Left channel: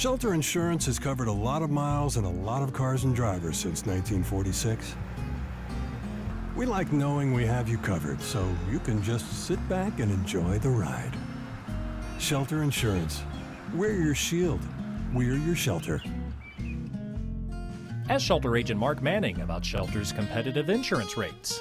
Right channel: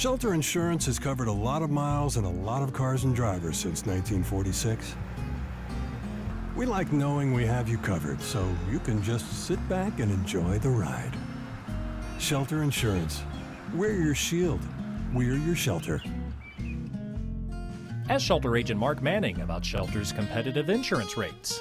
Shelter insurance has covered a lot of miles and a lot of cars and drivers since 1946. We like knowing we have you covered, so you can just sit back and enjoy the ride. Shelter insurance. We're your shield. We're your shelter. Ask Shelter Agent Mark Manning about Shelter's competitive insurance rates.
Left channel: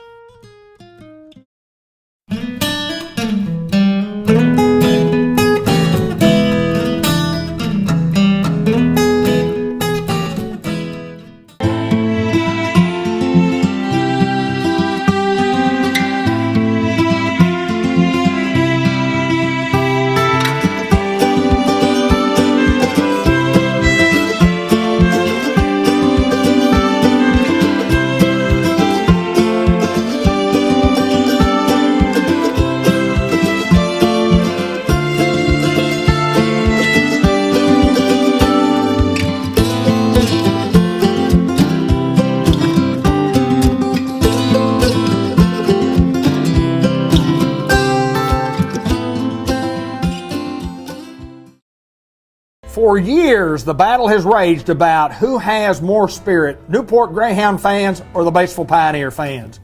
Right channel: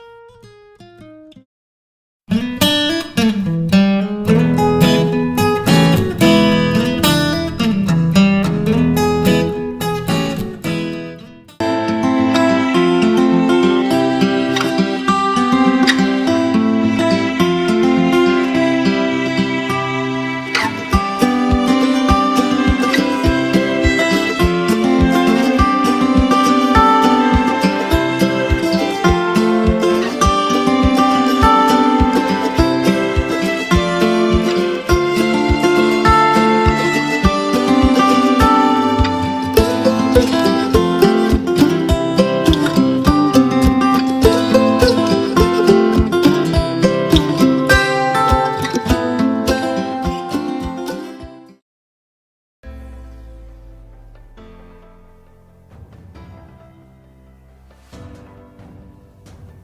For years, the battle has raged about who has more spirit, Newport Greyhound fans or the Batesville Pioneer fans.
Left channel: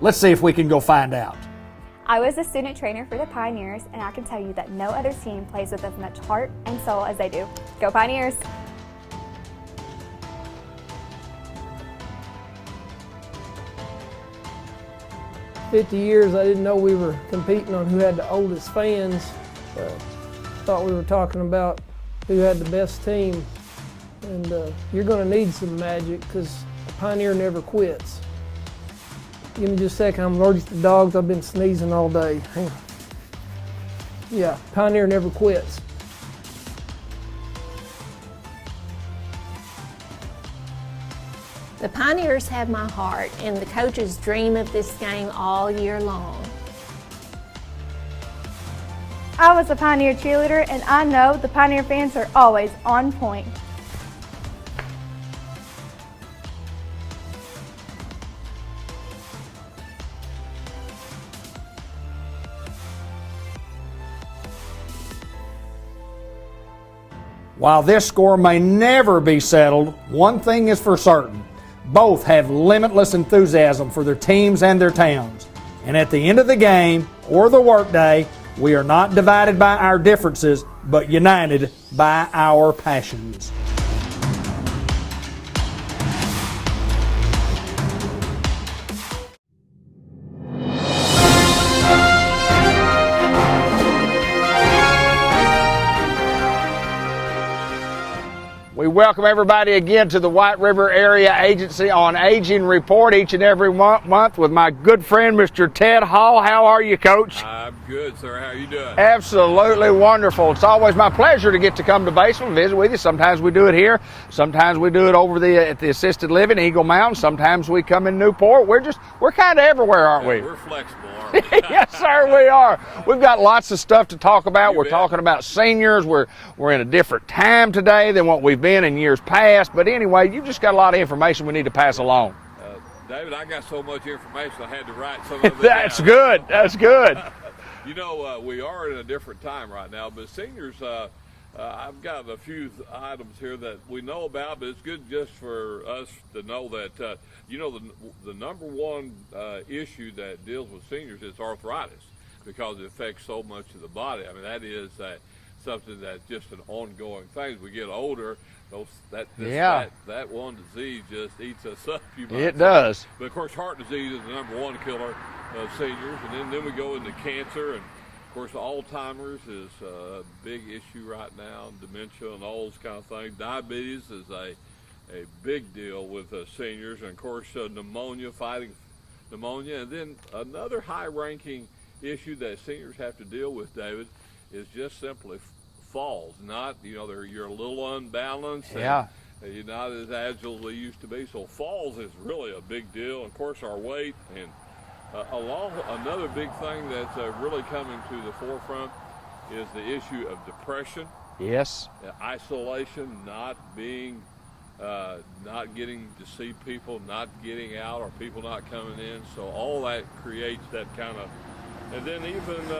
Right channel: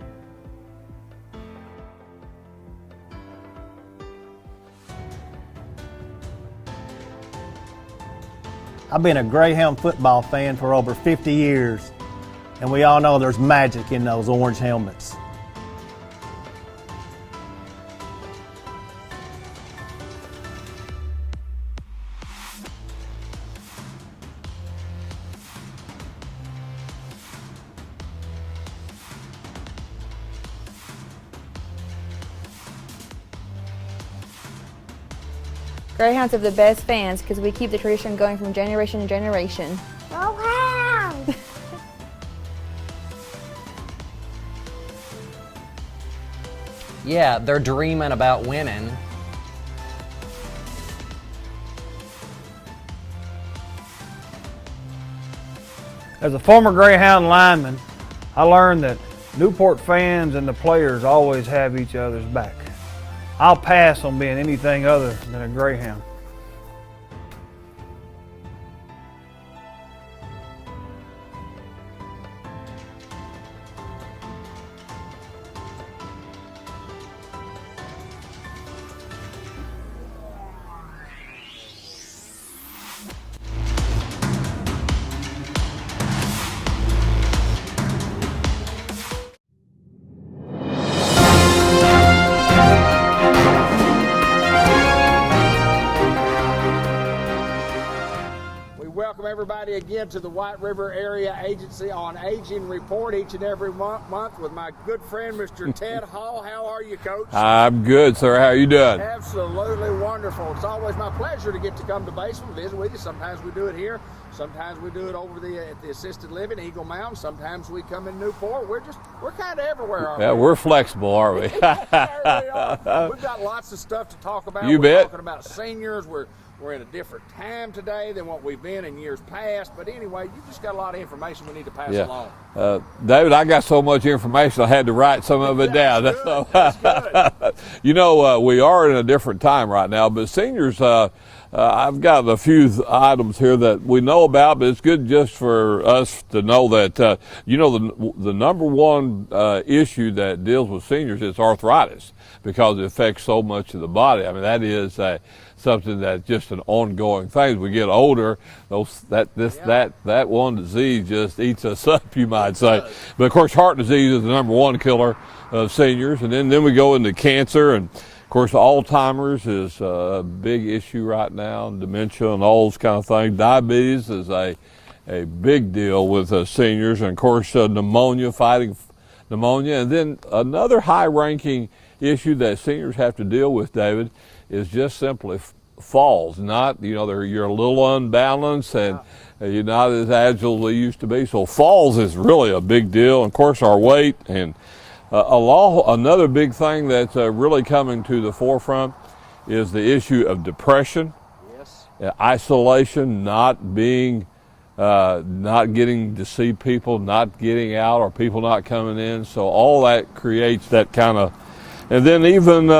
Let's see if we can go find out. I was a student trainer for the Pioneers, and I can tell you that no other team plays with as much heart and soul as they do. Go Pioneers! I've been a Greyhound football fan for over 50 years, and we all know there's magic in those orange helmets. 50 years, I didn't know we were competing on who had the oldest fans. Thought we were talking about who had the best team. And you're going to need some magic because Pioneer never quits. Give me just a second, I'm allergic to dogs. I've been sneezing all day. Hang on. Yeah, Pioneer never quits. Greyhounds have the best fans because we keep the tradition going from generation to generation. Oh, wow! The Pioneers have my heart, and the coaches dream of this game all year long. Yeah, they're dreaming about winning. I was a Pioneer cheerleader, and I know the Pioneer fans are always on point. As a former Greyhound lineman, I learned that Newport fans and the players always have each other's back. I'll pass on being anything other than a Greyhound. While this score may never be settled, one thing is for certain. Both have limitless enthusiasm for their teams and their towns. And at the end of the game or the workday, we are not divided by our differences, but united by our passions. We welcome everybody again to the White River Area Agency on Aging Report each and every month with my good friend, Mr. Ted Hall. How are you, Coach? I'm good, sir. How are you doing? Absolutely wonderful. It's always my pleasure to get to come to Batesville and visit with you. Sometimes we do it here. Sometimes we do it over at the assisted living, Eagle Mountain. Sometimes we come in Newport. We're kind of everywhere, aren't we? We're flexible, aren't we? Yes, sir, we are. We've got lots of stuff to talk about. We're talking about seniors. We're in a different time today than what we've been in years past. But anyway, you've just got a lot of information we need to pass along. David, I got so much information I had to write some of it down. Good. That's good. You know, we are in a different time right now, but seniors, I've got a few items here that we know about, but it's good just for us to know that, you know, the number one issue that deals with seniors is arthritis because it affects so much of the body. I mean, that is something that's just an ongoing thing. As we get older, that one disease just eats us up, you might say. It does. But of course, heart disease is the number one killer of seniors, and then we go into cancer, and of course, Alzheimer's is a big issue right now, and dementia and all those kind of things. Diabetes is a big deal with seniors, and of course, pneumonia, fighting pneumonia, and then another high-ranking issue that seniors have to deal with, David, is just simply falls. Not, you know, you're a little unbalanced and you're not as agile as they used to be. So falls is really a big deal. And of course, our weight and another big thing that's really coming to the forefront is the issue of depression. Yes. Isolation, not getting to see people, not getting out, or people not coming in. So all that creates that kind of, and then even,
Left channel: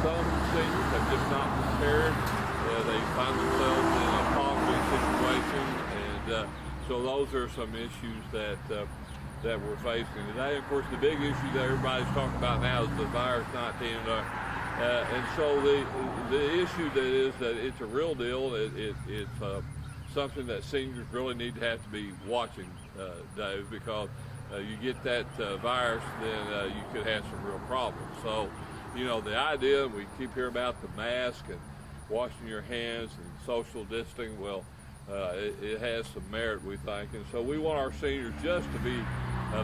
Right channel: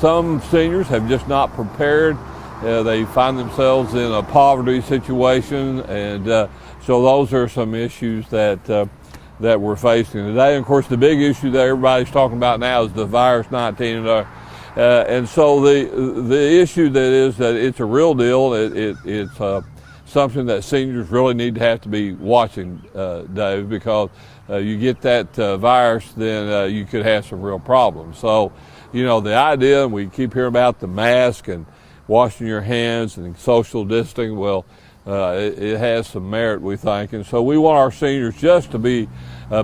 some seniors have just not prepared they find themselves in a poverty situation, and so those are some issues that we're facing today. And of course, the big issue that everybody's talking about now is the virus 19, and so the issue that is that it's a real deal. It's something that seniors really need to have to be watching, Dave, because you get that virus, then you could have some real problems. So, you know, the idea, and we keep hearing about the mask and washing your hands and social distancing, well, it has some merit, we think. And so we want our seniors just to be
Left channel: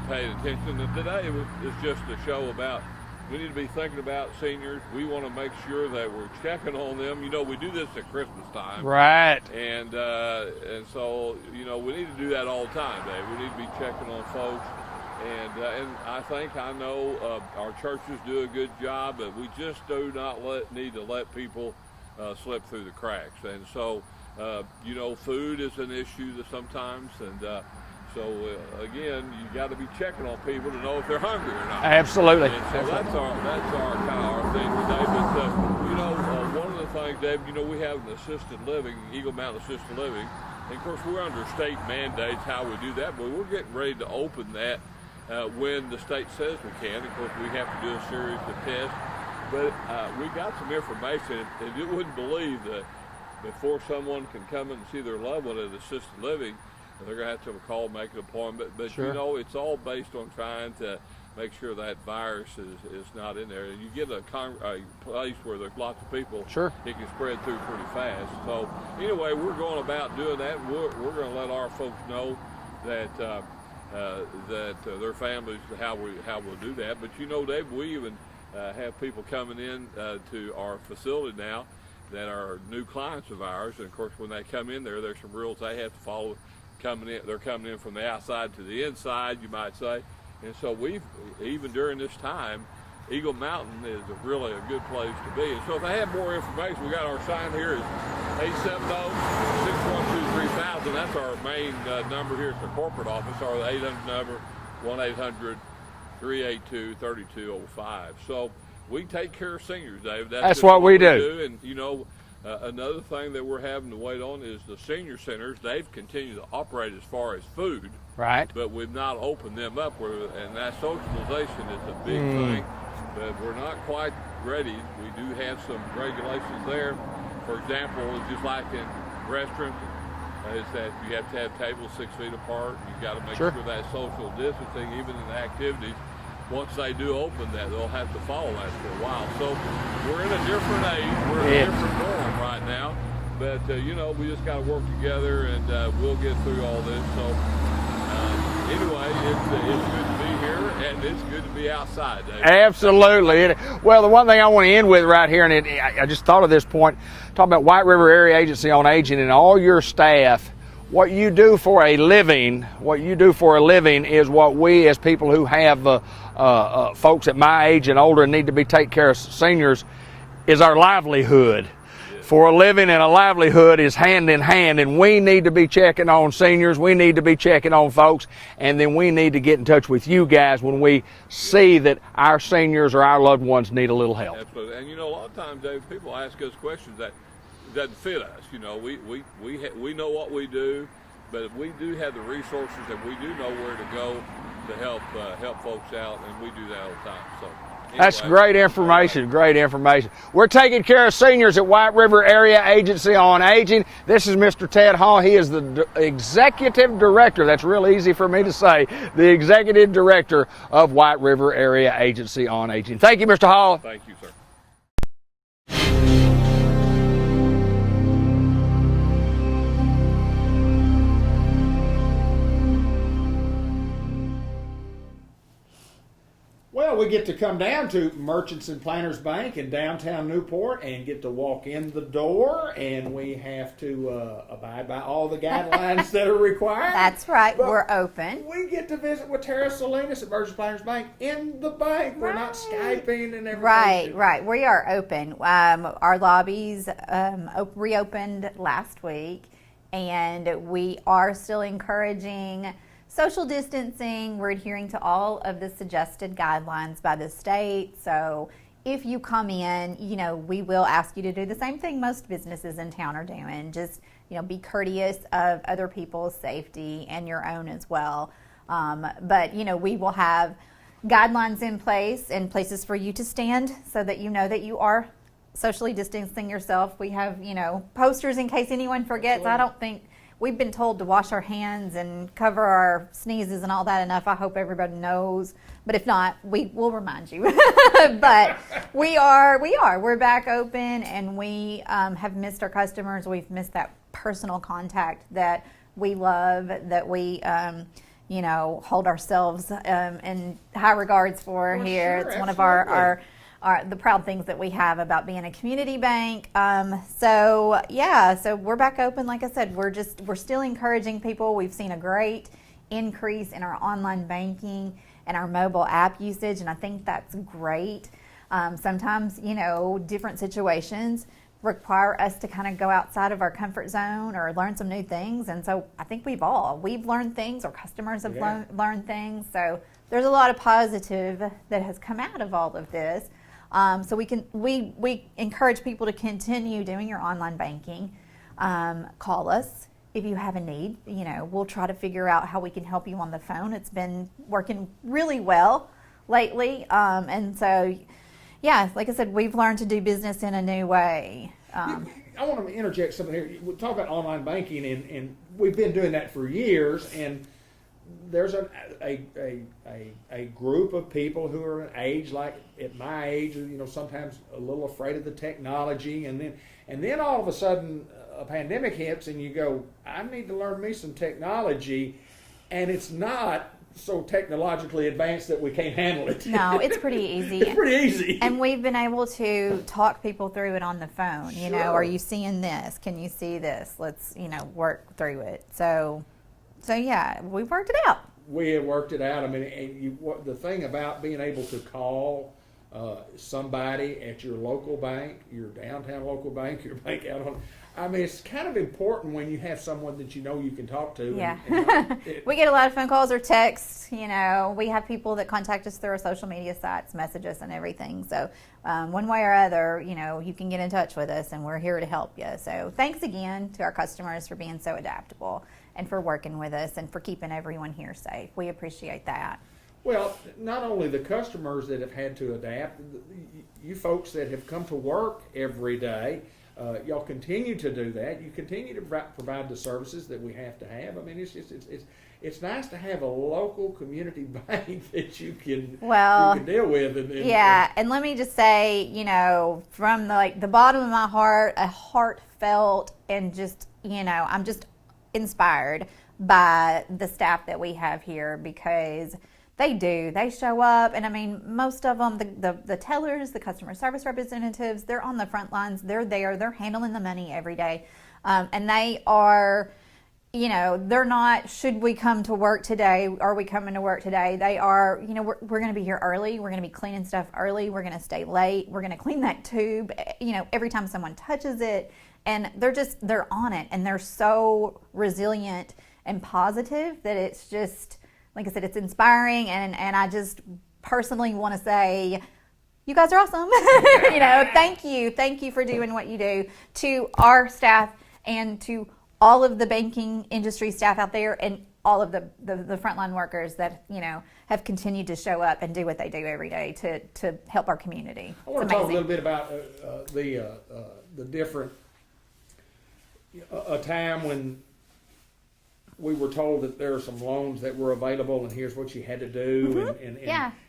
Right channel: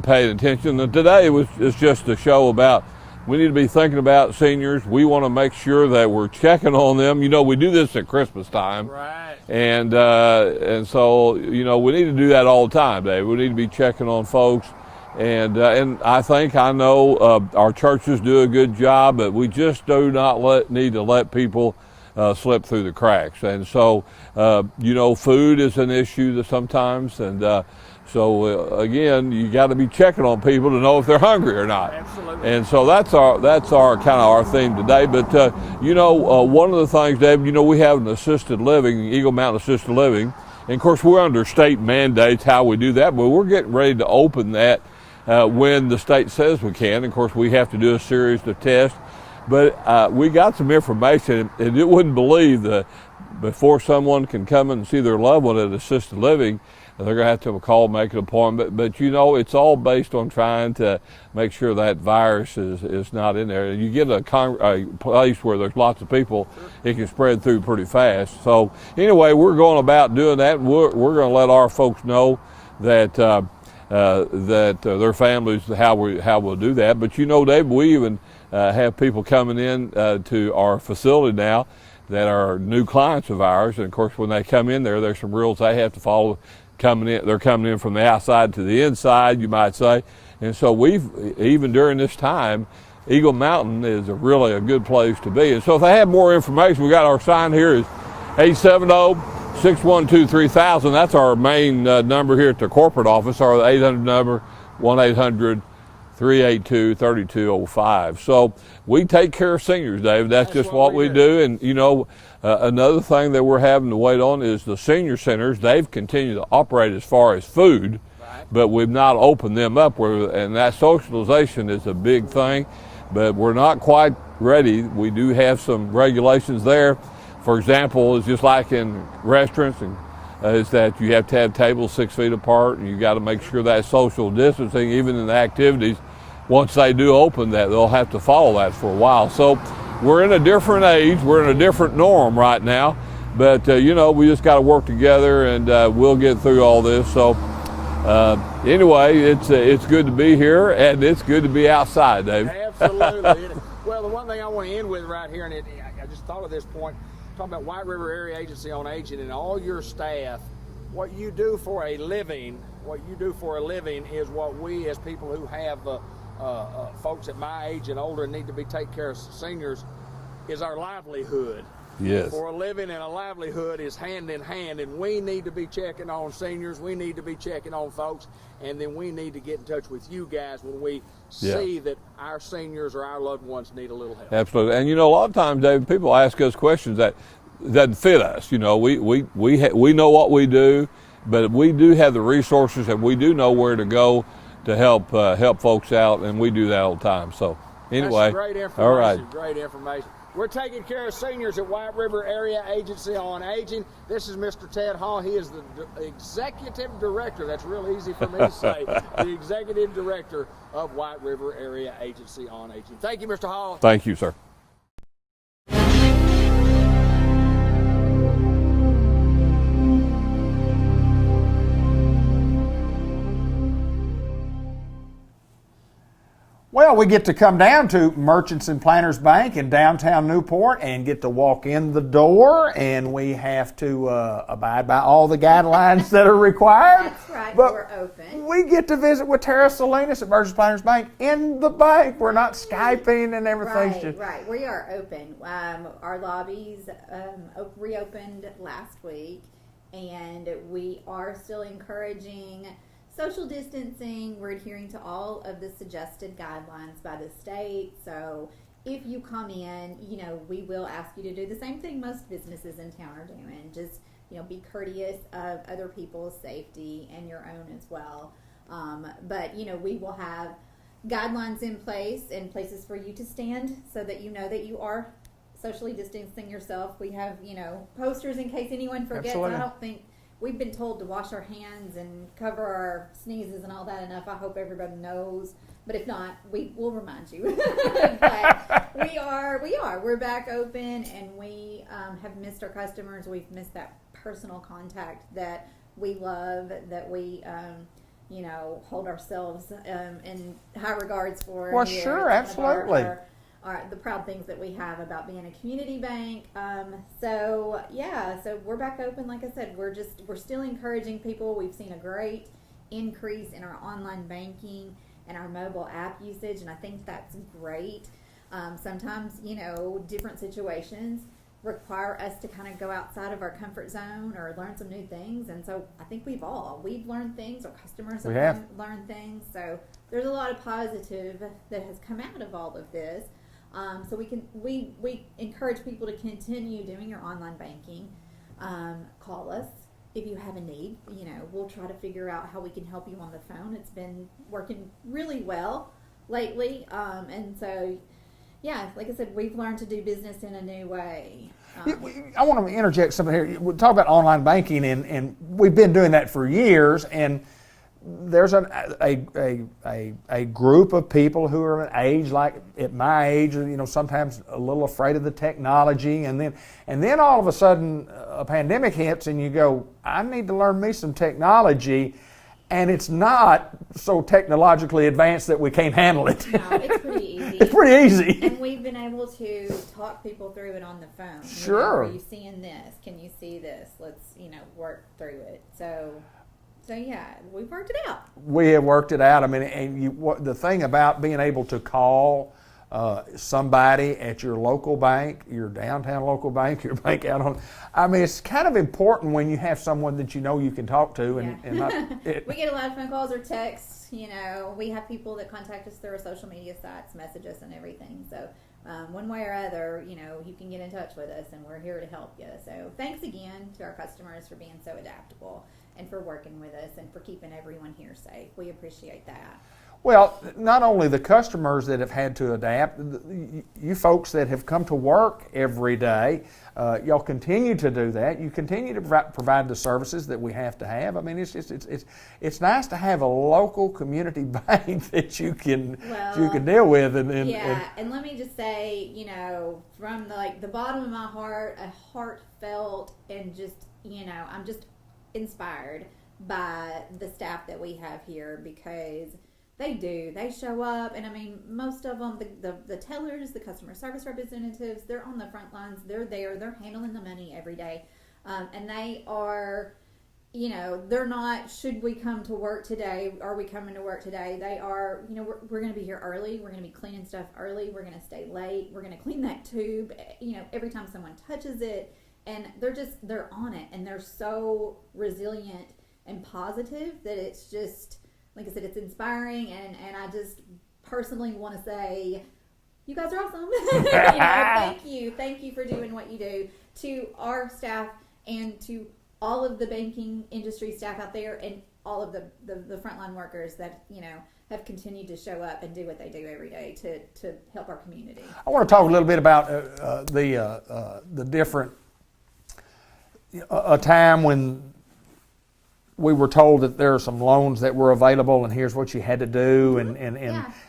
paying attention. And today it's just a show about we need to be thinking about seniors. We want to make sure that we're checking on them. You know, we do this at Christmas time. Right. And so, you know, we need to do that all the time, Dave. We need to be checking on folks. And I know our churches do a good job, but we just do not need to let people slip through the cracks. And so, you know, food is an issue sometimes, and so again, you got to be checking on people to know if they're hungry or not. Absolutely. And so that's our kind of our theme today. But you know, one of the things, Dave, you know, we have an assisted living, Eagle Mountain Assisted Living, and of course we're under state mandates how we do that, but we're getting ready to open that when the state says we can. Of course, we have to do a series of tests. But we got some information, and you wouldn't believe that before someone can come and see their loved one at assisted living, they're going to have a call, make an appointment. But sure, you know, it's all based on trying to make sure that virus is not in there. And you get a place where there's lots of people, sure, it can spread through pretty fast. So anyway, we're going about doing that. We're going to let our folks know that their families, how we'll do that. But you know, Dave, we even have people coming in to our facility now that are new clients of ours. And of course, when they come in there's some rules they have to follow. They're coming in from the outside to the inside, you might say. And so we've, even during this time, Eagle Mountain is really a good place to be. And so if they have more information, we got our sign here is 870-612-3000. That's our main number here at the corporate office, or the 800 number, 1-800-382-3205. So we take care of seniors, Dave. That's just what we do. And you know, another thing that we're having to wait on is the senior centers. They've continued to operate as far as food, right, but we've not opened them up, and that socialization is a big thing, but we're not quite ready. We do have some regulations there. For example, it's just like in restaurants, is that you have to have tables 6 feet apart, and you got to make sure that social distancing, even in the activities, once they do open that, they'll have to follow that for a while. So we're in a different age, we're in a different norm right now, but you know, we just got to work together, and we'll get through all this. So anyway, it's good to be here, and it's good to be outside, Dave. Absolutely. Well, the one thing I want to end with right here, and I just thought of this point, talking about White River Area Agency on Aging and all your staff. What you do for a living, is what we as people who have folks at my age and older and need to be taking care of seniors, is our livelihood. Yes. For a living and a livelihood is hand in hand, and we need to be checking on seniors, we need to be checking on folks, and then we need to get in touch with you guys when we see that our seniors or our loved ones need a little help. Absolutely. And you know, a lot of times, David, people ask us questions that doesn't fit us. You know, we know what we do, but we do have the resources, and we do know where to go to help folks out, and we do that all the time. So anyway, that's great information. Right. Great information. We're taking care of seniors at White River Area Agency on Aging. This is Mr. Ted Hall. He is the executive director. That's real easy for me to say. The executive director of White River Area Agency on Aging. Thank you, Mr. Hall. Thank you, sir. Well, we get to come down to Merchants and Planters Bank in downtown Newport and get to walk in the door, and we have to abide by all the guidelines that are required. That's right, but we're open. We get to visit with Tara Salinas at Merchants and Planters Bank in the bank. We're not Skyping and everything. Right. We are open. Our lobbies reopened last week, and we are still encouraging social distancing. We're adhering to all of the suggested guidelines by the state. So if you come in, we will ask you to do the same thing most businesses in town are doing. Just, be courteous of other people's safety and your own as well. But, we will have guidelines in place and places for you to stand so that you know that you are socially distancing yourself. We have, posters in case anyone forgets. Absolutely. I don't think we've been told to wash our hands and cover our sneezes and all that enough. I hope everybody knows. But if not, we will remind you. But we're back open, and we have missed our customers. We've missed that personal contact that we love, that we hold ourselves in high regards for Well, here. sure, It's one of our the proud things that we have about being a community bank. So we're back open. Like I said, we're still encouraging people. We've seen a great increase in our online banking and our mobile app usage, and I think that's great. Sometimes, different situations require us to kind of go outside of our comfort zone or learn some new things, and so I think we've learned things, our customers have learned things, so there's a lot of positive that has come out of all of this. So we encourage people to continue doing your online banking. Call us if you have a need. We'll try to figure out how we can help you on the phone. It's been working really well lately, and so like I said, we've learned to do business in a new way. I want to interject something here. We talk about online banking, and we've been doing that for years, and there's a group of people who are an age like at my age, sometimes a little afraid of the technology, and then all of a sudden a pandemic hits, and you go, I need to learn me some technology, and it's not so technologically advanced that we can't handle it. No, it's pretty easy. It's pretty easy. And we've been able to talk people through it on the phone. Sure. Are you seeing this? Can you see this? Let's, work through it. So yeah, we've worked it out. We have worked it out. I mean, and the thing about being able to call somebody at your local bank, your downtown local bank, your bank out on, it's kind of important when you have someone that you can talk to. Yeah. We get a lot of phone calls or texts. We have people that contact us through our social media sites, message us and everything. So one way or other, you can get in touch with us, and we're here to help you. So thanks again to our customers for being so adaptable and for working with us and for keeping everyone here safe. We appreciate that. Well, not only the customers that have had to adapt, you folks that have come to work every day, y'all continue to do that. You continue to provide the services that we have to have. It's nice to have a local community bank that you can deal with. And let me just say, from the bottom of my heart, a heartfelt and just, I'm just inspired by the staff that we have here, because they show up, and most of them, the tellers, the customer service representatives, they're on the front lines. They're there, they're handling the money every day, and they are, they're not, should we come to work today, are we coming to work today? They are, we're going to be here early, we're going to be cleaning stuff early, we're going to stay late, we're going to clean that tube, every time someone touches it, and they're on it, and they're so resilient and positive that it's just, like I said, it's inspiring, and I just personally want to say, you guys are awesome. Thank you for doing what you do, to our staff and to all of the banking industry staff out there, and all of the frontline workers that have continued to show up and do what they do every day to help our community. I want to talk a little bit about the different a time when we were told that there are some loans that were available, and here's what you had to do,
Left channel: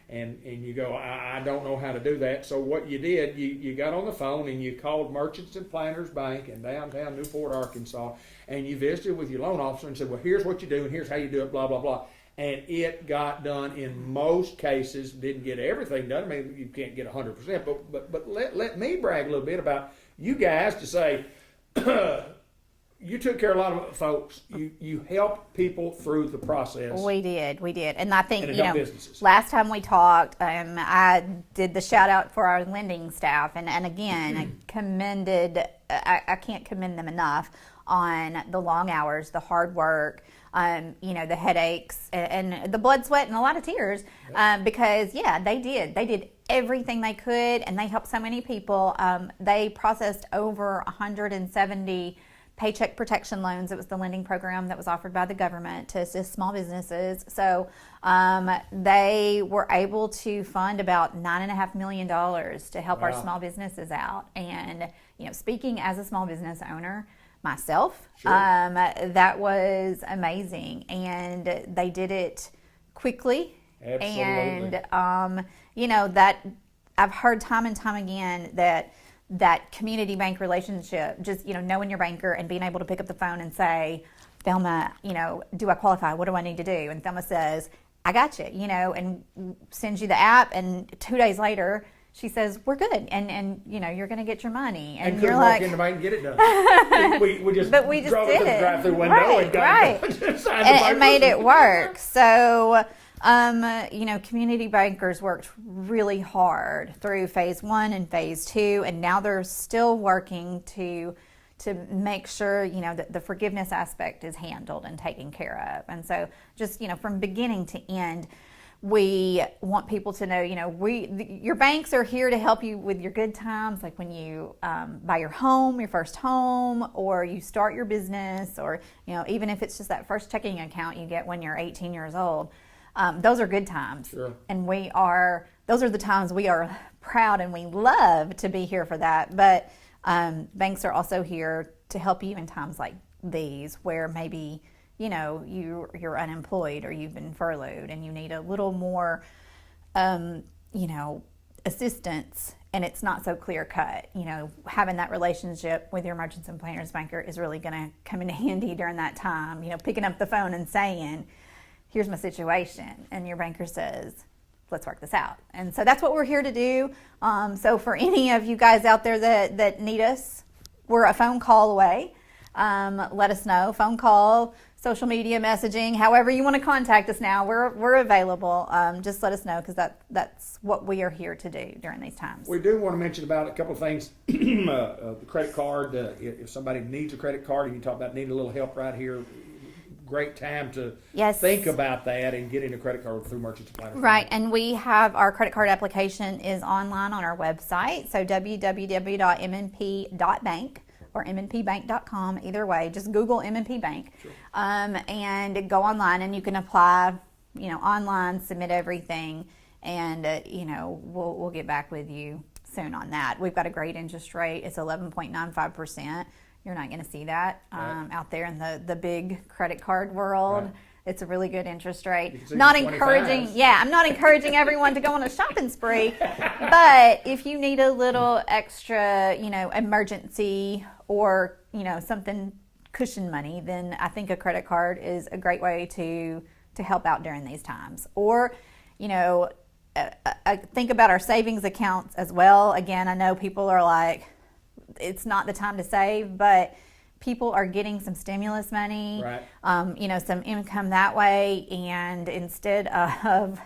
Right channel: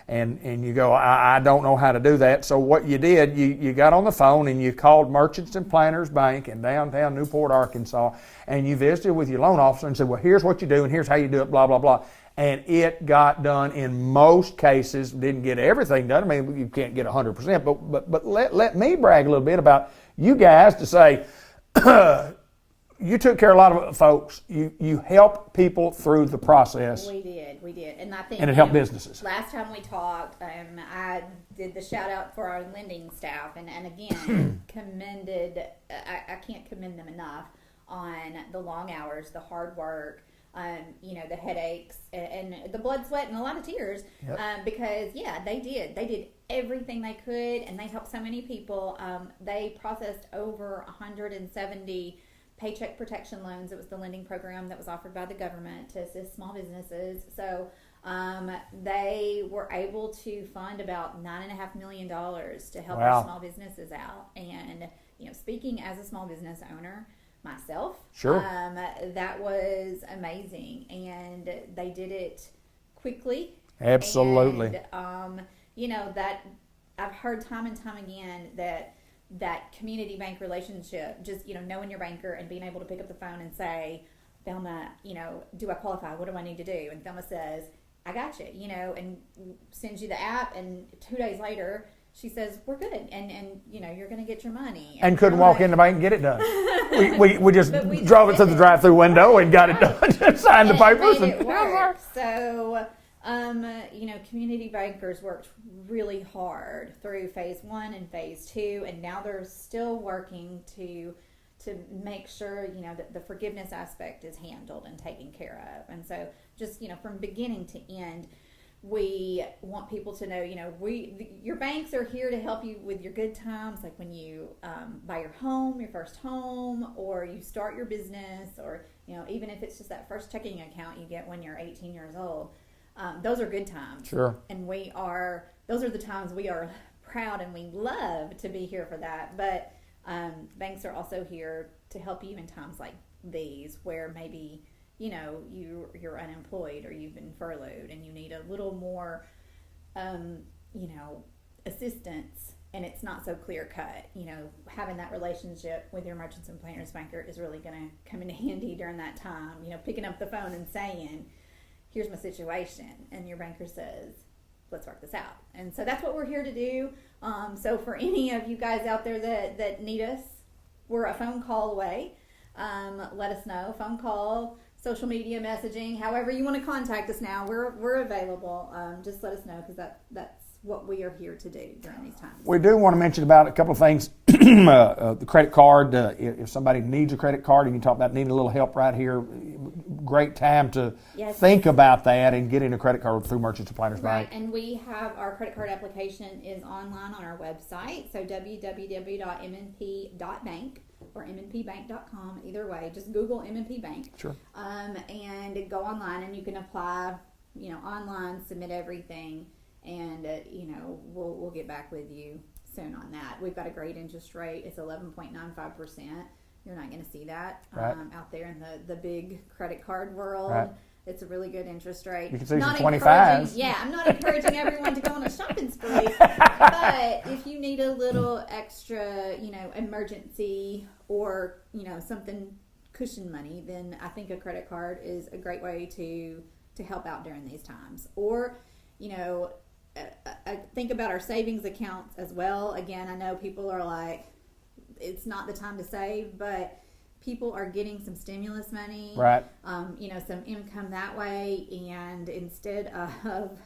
and you go, I don't know how to do that. So what you did, you got on the phone and you called Merchants and Planters Bank in downtown Newport, Arkansas, and you visited with your loan officer and said, well, here's what you do and here's how you do it, blah, blah, blah. And it got done in most cases. Didn't get everything done. You can't get 100%, but let me brag a little bit about you guys to say, you took care of a lot of folks. You helped people through the process. We did, and I think it helped businesses. Last time we talked, I did the shout out for our lending staff, and again, commended. I can't commend them enough on the long hours, the hard work, the headaches and the blood, sweat, and a lot of tears, because they did everything they could, and they helped so many people. They processed over 170 paycheck protection loans. It was the lending program that was offered by the government to assist small businesses. So they were able to fund about $9.5 million to help our small businesses out. And speaking as a small business owner myself, that was amazing, and they did it quickly. Absolutely. And that I've heard time and time again that community bank relationship, just knowing your banker and being able to pick up the phone and say, Thelma, do I qualify? What do I need to do? And Thelma says, I got you, and sends you the app, and 2 days later she says, we're good, and you're going to get your money. And couldn't walk in the bank and get it done. we just drove it to the drive-through window and got it done. Signed the papers. And made it work. So, community bankers worked really hard through phase 1 and phase 2, and now they're still working to make sure, that the forgiveness aspect is handled and taken care of. And so just, from beginning to end, we want people to know, your banks are here to help you with your good times, like when you buy your home, your first home, or you start your business, or, even if it's just that first checking account you get when you're 18 years old. Those are good times. Sure. And those are the times we are proud, and we love to be here for that. But banks are also here to help you in times like these, where maybe you're unemployed, or you've been furloughed, and you need a little more assistance, and it's not so clear cut. Having that relationship with your merchants and planners banker is really going to come in handy during that time. Picking up the phone and saying, here's my situation, and your banker says, let's work this out. And so that's what we're here to do. So for any of you guys out there that need us, we're a phone call away. Let us know. Phone call, social media messaging, however you want to contact us now, we're available. Just let us know, because that's what we are here to do during these times. We do want to mention about a couple of things. The credit card, if somebody needs a credit card, and you talk about needing a little help right here, great time to think about that and getting a credit card through Merchants and Planners Right, Bank. and we have our credit card application is online on our website, so www.mnp.bank or mnpbank.com. Either way, just Google MNP Bank. Sure. And go online, and you can apply, online, submit everything, and we'll get back with you soon on that. We've got a great interest rate. It's 11.95%. You're not going to see that out there in the big credit card world. Right. It's a really good interest rate. Not encouraging, I'm not encouraging everyone to go on a shopping spree, but if you need a little extra, emergency, or something cushion money, then I think a credit card is a great way to help out during these times. Or, think about our savings accounts as well. Again, I know people are like, it's not the time to save, but people are getting some stimulus money, right? Some income that way, and instead of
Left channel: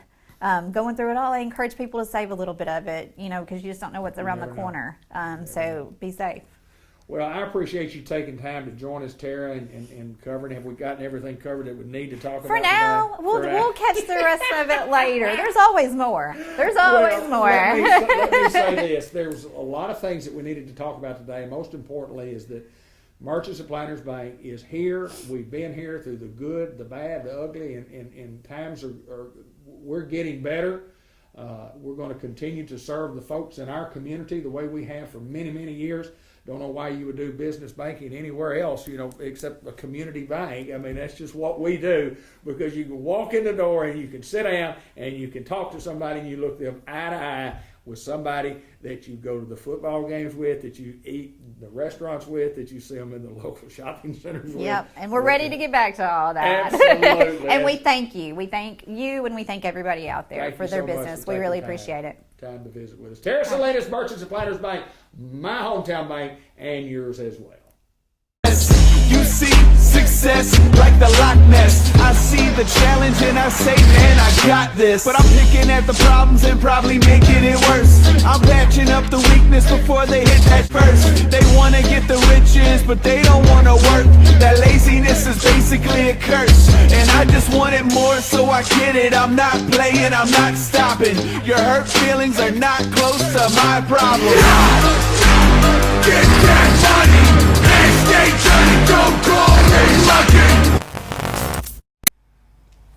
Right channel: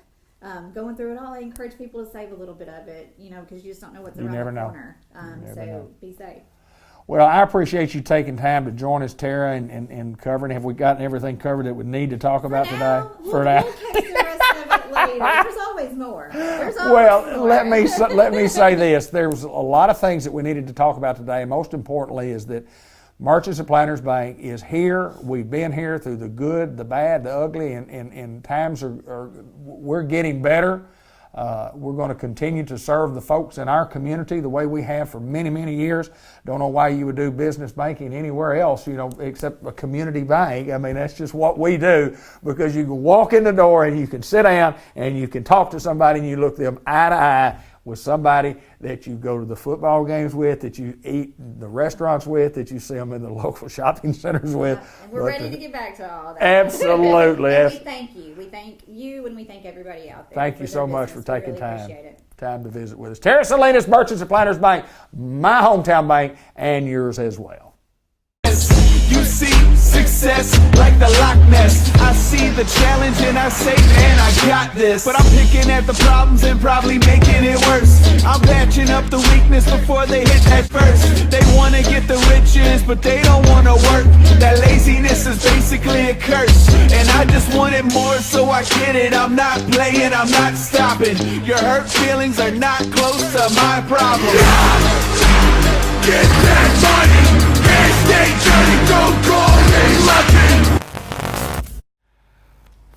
going through it all, I encourage people to save a little bit of it, because you just don't know what's around the corner. So be safe. Well, I appreciate you taking time to join us, Tara, and covering. Have we gotten everything covered that we need to talk about today? We'll catch the rest of it later. There's always more. More. Let me say this. There's a lot of things that we needed to talk about today, and most importantly is that Merchants and Planners Bank is here. We've been here through the good, the bad, the ugly, and times we're getting better. We're going to continue to serve the folks in our community the way we have for many, many years. Don't know why you would do business banking anywhere else, except a community bank. I mean, that's just what we do, because you can walk in the door and you can sit down and you can talk to somebody, and you look them eye to eye with somebody that you go to the football games with, that you eat the restaurants with, that you see them in the local shopping centers with. Yep, and we're ready to get back to all that. Absolutely. And we thank you. We thank you, and we thank everybody out there for their business. Thank you so much for taking we really appreciate it. Time to visit with us. Tara Salinas, Merchants and Planners Bank, my hometown bank, and yours as well. see success like the Loch Ness. I see the challenge and I say, man, I got this. But I'm picking at the problems and probably making it worse. I'm patching up the weakness before they hit that first. They wanna get the riches, but they don't wanna work. That laziness is basically a curse, and I just want it more, so I get it. I'm not playing, I'm not stopping. Your hurt feelings are not close to my problem. Get that money and stay journey, don't call me lucky.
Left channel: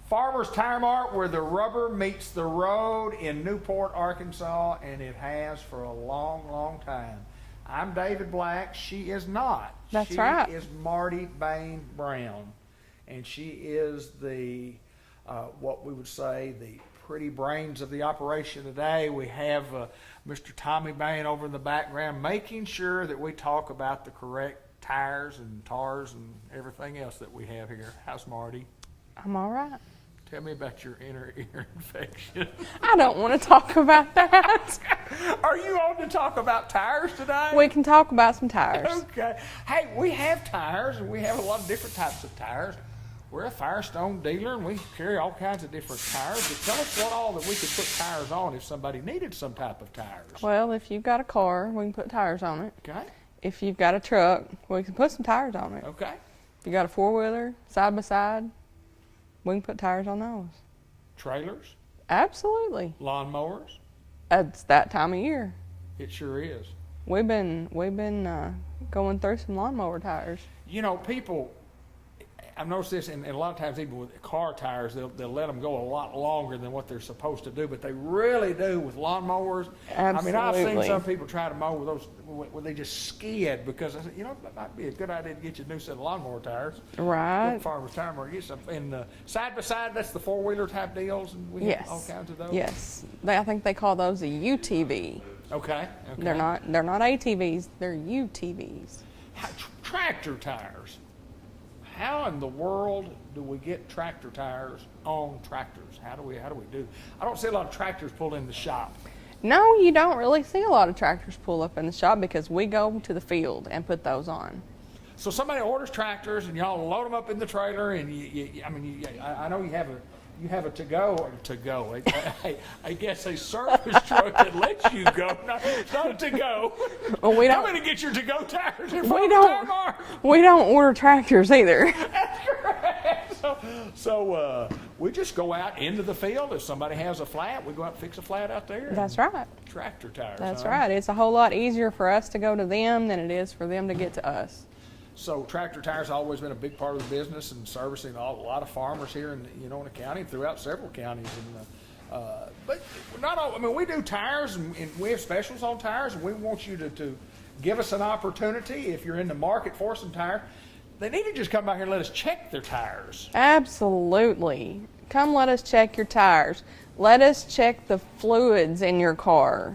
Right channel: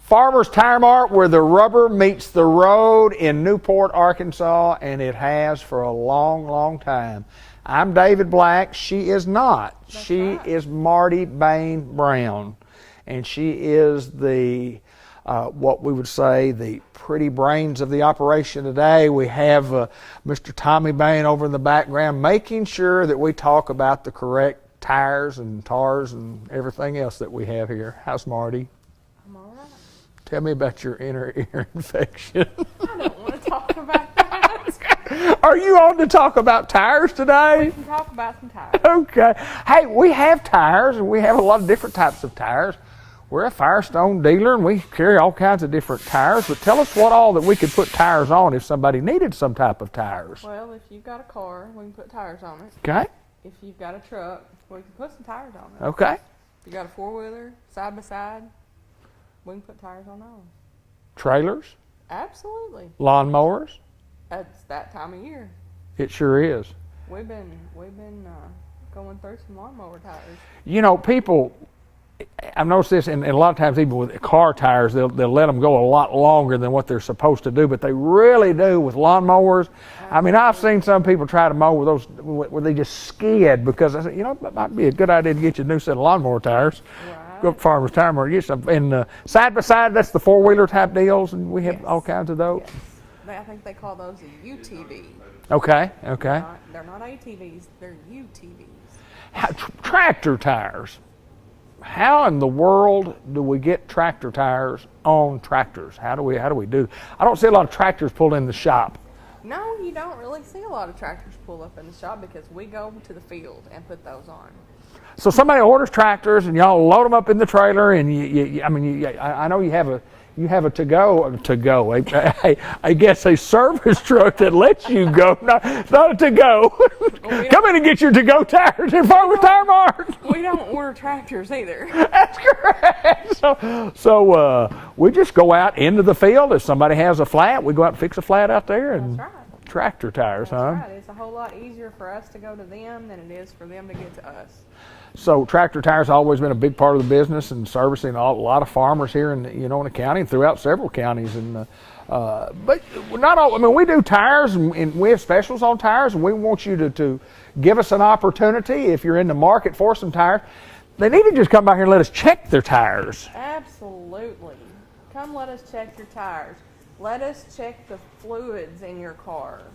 Farmer's Tire Mart, where the rubber meets the road in Newport, Arkansas, and it has for a long, long time. I'm David Black. She is not. That's she right. is Marty Bain Brown, and she is the, what we would say, the pretty brains of the operation today. We have Mr. Tommy Bain over in the background, making sure that we talk about the correct tires and tars and everything else that we have here. How's Marty? I'm all right. Tell me about your inner ear infection. I don't want to talk about that. Are you on to talk about tires today? We can talk about some tires. Okay. Hey, we have tires, and we have a lot of different types of tires. We're a Firestone dealer, and we carry all kinds of different tires. But tell us what all that we could put tires on if somebody needed some type of tires. Well, if you've got a car, we can put tires on it. Okay. If you've got a truck, we can put some tires on it. Okay. If you got a four-wheeler, side-by-side, we can put tires on those. Trailers? Absolutely. Lawnmowers? It's that time of year. It sure is. We've been going through some lawnmower tires. You know, people, I've noticed this, and a lot of times even with car tires, they'll let them go a lot longer than what they're supposed to do, but they really do with lawnmowers. Absolutely. I mean, I've seen some people try to mow with those where they just skid, because I said, you know, it might be a good idea to get you a new set of lawnmower tires. Right. Go to Farmer's Tire Mart, get some. And side-by-side, that's the four-wheeler type deals, and we have all kinds of those. Yes. I think they call those a UTV. Okay, okay. They're not ATVs, they're UTVs. Tractor tires. How in the world do we get tractor tires on tractors? How do we do? I don't see a lot of tractors pulled in the shop. No, you don't really see a lot of tractors pull up in the shop because we go to the field and put those on. So somebody orders tractors and y'all load them up in the trailer, and I know you have a I guess a service truck that lets you go, not a to-go. Well, come in and get your to-go tires at Farmer's Tire Mart. We don't order tractors either. That's correct. So we just go out into the field. If somebody has a flat, we go out and fix a flat out there. And That's right. Tractor tires, That's right. It's a whole lot easier for us to go to them than it is for them to get to us. So tractor tires have always been a big part of the business and servicing a lot of farmers here in the county and throughout several counties. And but not all. I mean, we do tires and we have specials on tires, and we want you to give us an opportunity if you're in the market for some tires. They need to just come by here and let us check their tires. Absolutely. Come let us check your tires. Let us check the fluids in your car.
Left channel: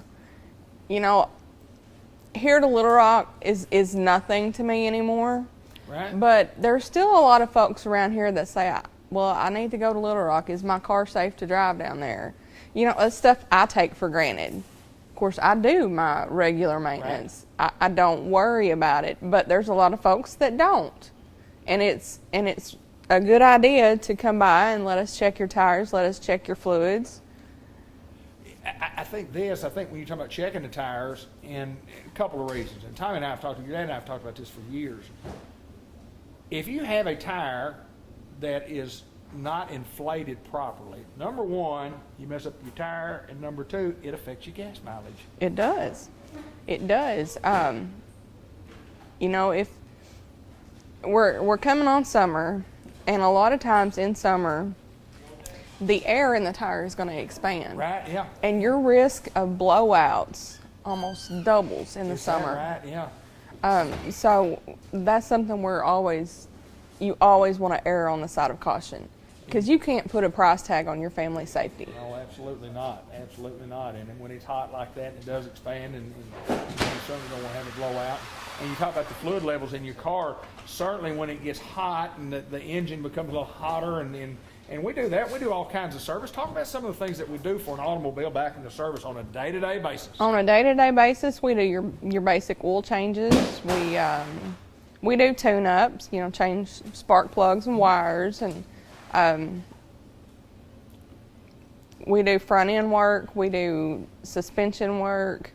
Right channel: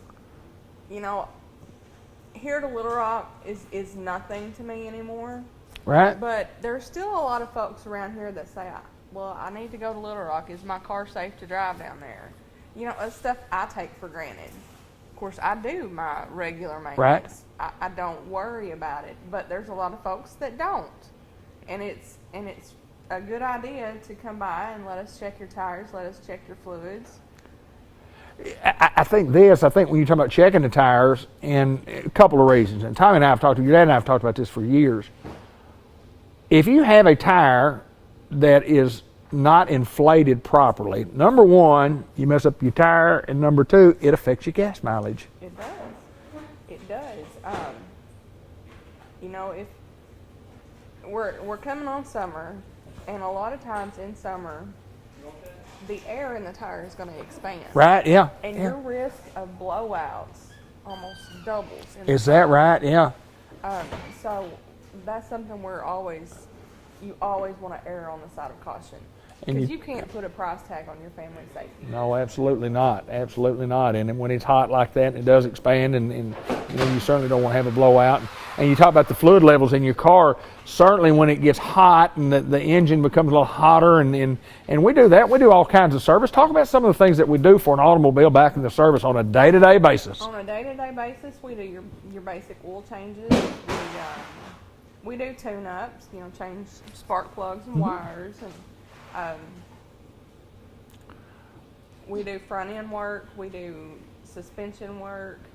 You know, here to Little Rock is nothing to me anymore. Right. But there's still a lot of folks around here that say, well, I need to go to Little Rock. Is my car safe to drive down there? You know, that's stuff I take for granted. Of course, I do my regular maintenance. Right. I don't worry about it. But there's a lot of folks that don't. And it's a good idea to come by and let us check your tires, let us check your fluids. I think when you're talking about checking the tires, and a couple of reasons, and Tommy and I have talked, your dad and I have talked about this for years. If you have a tire that is not inflated properly, number one, you mess up your tire, and number two, it affects your gas mileage. It does. It does. You know, if we're coming on summer, and a lot of times in summer, the air in the tire is going to expand. Right, yeah. And your risk of blowouts almost doubles in the Is summer. that right? Yeah. So that's something you always want to err on the side of caution. Because you can't put a price tag on your family's safety. No, absolutely not. Absolutely not. And when it's hot like that, it does expand, and you certainly don't want to have a blowout. And you talk about the fluid levels in your car. Certainly when it gets hot and the engine becomes a little hotter, and we do that. We do all kinds of service. Talk about some of the things that we do for an automobile back in the service on a day-to-day basis. On a day-to-day basis, we do your basic oil changes. We do tune-ups, change spark plugs and wires, and we do front-end work. We do suspension work.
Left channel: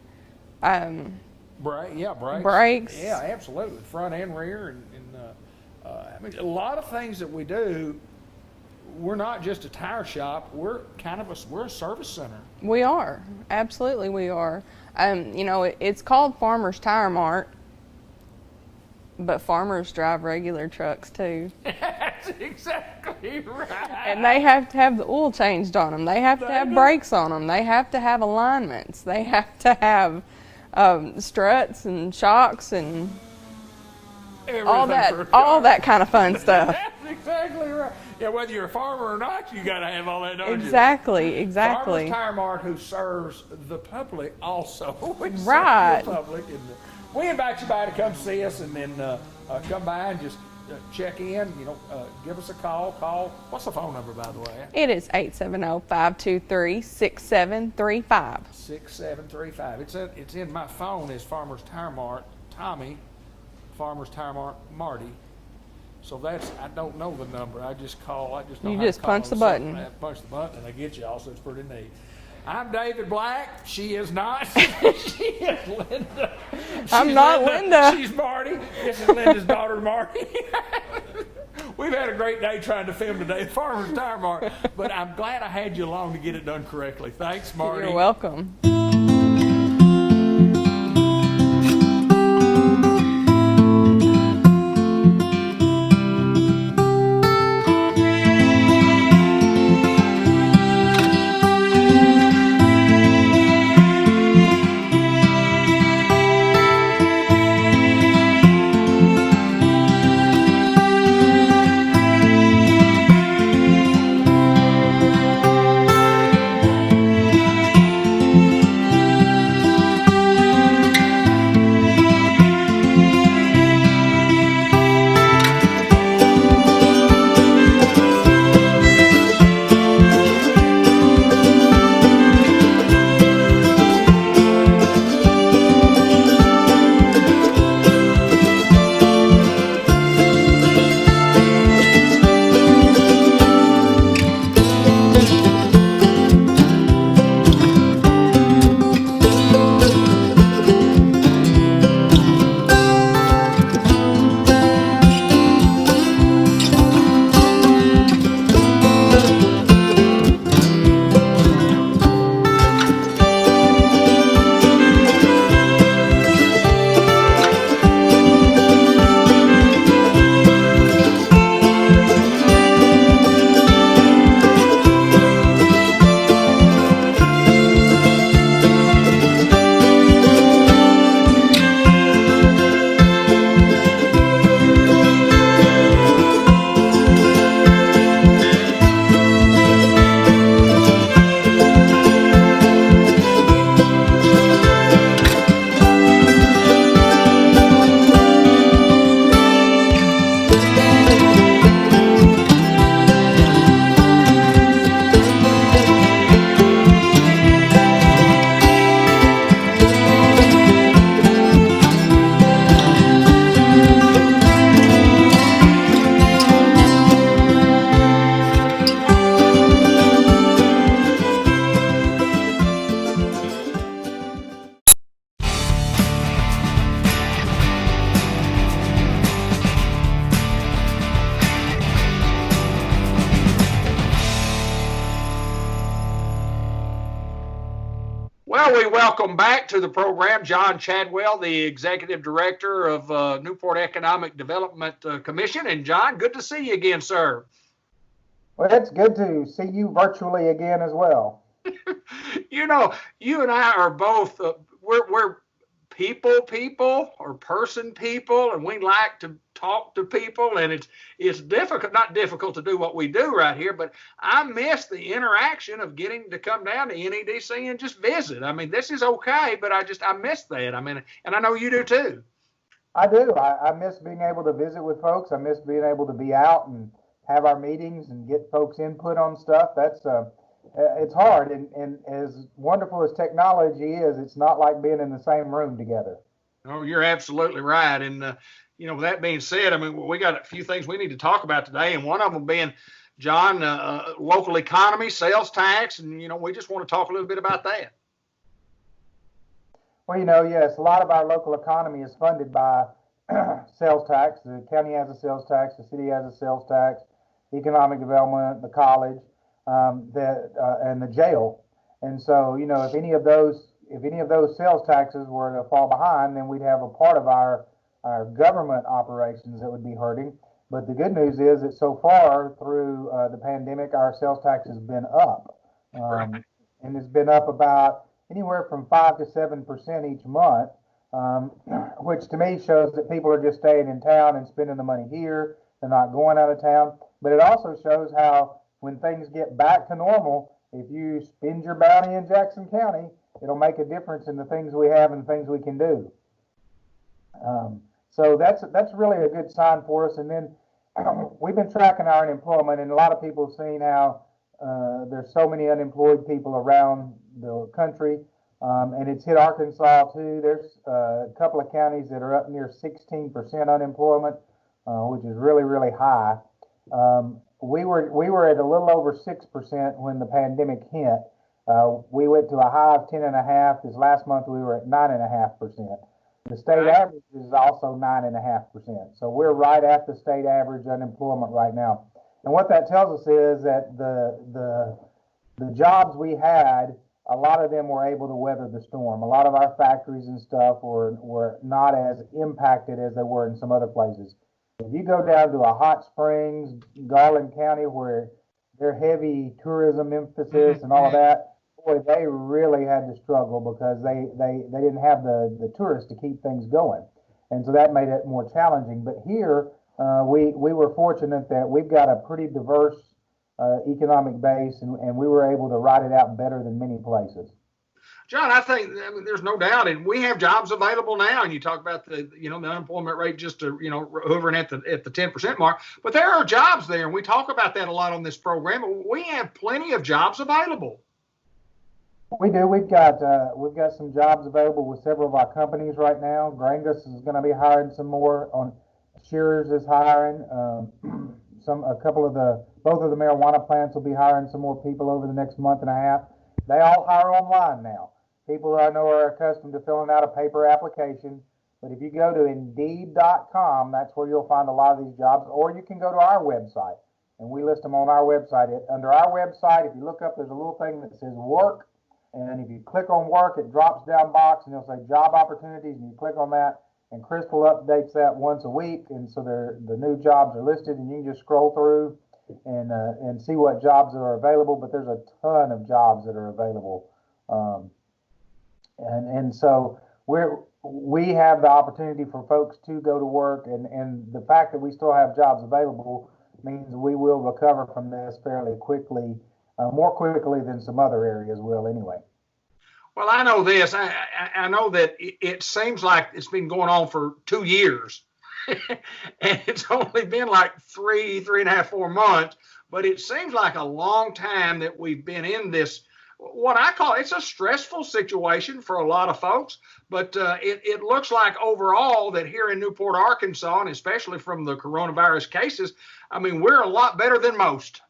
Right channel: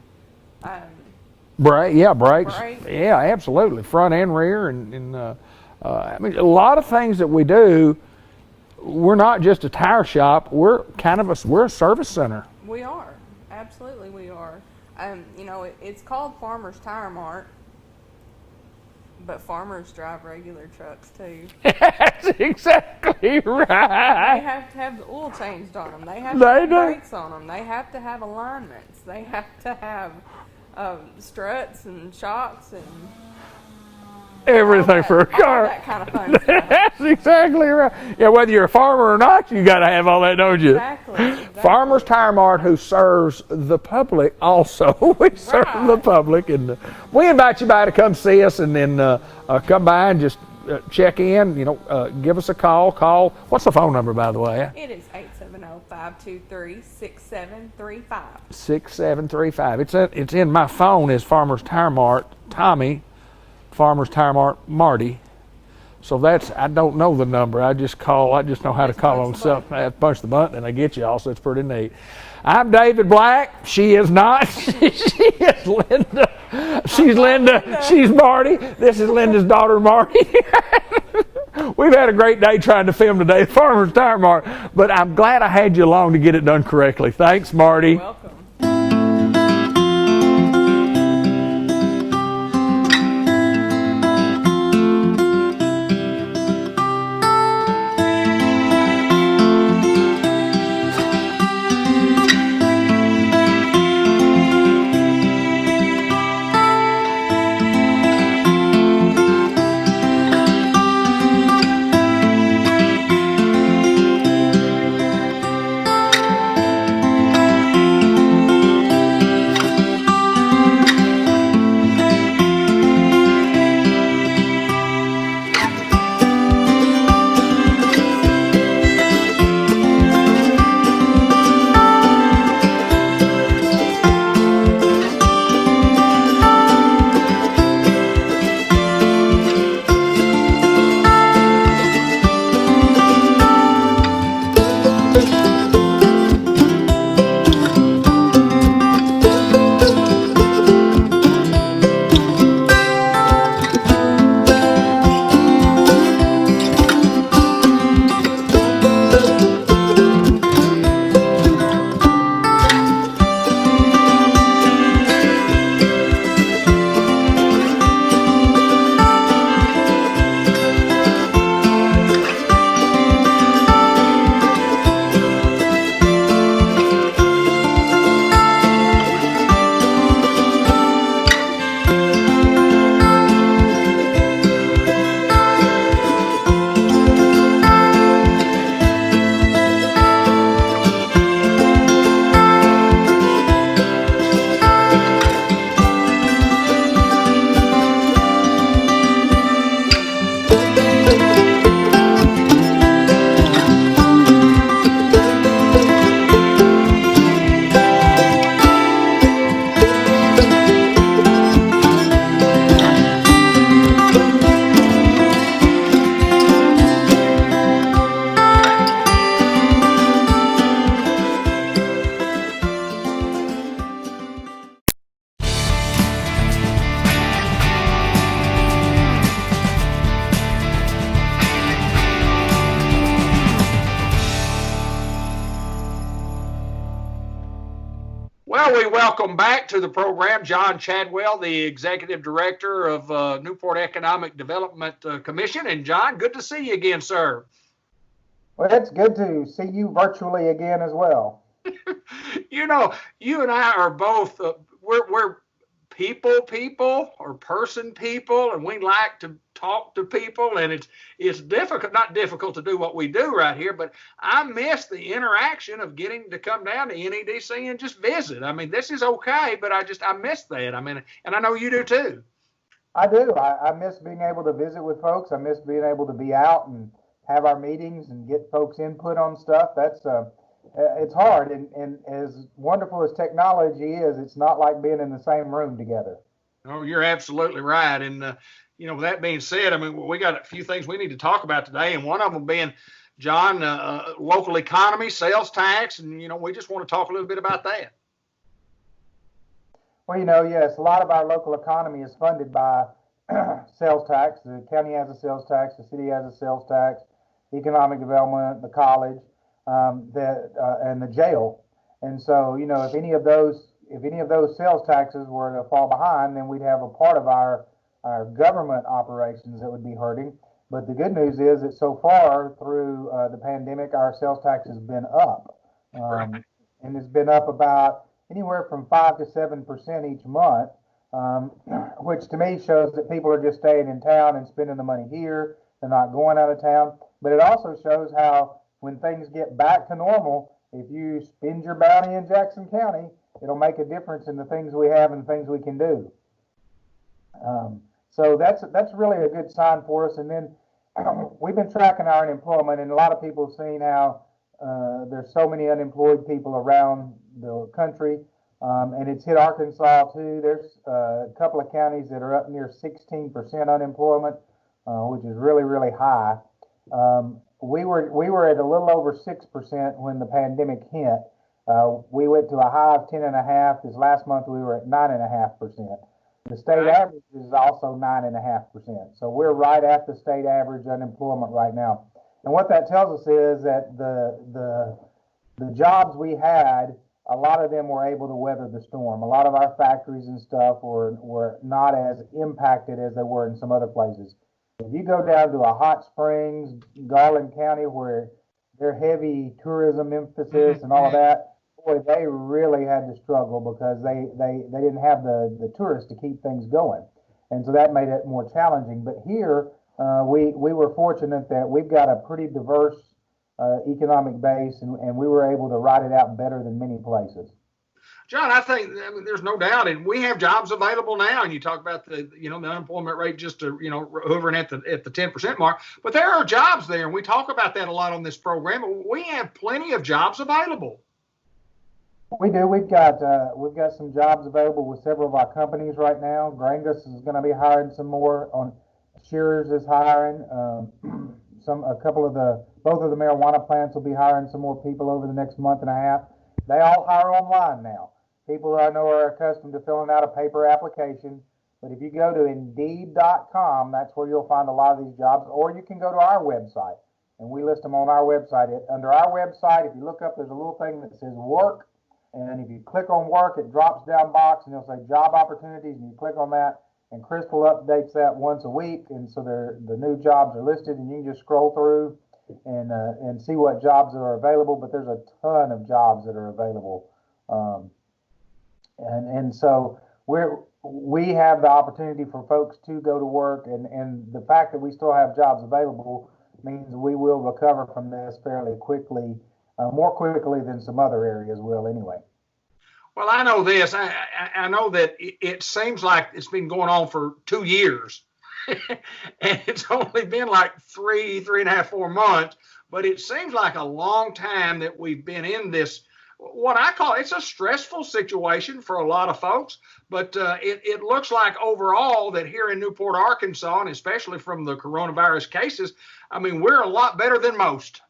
Brakes. Brakes. Yeah, absolutely. Front and rear, and I mean, a lot of things that we do. We're not just a tire shop. We're a service center. We are, absolutely, we are. It's called Farmers Tire Mart, but farmers drive regular trucks too. That's exactly right. And they have to have the oil changed on them. They have to have brakes on them. They have to have alignments. They have to have struts and shocks and everything for a car. All that kind of fun stuff. That's exactly right. Yeah, whether you're a farmer or not, you got to have all that, don't you? Exactly. Farmers Tire Mart, who serves the public also. We serve the public, and we invite you by to come see us, and then come by and just check in. Give us a call. What's the phone number, by the way? It is 870-523-6735. 6735. It's in my phone as Farmers Tire Mart Tommy. Farmers Tire Mart Marty. So I don't know the number. I just know how to call on something. I punch the button and I get you all, so it's pretty neat. I'm David Black. She is not. She is Linda. She's Linda. She's Marty. This is Linda's daughter, Marty. We've had a great day trying to film today at Farmers Tire Mart, but I'm glad I had you along to get it done correctly. Thanks, Marty. You're welcome. Well, we welcome back to the program John Chadwell, the Executive Director of Newport Economic Development Commission. And John, good to see you again, sir. Well, it's good to see you virtually again as well. You know, you and I are both, we're people or person people, and we like to talk to people, and it's difficult, not difficult to do what we do right here, but I miss the interaction of getting to come down to NEDC and just visit. I mean, this is okay, but I miss that. I mean, and I know you do too. I do. I miss being able to visit with folks. I miss being able to be out and have our meetings and get folks' input on stuff. That's it's hard, and as wonderful as technology is, it's not like being in the same room together. Oh, you're absolutely right. And with that being said, I mean, we got a few things we need to talk about today, and one of them being, John, local economy, sales tax, and, we just want to talk a little bit about that. Well, yes, a lot of our local economy is funded by sales tax. The county has a sales tax, the city has a sales tax, economic development, the college, and the jail. And so, if any of those sales taxes were to fall behind, then we'd have a part of our government operations that would be hurting. But the good news is that so far through the pandemic, our sales tax has been up, and it's been up about anywhere from 5 to 7% each month, which to me shows that people are just staying in town and spending the money here. They're not going out of town. But it also shows how when things get back to normal, if you spend your bounty in Jackson County, it'll make a difference in the things we have and things we can do. So that's really a good sign for us. And then we've been tracking our unemployment, and a lot of people have seen how there's so many unemployed people around the country, and it's hit Arkansas too. There's a couple of counties that are up near 16% unemployment, which is really, really high. We were at a little over 6% when the pandemic hit. We went to a high of 10.5. This last month we were at 9.5%. The state average is also 9.5%. So we're right at the state average unemployment right now. And what that tells us is that the jobs we had, a lot of them were able to weather the storm. A lot of our factories and stuff were not as impacted as they were in some other places. If you go down to a Hot Springs, Garland County, where they're heavy tourism emphasis and all of that, boy, they really had to struggle because they didn't have the tourists to keep things going. And so that made it more challenging. But here, we were fortunate that we've got a pretty diverse economic base, and we were able to ride it out better than many places. John, I think there's no doubt, and we have jobs available now. And you talk about the unemployment rate just hovering at the 10% mark, but there are jobs there, and we talk about that a lot on this program. We have plenty of jobs available. We do. We've got some jobs available with several of our companies right now. Grangus is going to be hiring some more. Shearers is hiring. Both of the marijuana plants will be hiring some more people over the next month and a half. They all hire online now. People I know are accustomed to filling out a paper application, but if you go to Indeed.com, that's where you'll find a lot of these jobs, or you can go to our website, and we list them on our website. Under our website, if you look up, there's a little thing that says work, and if you click on work, it drops down box, and it'll say job opportunities, and you click on that, and Crystal updates that once a week, and so the new jobs are listed, and you can just scroll through and see what jobs are available. But there's a ton of jobs that are available, and so we have the opportunity for folks to go to work, and the fact that we still have jobs available means we will recover from this fairly quickly, more quickly than some other areas will anyway. Well, I know this. I know that it seems like it's been going on for 2 years. And it's only been like 3.5, 4 months, but it seems like a long time that we've been in this, what I call, it's a stressful situation for a lot of folks, but it looks like overall that here in Newport, Arkansas, and especially from the coronavirus cases, I mean, we're a lot better than most.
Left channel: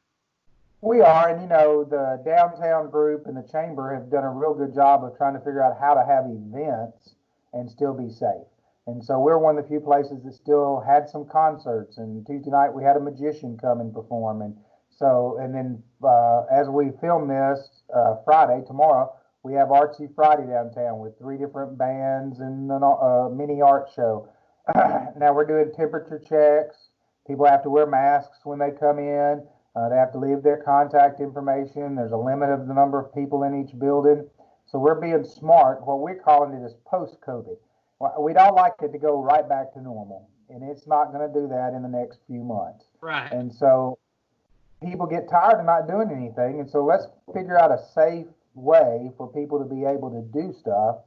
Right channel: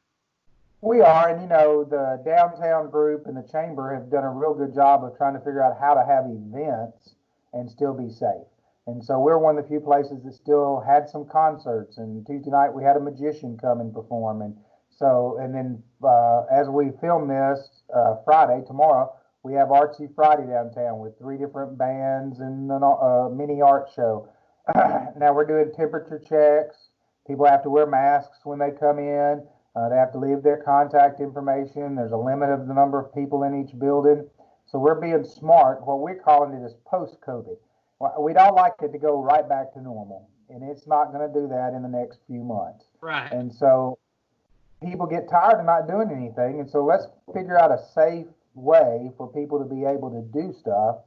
We are, and the downtown group and the chamber have done a real good job of trying to figure out how to have events and still be safe. And so we're one of the few places that still had some concerts. And Tuesday night we had a magician come and perform. And then as we film this Friday, tomorrow, we have Artsy Friday downtown with 3 different bands and a mini art show. Now we're doing temperature checks. People have to wear masks when they come in. They have to leave their contact information. There's a limit of the number of people in each building. So we're being smart. What we're calling it is post-COVID. We'd all like it to go right back to normal, and it's not going to do that in the next few months. Right. And so people get tired of not doing anything, and so let's figure out a safe way for people to be able to do stuff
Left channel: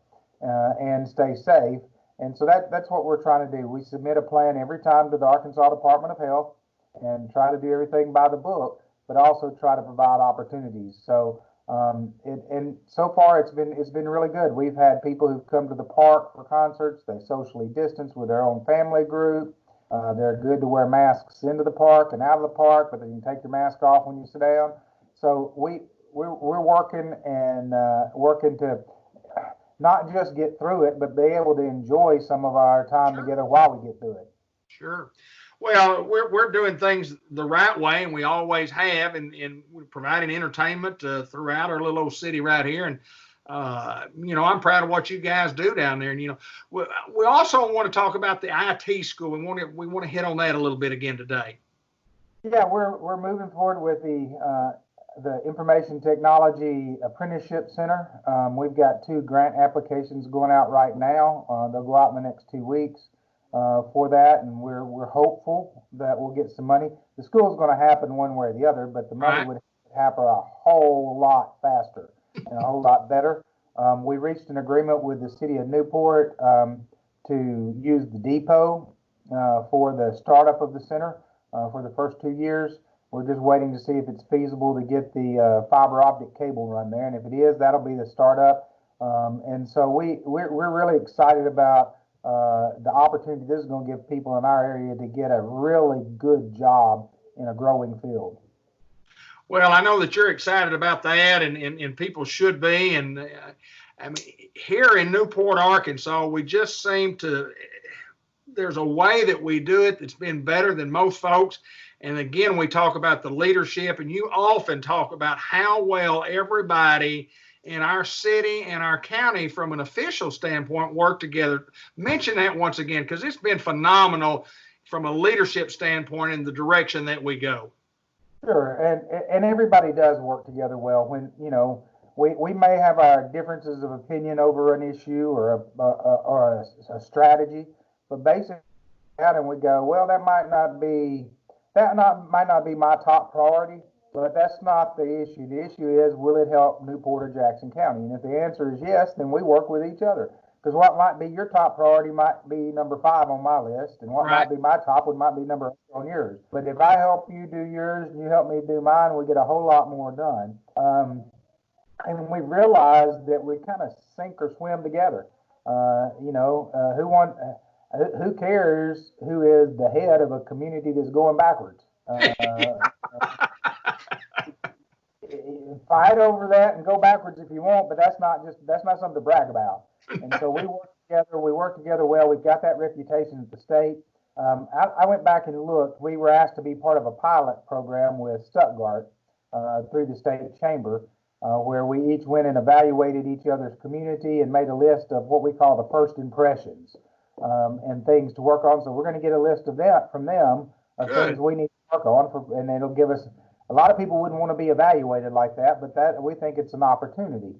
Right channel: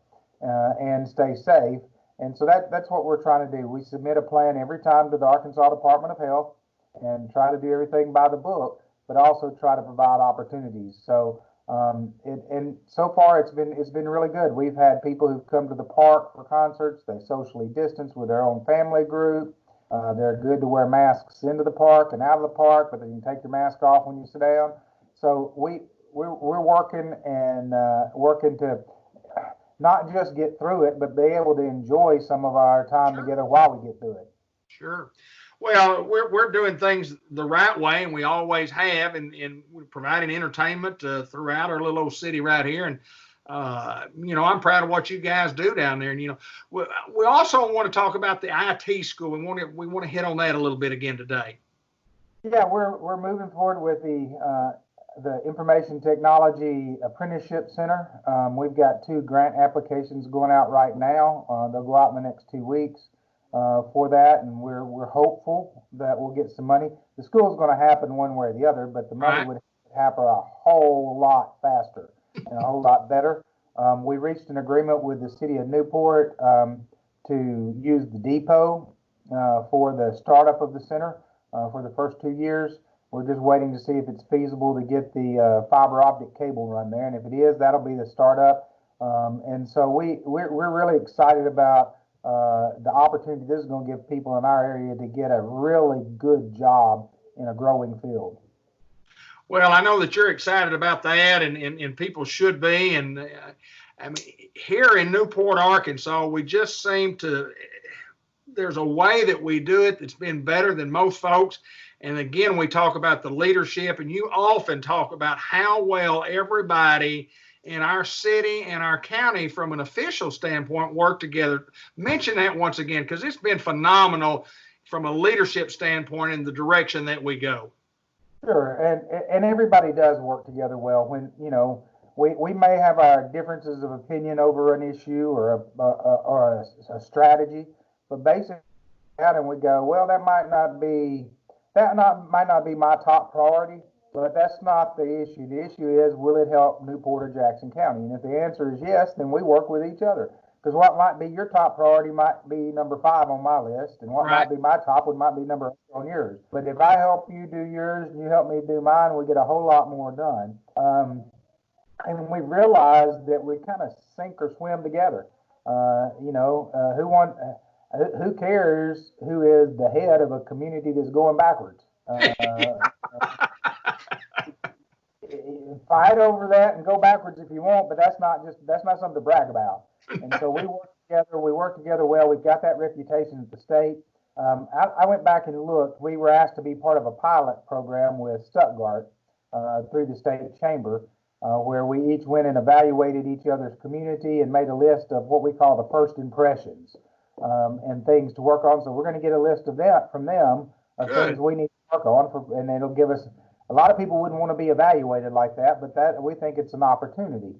and stay safe. And so that's what we're trying to do. We submit a plan every time to the Arkansas Department of Health and try to do everything by the book, but also try to provide opportunities. So And so far it's been really good. We've had people who've come to the park for concerts. They socially distance with their own family group. They're good to wear masks into the park and out of the park, but then you can take your mask off when you sit down. So we're working to not just get through it, but be able to enjoy some of our time together while we get through it. Sure. Well, we're doing things the right way, and we always have, and we're providing entertainment throughout our little old city right here. And I'm proud of what you guys do down there. And we also want to talk about the IT school. We want to hit on that a little bit again today. Yeah, we're moving forward with the Information Technology Apprenticeship Center. We've got 2 grant applications going out right now. They'll go out in the next 2 weeks for that, and we're hopeful that we'll get some money. The school's going to happen one way or the other, but the money would happen a whole lot faster and a whole lot better. We reached an agreement with the city of Newport to use the depot for the startup of the center for the first 2 years. We're just waiting to see if it's feasible to get the fiber optic cable run there, and if it is, that'll be the startup. And so we're really excited about the opportunity this is going to give people in our area to get a really good job in a growing field. Well, I know that you're excited about that, and people should be. And I mean, here in Newport, Arkansas, we just seem to, there's a way that we do it that's been better than most folks. And again, we talk about the leadership, and you often talk about how well everybody in our city and our county from an official standpoint work together. Mention that once again, because it's been phenomenal from a leadership standpoint in the direction that we go. Sure, and everybody does work together well. When we may have our differences of opinion over an issue or a strategy, but basically, and we go, well, that might not be my top priority, but that's not the issue. The issue is, will it help Newport or Jackson County? And if the answer is yes, then we work with each other. Because what might be your top priority might be number 5 on my list, and what might be my top one might be number 8 on yours. But if I help you do yours and you help me do mine, we get a whole lot more done. And we realized that we kind of sink or swim together. Who cares who is the head of a community that's going backwards? Fight over that and go backwards if you want, but that's not something to brag about. And so we work together well. We've got that reputation at the state. I went back and looked. We were asked to be part of a pilot program with Stuttgart through the state chamber, where we each went and evaluated each other's community and made a list of what we call the first impressions and things to work on. So we're going to get a list of that from them of things we need to work on, and it'll give us. A lot of people wouldn't want to be evaluated like that, but we think it's an opportunity.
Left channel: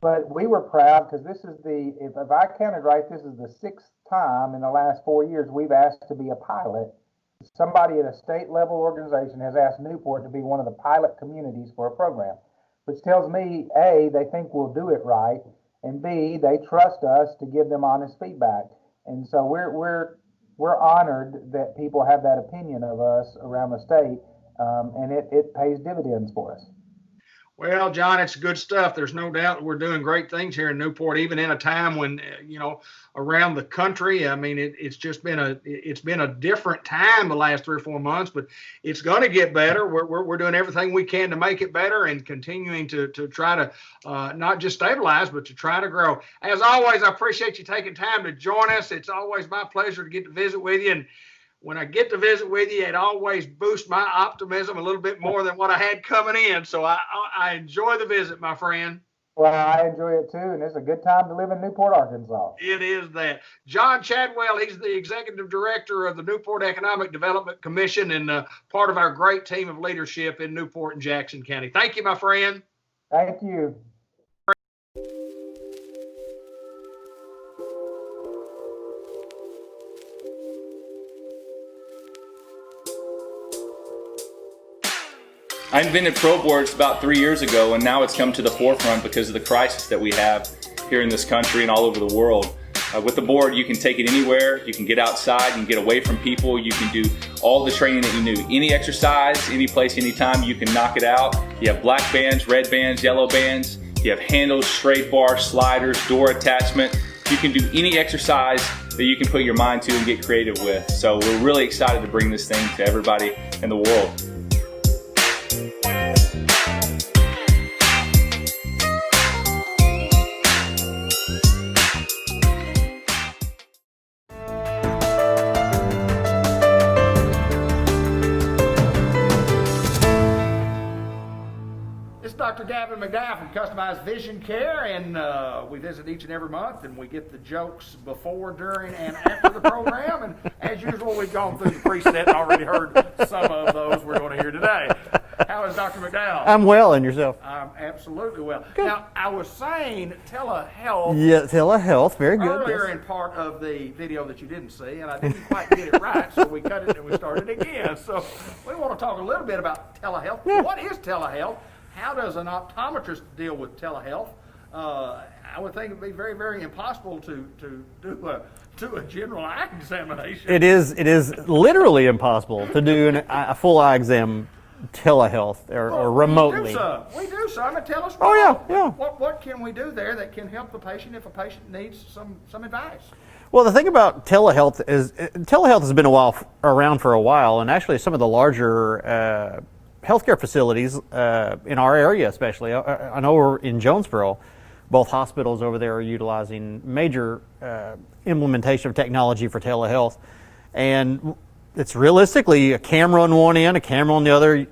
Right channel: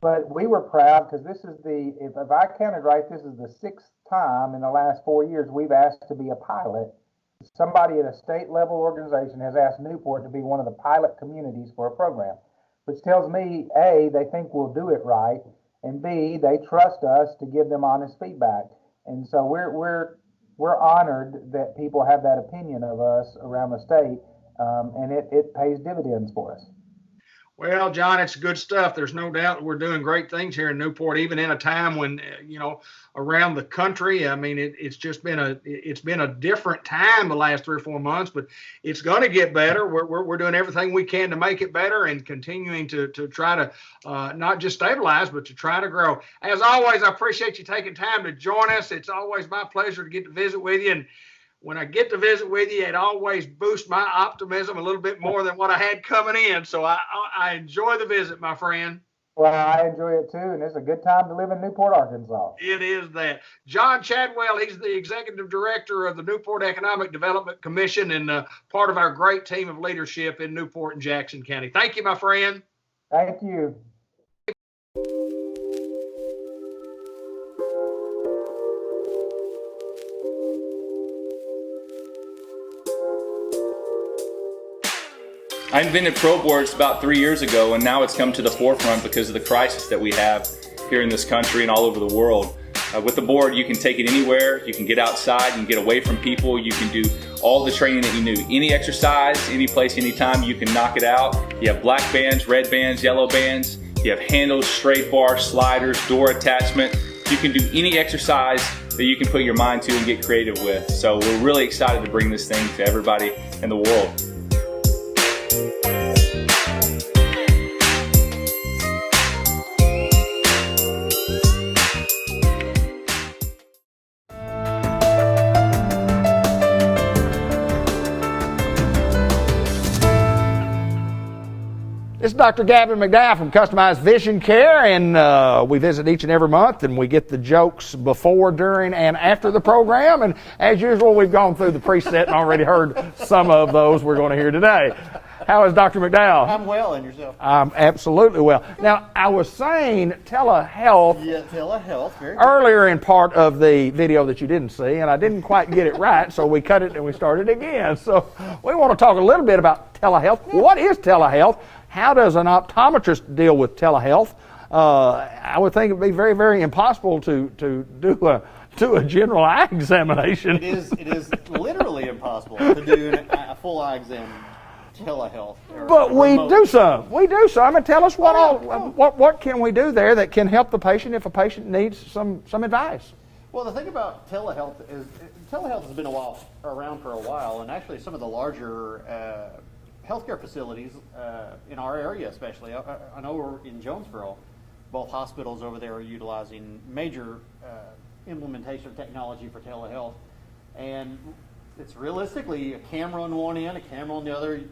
But we were proud because this is if I counted right, this is the 6th time in the last 4 years we've asked to be a pilot. Somebody at a state level organization has asked Newport to be one of the pilot communities for a program, which tells me, A, they think we'll do it right, and B, they trust us to give them honest feedback. And so we're honored that people have that opinion of us around the state. And it pays dividends for us. Well, John, it's good stuff. There's no doubt we're doing great things here in Newport, even in a time when, around the country, I mean, it's been a different time the last 3 or 4 months, but it's going to get better. We're doing everything we can to make it better and continuing to try to not just stabilize, but to try to grow. As always, I appreciate you taking time to join us. It's always my pleasure to get to visit with you. And when I get to visit with you, it always boosts my optimism a little bit more than what I had coming in. So I enjoy the visit, my friend. Well, I enjoy it too, and it's a good time to live in Newport, Arkansas. It is that. John Chadwell, he's the executive director of the Newport Economic Development Commission and part of our great team of leadership in Newport and Jackson County. Thank you, my friend. Thank you. I invented Pro Boards about 3 years ago, and now it's come to the forefront because of the crisis that we have here in this country and all over the world. With the board, you can take it anywhere, you can get outside, you can get away from people, you can do all the training that you need. Any exercise, any place, anytime, you can knock it out. You have black bands, red bands, yellow bands. You have handles, straight bars, sliders, door attachment. You can do any exercise that you can put your mind to and get creative with. So we're really excited to bring this thing to everybody in the world. This is Dr. Gavin Mcdowell from Customized Vision Care, and we visit each and every month, and we get the jokes before, during, and after the program. And as usual, we've gone through the preset and already heard some of those we're going to hear today. How is Dr. McDowell? I'm well, and yourself? I'm absolutely well. Good. Now, I was saying telehealth. Yeah, telehealth, very good. Earlier in part of the video that you didn't see, and I didn't quite get it right, so we cut it and we started again. So we want to talk a little bit about telehealth. Yeah. What is telehealth? How does an optometrist deal with telehealth? I would think it would be very, very impossible to do a general eye examination. It is literally impossible to do a full eye exam telehealth or remotely. We do some. And tell us what can we do there that can help the patient if a patient needs some advice? Well, the thing about telehealth is telehealth has been around for a while, and actually some of the larger healthcare facilities in our area, especially. I know we're in Jonesboro. Both hospitals over there are utilizing major implementation of technology for telehealth, and it's realistically a camera on one end, a camera on the other,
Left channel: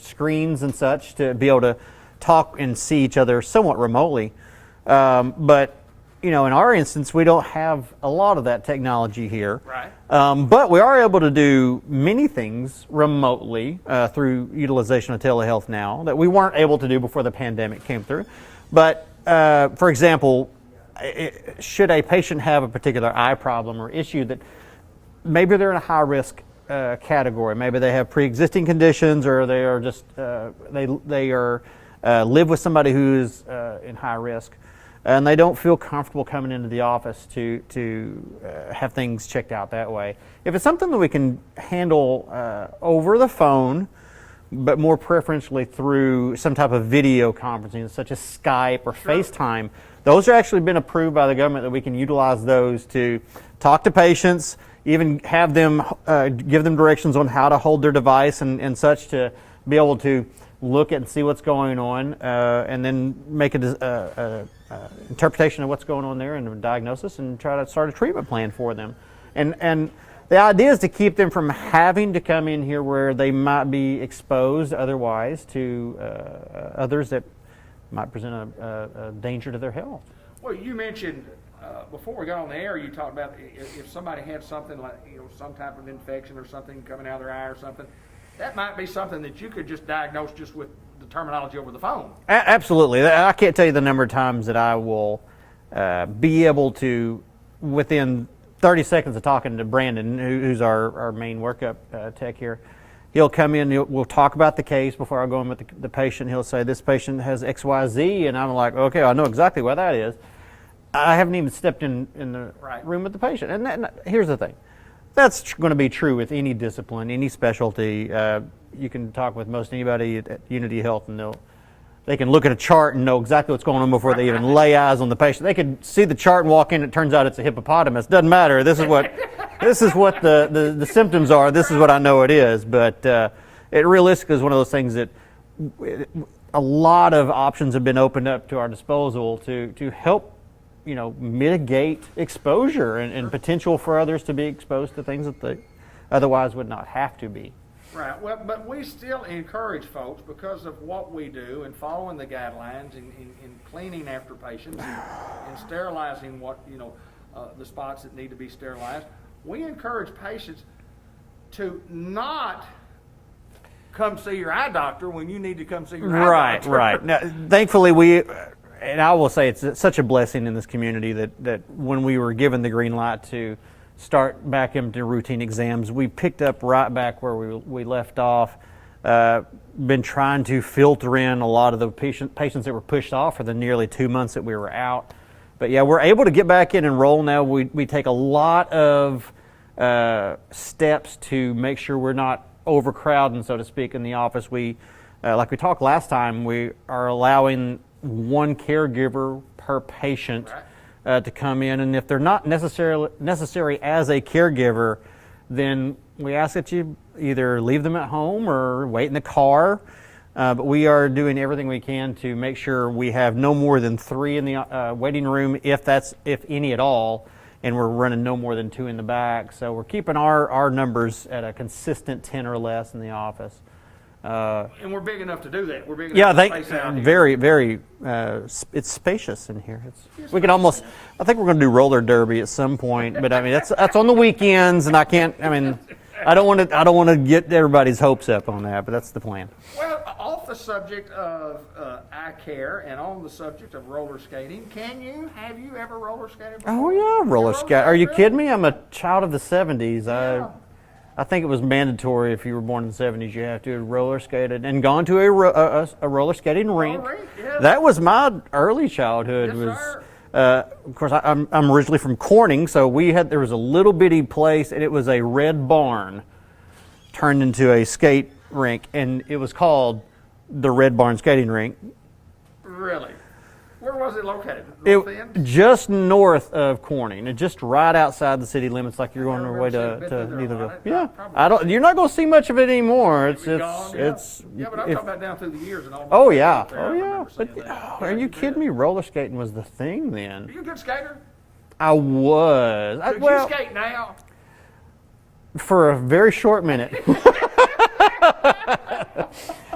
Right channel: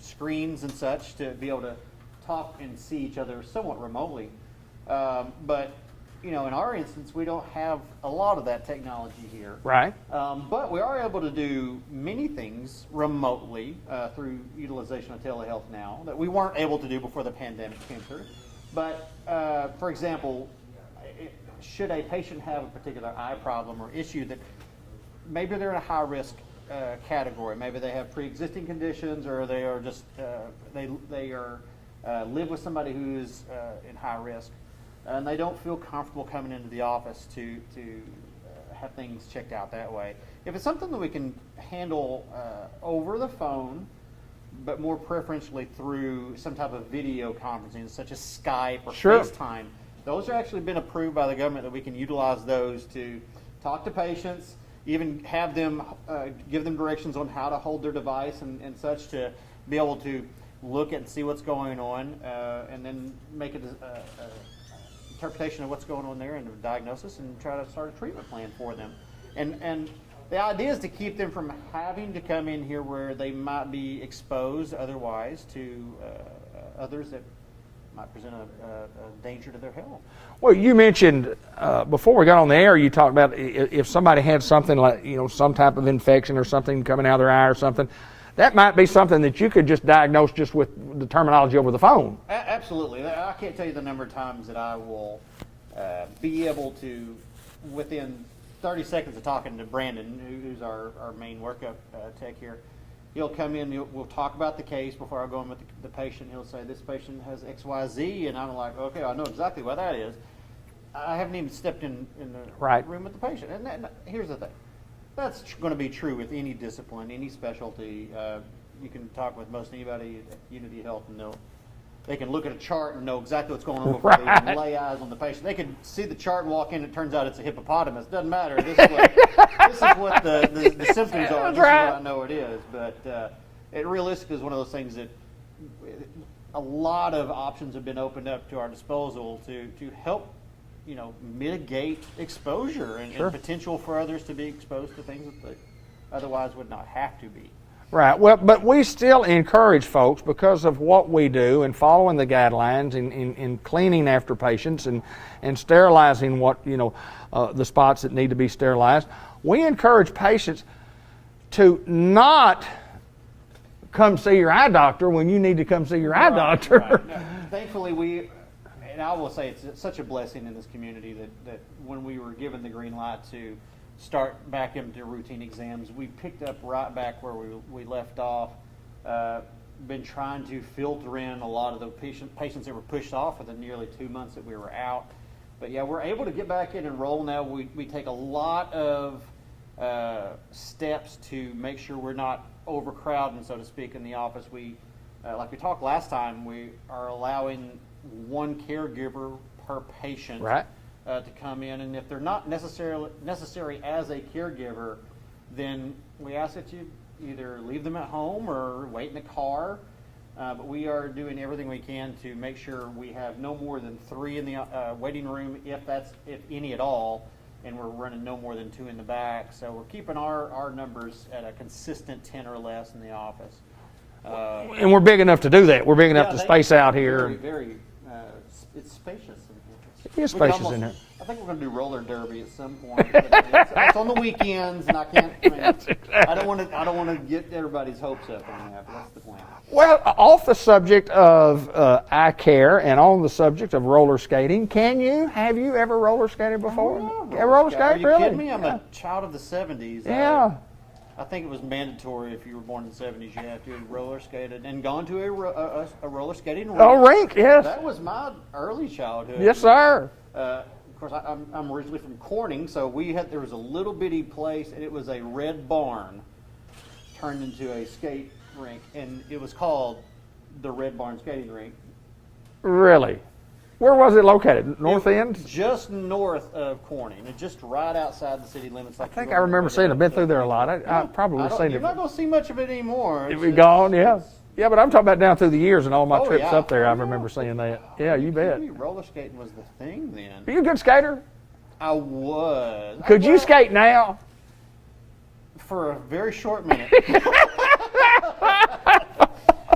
screens and such to be able to talk and see each other somewhat remotely. But in our instance, we don't have a lot of that technology here. Right. But we are able to do many things remotely through utilization of telehealth now that we weren't able to do before the pandemic came through. But for example, should a patient have a particular eye problem or issue that maybe they're in a high risk category, maybe they have pre-existing conditions, or they are just they are live with somebody who is in high risk, and they don't feel comfortable coming into the office to have things checked out that way. If it's something that we can handle over the phone, but more preferentially through some type of video conferencing, such as Skype or FaceTime, those are actually been approved by the government that we can utilize those to talk to patients, even have them give them directions on how to hold their device and such, to be able to look at and see what's going on, and then make a interpretation of what's going on there and a diagnosis, and try to start a treatment plan for them. And the idea is to keep them from having to come in here where they might be exposed otherwise to others that might present a danger to their health. Well, you mentioned before we got on the air, you talked about if somebody had something like, some type of infection or something coming out of their eye or something, that might be something that you could just diagnose just with the terminology over the phone. Absolutely. I can't tell you the number of times that I will be able to, within 30 seconds of talking to Brandon, who's our main workup tech here, he'll come in, we'll talk about the case before I go in with the patient. He'll say, this patient has XYZ, and I'm like, okay, I know exactly what that is. I haven't even stepped in the right room with the patient. And here's the thing. That's going to be true with any discipline, any specialty. You can talk with most anybody at Unity Health, and they can look at a chart and know exactly what's going on before they even lay eyes on the patient. They could see the chart and walk in. It turns out it's a hippopotamus. Doesn't matter. This is what the symptoms are. This is what I know it is. But it realistically is one of those things that a lot of options have been opened up to our disposal to help mitigate exposure and potential for others to be exposed to things that they otherwise would not have to be. Right. Well, but we still encourage folks, because of what we do and following the guidelines in cleaning after patients and sterilizing the spots that need to be sterilized. We encourage patients to not come see your eye doctor when you need to come see your eye doctor. Right. Now, thankfully, and I will say it's such a blessing in this community that when we were given the green light to start back into routine exams, we picked up right back where we left off. Been trying to filter in a lot of the patients that were pushed off for the nearly 2 months that we were out. But yeah, we're able to get back in and roll now. We take a lot of steps to make sure we're not overcrowding, so to speak, in the office. We, like we talked last time, we are allowing one caregiver per patient to come in, and if they're not necessary as a caregiver, then we ask that you either leave them at home or wait in the car. But we are doing everything we can to make sure we have no more than 3 in the waiting room, if any at all, and we're running no more than 2 in the back. So we're keeping our numbers at a consistent 10 or less in the office. And we're big enough to do that. We're big enough to space out here. Very, very. It's spacious in here. We can almost. I think we're going to do roller derby at some point, but I mean that's on the weekends, and I can't. I mean, I don't want to get everybody's hopes up on that, but that's the plan. Well, off the subject of eye care and on the subject of roller skating, have you ever roller skated before? Oh yeah, roller skate. Are you kidding me? I'm a child of the '70s. Yeah. I think it was mandatory if you were born in the '70s, you have to have roller skated and gone to a roller skating rink. Oh, rink, yeah. That was my early childhood. Yes, sir. Of course, I'm originally from Corning, so there was a little bitty place, and it was a red barn turned into a skate rink, and it was called the Red Barn Skating Rink. Really? Where was it located? North end? Just north of Corning, and just right outside the city limits. Like I remember seeing it. I've been through there a lot. You're not going to see much of it anymore. It's gone. Yeah, but I'm talking about down through the years and all my trips up there. I remember seeing that. Are you kidding me? Roller skating was the thing then. Are you a good skater? I was. Could you skate now? For a very short minute,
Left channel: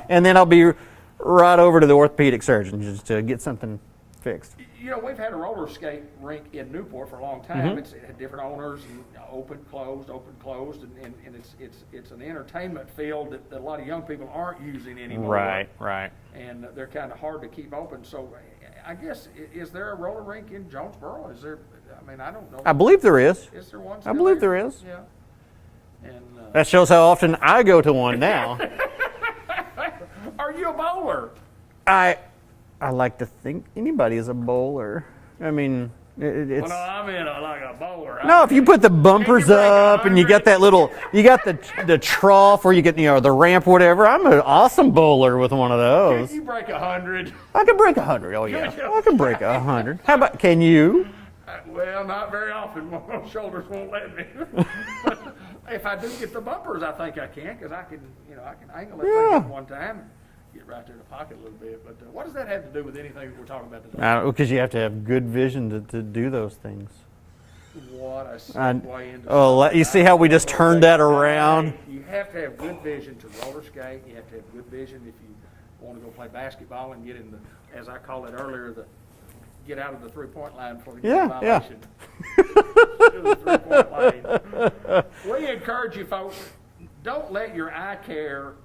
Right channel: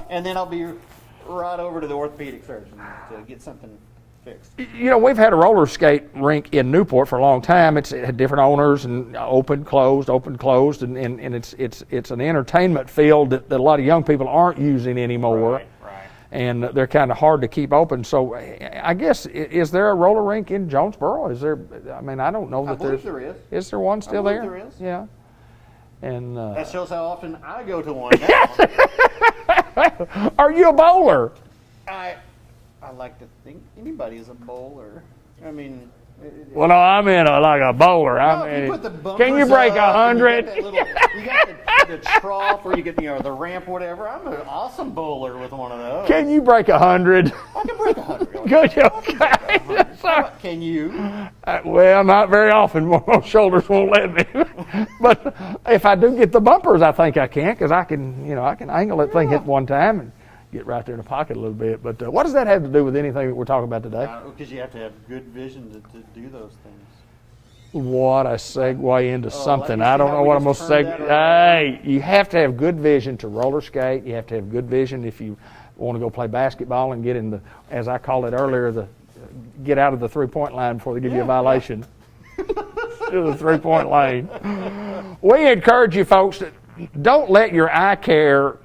and then I'll be right over to the orthopedic surgeon just to get something fixed. You know, we've had a roller skate rink in Newport for a long time. It had different owners and open, closed, and it's an entertainment field that a lot of young people aren't using anymore. Right. And they're kind of hard to keep open. So I guess, is there a roller rink in Jonesboro? Is there? I mean, I don't know. I believe there is. Is there one still there? I believe there is. Yeah. And that shows how often I go to one now. Are you a bowler? I like to think anybody is a bowler. I mean, well, no, I'm in like a bowler. If you put the bumpers up and you got that little, you got the trough where you get the ramp or whatever. I'm an awesome bowler with one of those. Can you break 100? I can break 100. Oh, yeah. I can break 100. How about, can you? Well, not very often. My shoulders won't let me. But if I do get the bumpers, I think I can, because I can angle that thing at one time and get right there in the pocket a little bit. But what does that have to do with anything that we're talking about today? Because you have to have good vision to do those things. What a segue into something. You see how we just turned that around? You have to have good vision to roller skate. You have to have good vision if you want to go play basketball and get in the, as I called it earlier, get out of the three-point line before they give you a violation. To the three-point lane. We encourage you folks, don't let your eye care,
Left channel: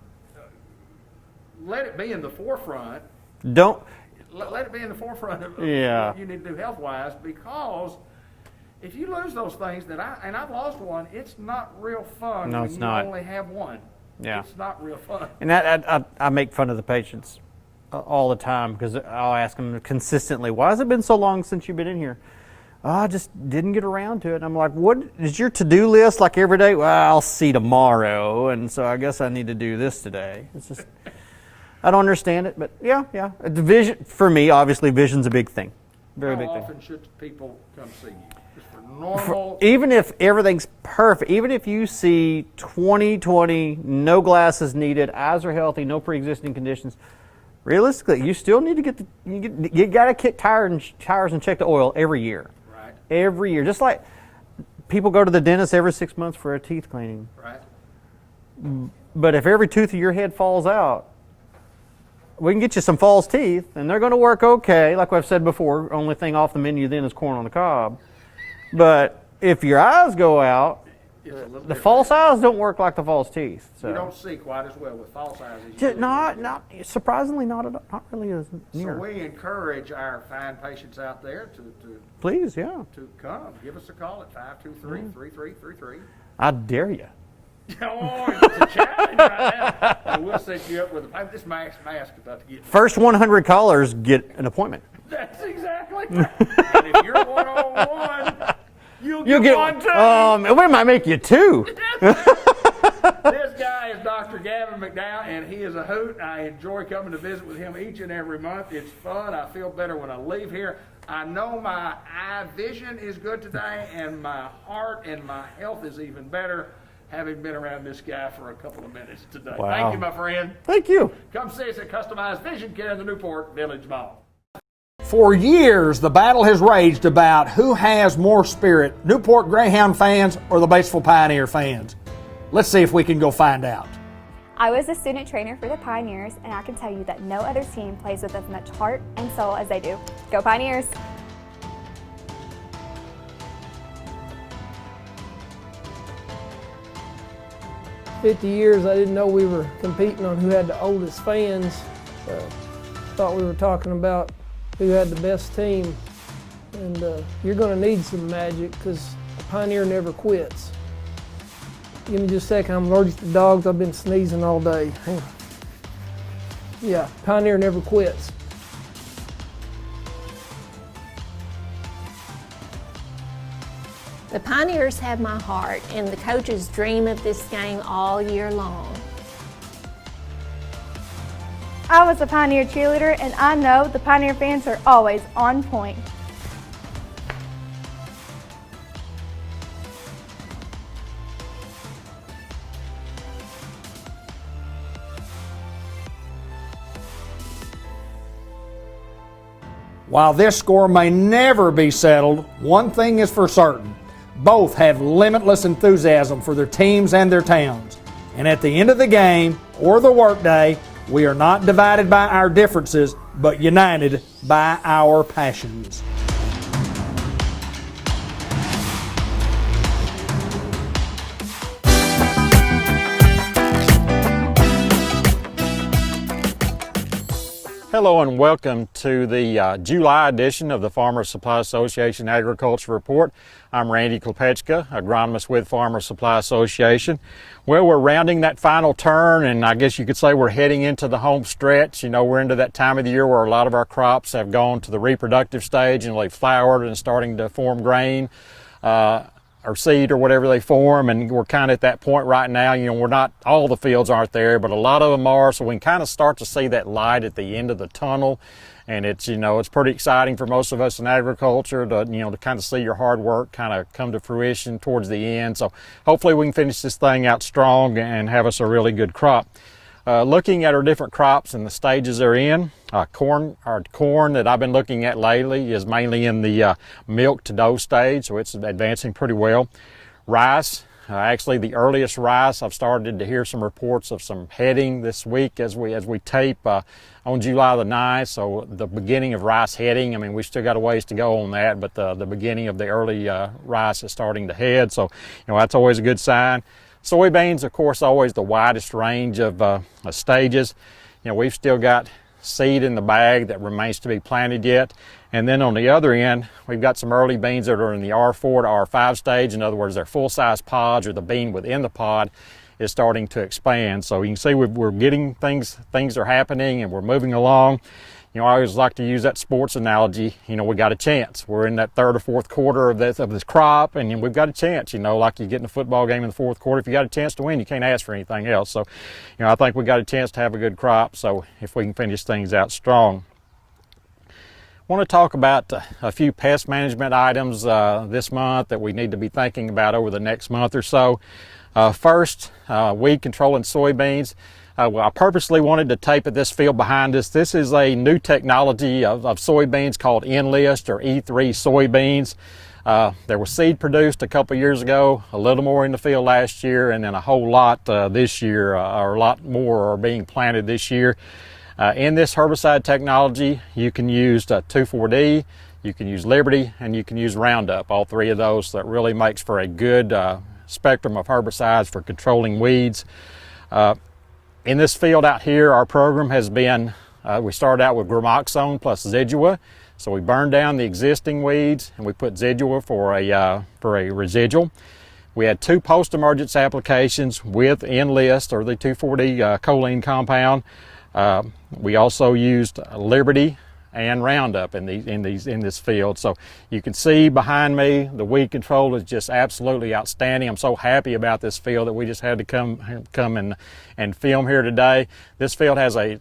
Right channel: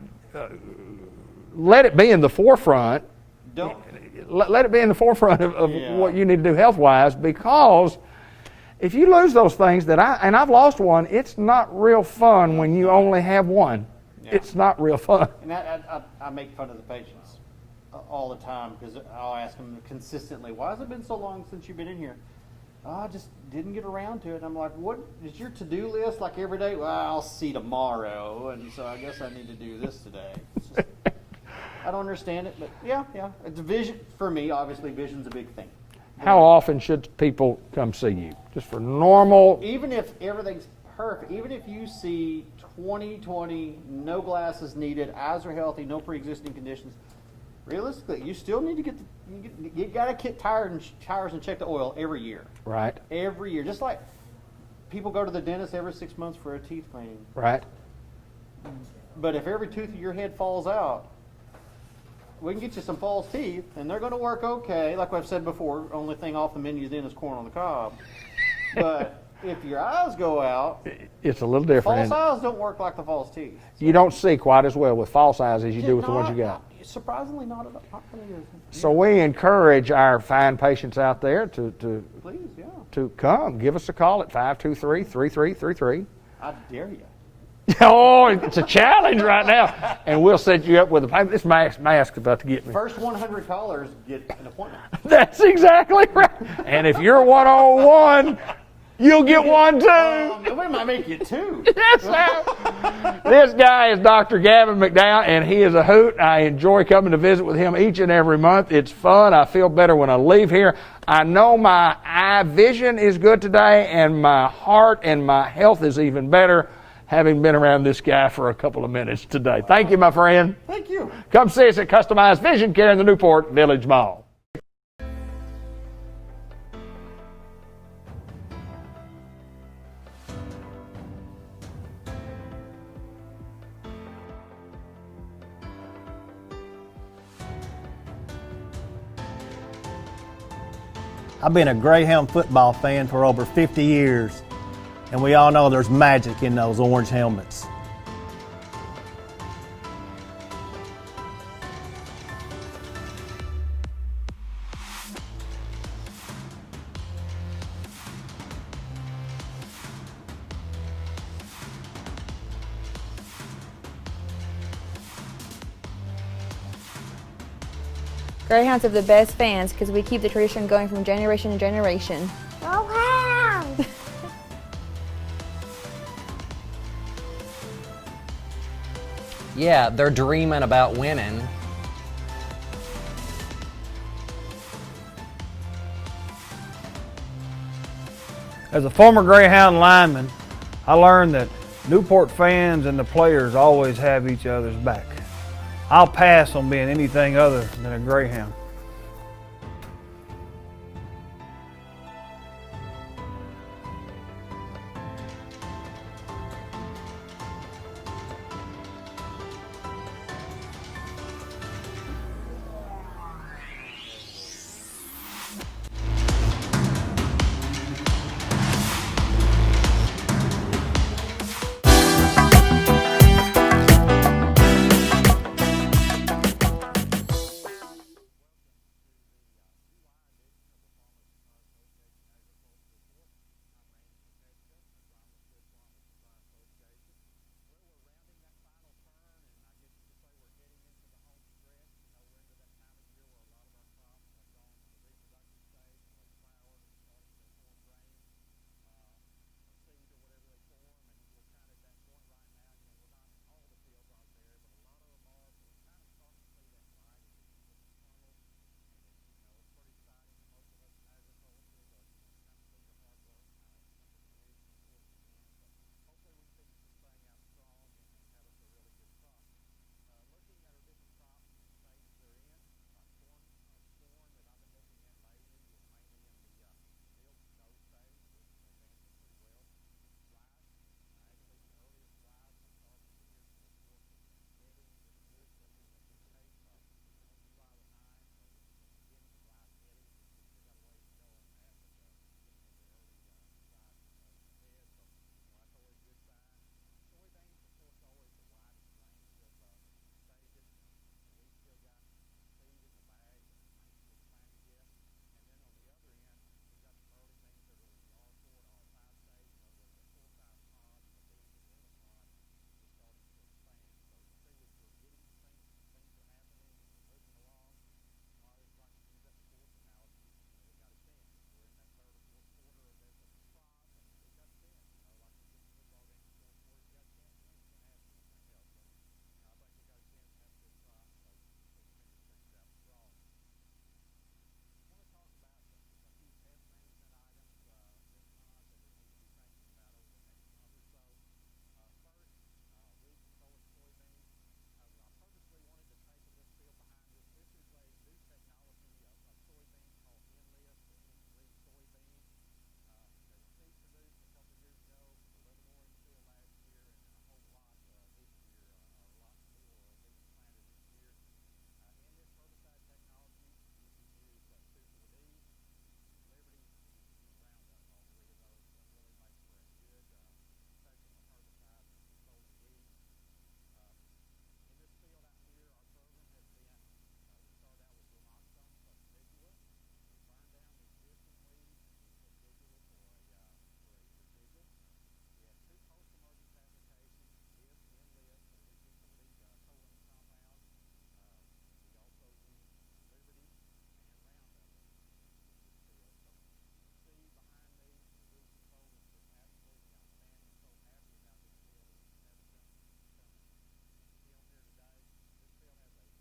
let it be in the forefront. Don't let it be in the forefront of what you need to do health-wise, because if you lose those things I've lost one, it's not real fun when you only have one. Yeah. It's not real fun. And I make fun of the patients all the time, because I'll ask them consistently, why has it been so long since you've been in here? Oh, I just didn't get around to it. And I'm like, what is your to-do list like every day? Well, I'll see tomorrow, and so I guess I need to do this today. It's just, I don't understand it, but yeah. The vision, for me, obviously, vision's a big thing. How often should people come see you? Just for normal? Even if everything's perfect, even if you see 20/20, no glasses needed, eyes are healthy, no pre-existing conditions, realistically, you still need to you got to kick tires and check the oil every year. Right. Every year. Just like people go to the dentist every 6 months for a teeth cleaning. Right. But if every tooth of your head falls out, we can get you some false teeth, and they're going to work okay. Like I've said before, only thing off the menu then is corn on the cob. But if your eyes go out, it's a little different. False eyes don't work like the false teeth. So. You don't see quite as well with false eyes as you do with the ones you got. Surprisingly, not really. So we encourage our fine patients out there to please, to come. Give us a call at 523-3333. I dare you. Oh, it's a challenge right now. And we'll set you up with a payment. This mask is about to get me. First 100 callers get an appointment. That's exactly right. And if you're one-on-one, You'll get one too. We might make you two. This guy is Dr. Gavin Mcdowell, and he is a hoot. I enjoy coming to visit with him each and every month. It's fun. I feel better when I leave here. I know my eye vision is good today, and my heart and my health is even better, having been around this guy for a couple of minutes today. Wow. Thank you, my friend. Thank you. Come see us at Customized Vision Care in the Newport Village Mall. For years, the battle has raged about who has more spirit, Newport Greyhound fans or the Batesville Pioneer fans. Let's see if we can go find out. I was a student trainer for the Pioneers, and I can tell you that no other team plays with as much heart and soul as they do. Go Pioneers! I've been a Greyhound football fan for over 50 years, and we all know there's magic in those orange helmets. 50 years, I didn't know we were competing on who had the oldest fans. Thought we were talking about who had the best team. And you're going to need some magic because Pioneer never quits. Give me just a second, I'm allergic to dogs. I've been sneezing all day. Hang on. Yeah, Pioneer never quits. Greyhounds have the best fans because we keep the tradition going from generation to generation. The Pioneers have my heart, and the coaches dream of this game all year long. Yeah, they're dreaming about winning. I was a Pioneer cheerleader, and I know the Pioneer fans are always on point. As a former Greyhound lineman, I learned that Newport fans and the players always have each other's back. I'll pass on being anything other than a Greyhound. While this score may never be settled, one thing is for certain. Both have limitless enthusiasm for their teams and their towns. And at the end of the game or the workday, we are not divided by our differences, but united by our passions. Hello and welcome to the July edition of the Farmers Supply Association Agriculture Report. I'm Randy Klepechka, agronomist with Farmers Supply Association. Well, we're rounding that final turn, and I guess you could say we're heading into the home stretch. You know, we're into that time of the year where a lot of our crops have gone to the reproductive stage and they've flowered and starting to form grain or seed or whatever they form, and we're kind of at that point right now. You know, we're not, all the fields aren't there, but a lot of them are, so we can kind of start to see that light at the end of the tunnel. And it's, you know, it's pretty exciting for most of us in agriculture to, you know, to kind of see your hard work kind of come to fruition towards the end. So hopefully we can finish this thing out strong and have us a really good crop. Looking at our different crops and the stages they're in, corn that I've been looking at lately is mainly in the milk to dough stage, so it's advancing pretty well. Rice, actually the earliest rice, I've started to hear some reports of some heading this week as we tape on July the 9th, so the beginning of rice heading. I mean, we still got a ways to go on that, but the beginning of the early rice is starting to head, so you know, that's always a good sign. Soybeans, of course, always the widest range of stages. You know, we've still got seed in the bag that remains to be planted yet. And then on the other end, we've got some early beans that are in the R4 to R5 stage. In other words, they're full-size pods, or the bean within the pod is starting to expand. So you can see we're getting things are happening and we're moving along. You know, I always like to use that sports analogy. You know, we got a chance. We're in that third or fourth quarter of this crop, and we've got a chance. You know, like you get in a football game in the fourth quarter, if you got a chance to win, you can't ask for anything else. So, you know, I think we got a chance to have a good crop. So if we can finish things out strong. I want to talk about a few pest management items this month that we need to be thinking about over the next month or so. First, weed control in soybeans. Well, I purposely wanted to tape at this field behind us. This is a new technology of soybeans called Enlist or E3 soybeans. There was seed produced a couple years ago, a little more in the field last year, and then a whole lot this year, or a lot more are being planted this year. In this herbicide technology, you can use 2,4-D, you can use Liberty, and you can use Roundup, all three of those. That really makes for a good spectrum of herbicides for controlling weeds. In this field out here, our program has been, we started out with Gramoxone plus Zidua. So we burned down the existing weeds and we put Zidua for a residual. We had 2 post-emergence applications with Enlist, or the 2,4-D choline compound. We also used Liberty and Roundup in this field. So you can see behind me the weed control is just absolutely outstanding. I'm so happy about this field that we just had to come and film here today. This field has a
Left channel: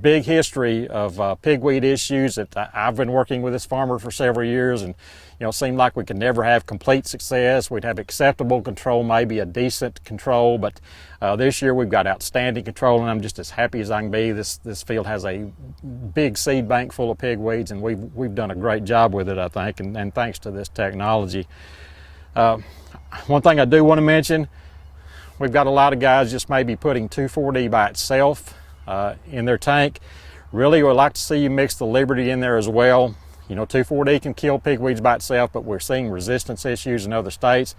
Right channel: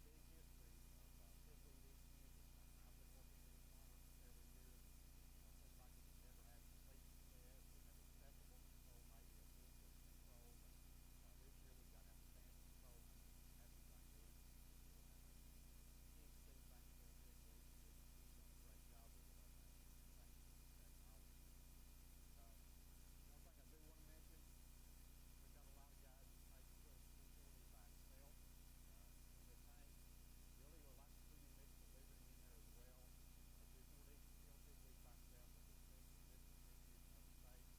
big history of pigweed issues that I've been working with this farmer for several years, and it seemed like we could never have complete success. We'd have acceptable control, maybe a decent control, but this year we've got outstanding control, and I'm just as happy as I can be. This field has a big seed bank full of pigweeds, and we've done a great job with it, I think, and thanks to this technology. One thing I do want to mention, we've got a lot of guys just maybe putting 2,4-D by itself in their tank. Really would like to see you mix the Liberty in there as well. 2,4-D can kill pigweeds by itself, but we're seeing resistance issues in other states.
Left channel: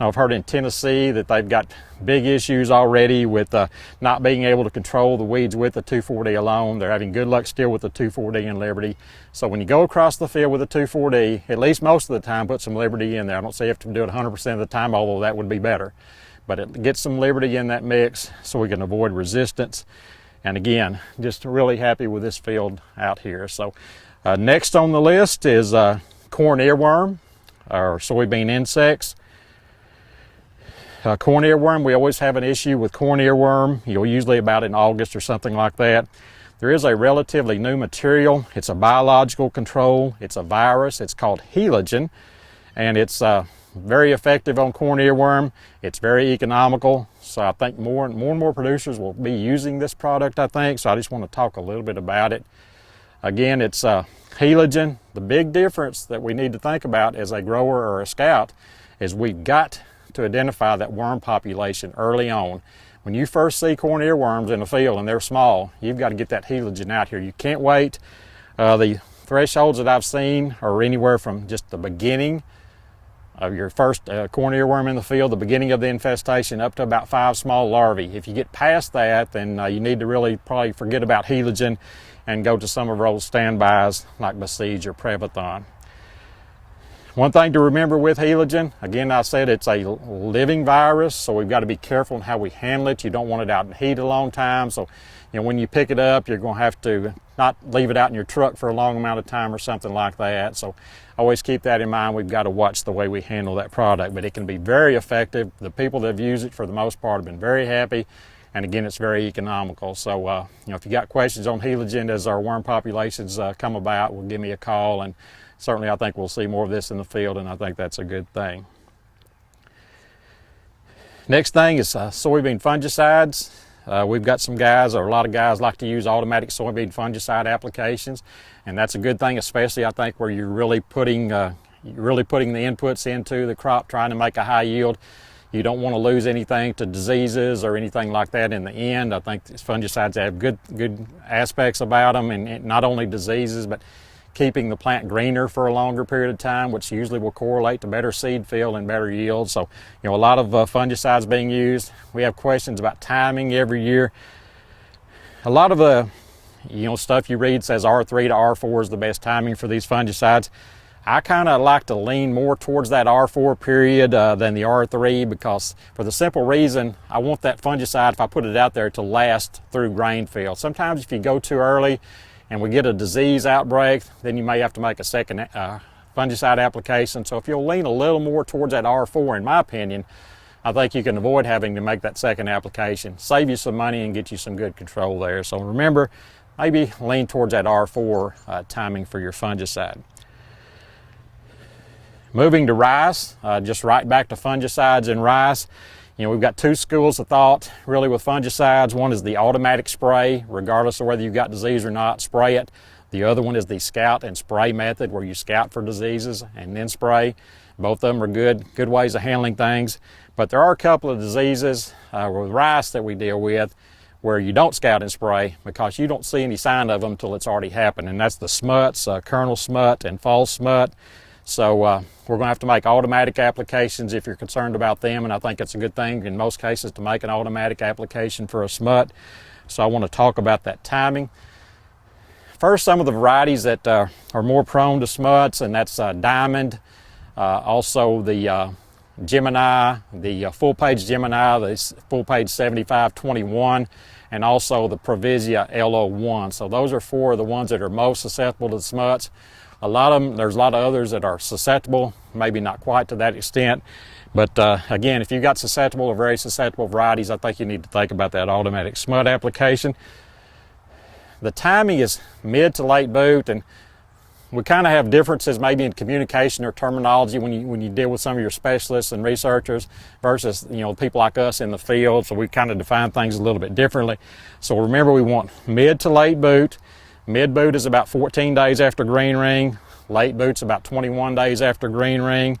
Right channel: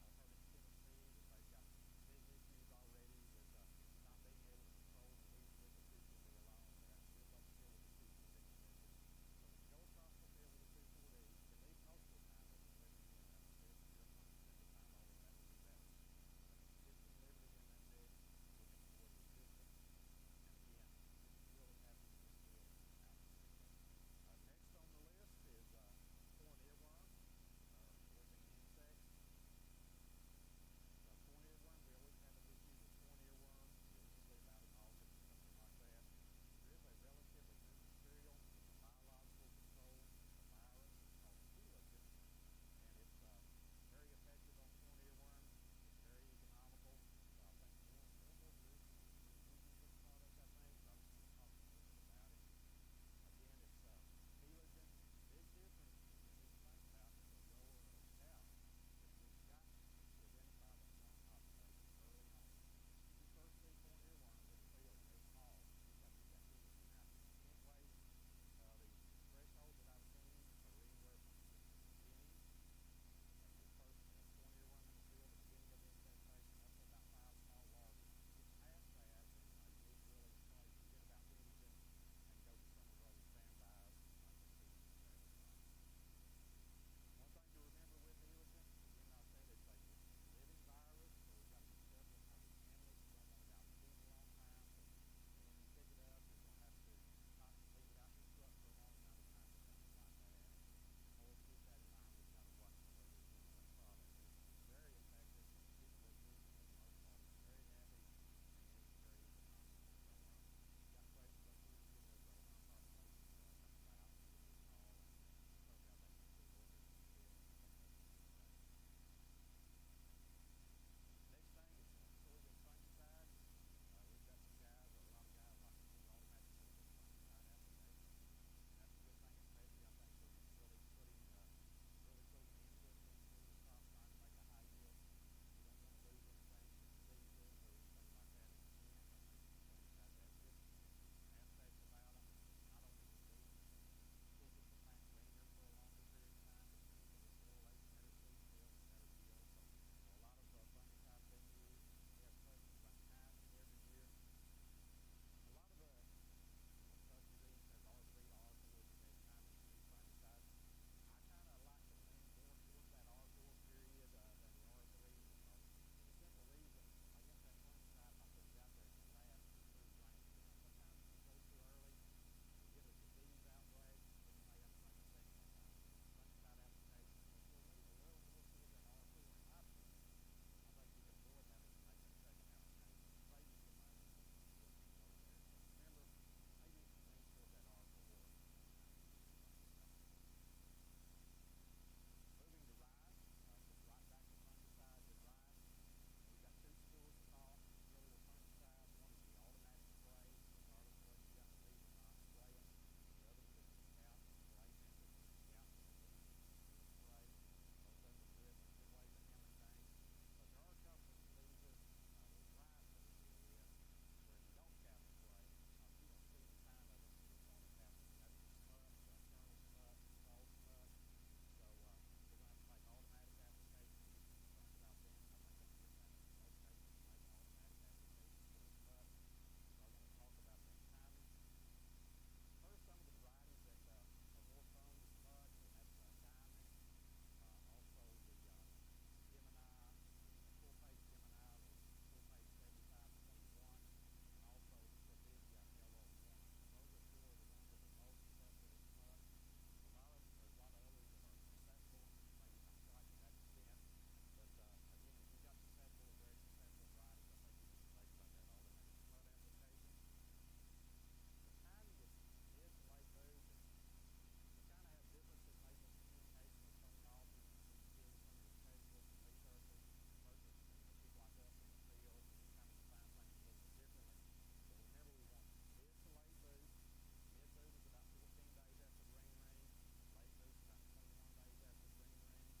Now, I've heard in Tennessee that they've got big issues already with not being able to control the weeds with the 2,4-D alone. They're having good luck still with the 2,4-D and Liberty. So when you go across the field with a 2,4-D, at least most of the time, put some Liberty in there. I don't say you have to do it 100% of the time, although that would be better. But get some Liberty in that mix so we can avoid resistance. And again, just really happy with this field out here. So next on the list is corn earworm or soybean insects. Corn earworm, we always have an issue with corn earworm, usually about in August or something like that. There is a relatively new material. It's a biological control. It's a virus. It's called Heligen, and it's very effective on corn earworm. It's very economical, so I think more and more producers will be using this product, I think, so I just want to talk a little bit about it. Again, it's Heligen. The big difference that we need to think about as a grower or a scout is we've got to identify that worm population early on. When you first see corn earworms in the field and they're small, you've got to get that Heligen out here. You can't wait. The thresholds that I've seen are anywhere from just the beginning of your first corn earworm in the field, the beginning of the infestation, up to about 5 small larvae. If you get past that, then you need to really probably forget about Heligen and go to some of our old standbys like Besiege or Prevathon. One thing to remember with Heligen, again, I said it's a living virus, so we've got to be careful in how we handle it. You don't want it out in heat a long time, so when you pick it up, you're going to have to not leave it out in your truck for a long amount of time or something like that. So always keep that in mind. We've got to watch the way we handle that product, but it can be very effective. The people that have used it for the most part have been very happy, and again, it's very economical. So if you got questions on Heligen as our worm populations come about, well, give me a call, and certainly I think we'll see more of this in the field, and I think that's a good thing. Next thing is soybean fungicides. We've got some guys, or a lot of guys, like to use automatic soybean fungicide applications, and that's a good thing, especially I think where you're really putting the inputs into the crop, trying to make a high yield. You don't want to lose anything to diseases or anything like that in the end. I think these fungicides have good aspects about them, and not only diseases, but keeping the plant greener for a longer period of time, which usually will correlate to better seed fill and better yield. So, a lot of fungicides being used. We have questions about timing every year. A lot of the, stuff you read says R3 to R4 is the best timing for these fungicides. I kind of like to lean more towards that R4 period than the R3, because for the simple reason, I want that fungicide, if I put it out there, to last through grain fill. Sometimes if you go too early and we get a disease outbreak, then you may have to make a second fungicide application. So if you'll lean a little more towards that R4, in my opinion, I think you can avoid having to make that second application, save you some money and get you some good control there. So remember, maybe lean towards that R4 timing for your fungicide. Moving to rice, just right back to fungicides in rice. We've got 2 schools of thought really with fungicides. One is the automatic spray, regardless of whether you've got disease or not, spray it. The other one is the scout and spray method, where you scout for diseases and then spray. Both of them are good ways of handling things. But there are a couple of diseases with rice that we deal with where you don't scout and spray because you don't see any sign of them until it's already happened, and that's the smuts, kernel smut and fall smut. So we're going to have to make automatic applications if you're concerned about them, and I think it's a good thing in most cases to make an automatic application for a smut. So I want to talk about that timing. First, some of the varieties that are more prone to smuts, and that's Diamond, also the Gemini, the full-page Gemini, the full-page 7521, and also the Provisia LO1. So those are 4 of the ones that are most susceptible to the smuts. A lot of them, there's a lot of others that are susceptible, maybe not quite to that extent. But again, if you've got susceptible or very susceptible varieties, I think you need to think about that automatic smut application. The timing is mid to late boot, and we kind of have differences maybe in communication or terminology when you deal with some of your specialists and researchers versus people like us in the field. So we kind of define things a little bit differently. So remember, we want mid to late boot. Mid boot is about 14 days after green ring. Late boot's about 21 days after green ring.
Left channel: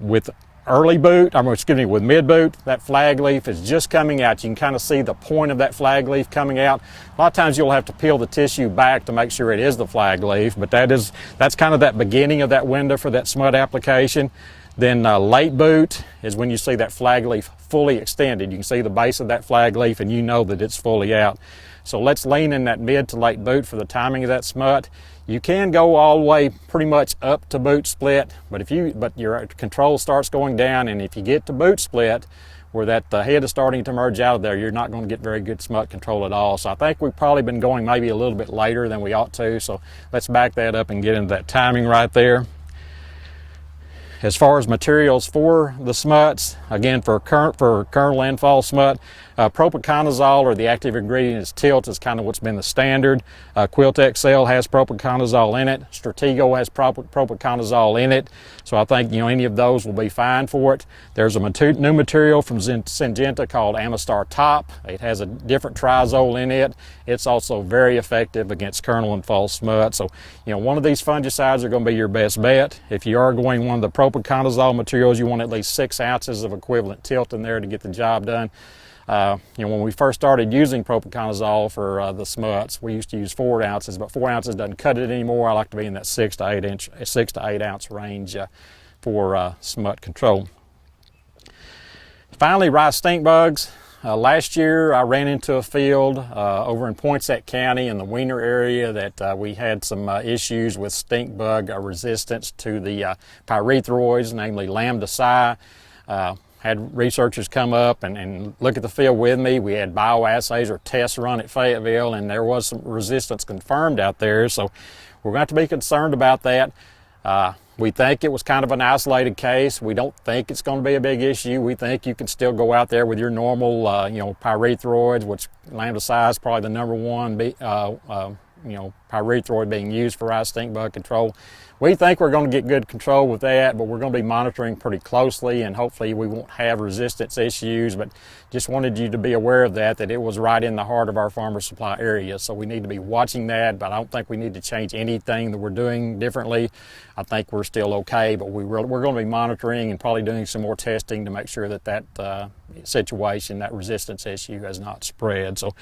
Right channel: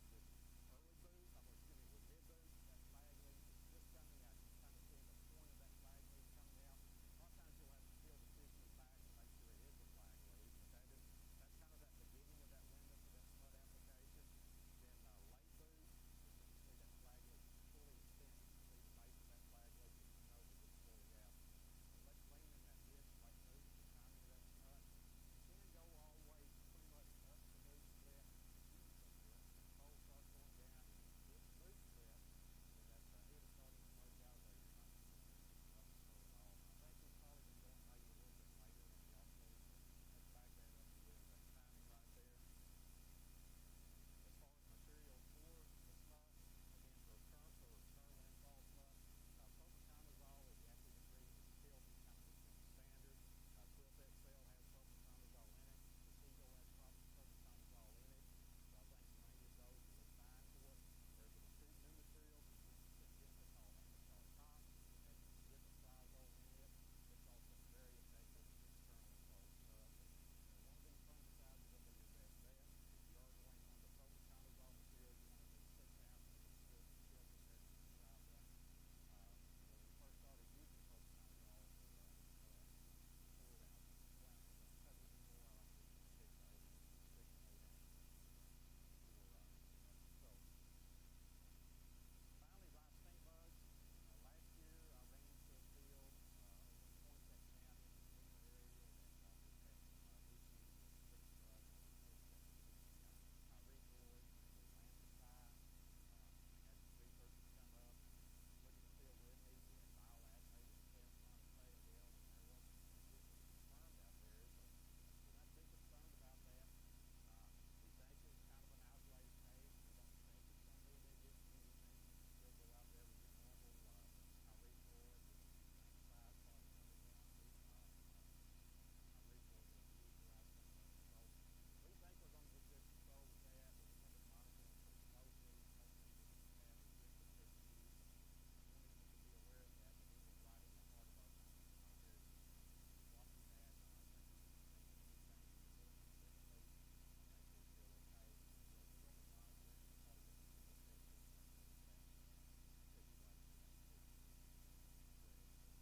With early boot, with mid boot, that flag leaf is just coming out. You can kind of see the point of that flag leaf coming out. A lot of times you'll have to peel the tissue back to make sure it is the flag leaf, but that's kind of that beginning of that window for that smut application. Then late boot is when you see that flag leaf fully extended. You can see the base of that flag leaf and you know that it's fully out. So let's lean in that mid to late boot for the timing of that smut. You can go all the way pretty much up to boot split, but your control starts going down, and if you get to boot split, where that head is starting to merge out of there, you're not going to get very good smut control at all. So I think we've probably been going maybe a little bit later than we ought to, so let's back that up and get into that timing right there. As far as materials for the smuts, again, for kernel and fall smut, propiconazole, or the active ingredient is tilt, is kind of what's been the standard. Quilt XL has propiconazole in it. Stratego has propiconazole in it. So I think any of those will be fine for it. There's a new material from Syngenta called Amistar Top. It has a different triazole in it. It's also very effective against kernel and fall smut. So one of these fungicides are going to be your best bet. If you are going one of the propiconazole materials, you want at least 6 ounces of equivalent tilt in there to get the job done. When we first started using propiconazole for the smuts, we used to use 4 ounces, but 4 ounces doesn't cut it anymore. I like to be in that 6 to 8 ounce range for smut control. Finally, rice stink bugs. Last year I ran into a field over in Poinsett County in the Wiener area that we had some issues with stink bug resistance to the pyrethroids, namely Lambda Psi. Had researchers come up and look at the field with me. We had bioassays or tests run at Fayetteville, and there was some resistance confirmed out there. So we're going to have to be concerned about that. We think it was kind of an isolated case. We don't think it's going to be a big issue. We think you can still go out there with your normal, pyrethroids, which Lambda Psi is probably the number one, pyrethroid being used for rice stink bug control. We think we're going to get good control with that, but we're going to be monitoring pretty closely, and hopefully we won't have resistance issues. But just wanted you to be aware of that it was right in the heart of our farmer supply area. So we need to be watching that, but I don't think we need to change anything that we're doing differently. I think we're still okay, but we're going to be monitoring and probably doing some more testing to make sure that situation, that resistance issue, has not spread. So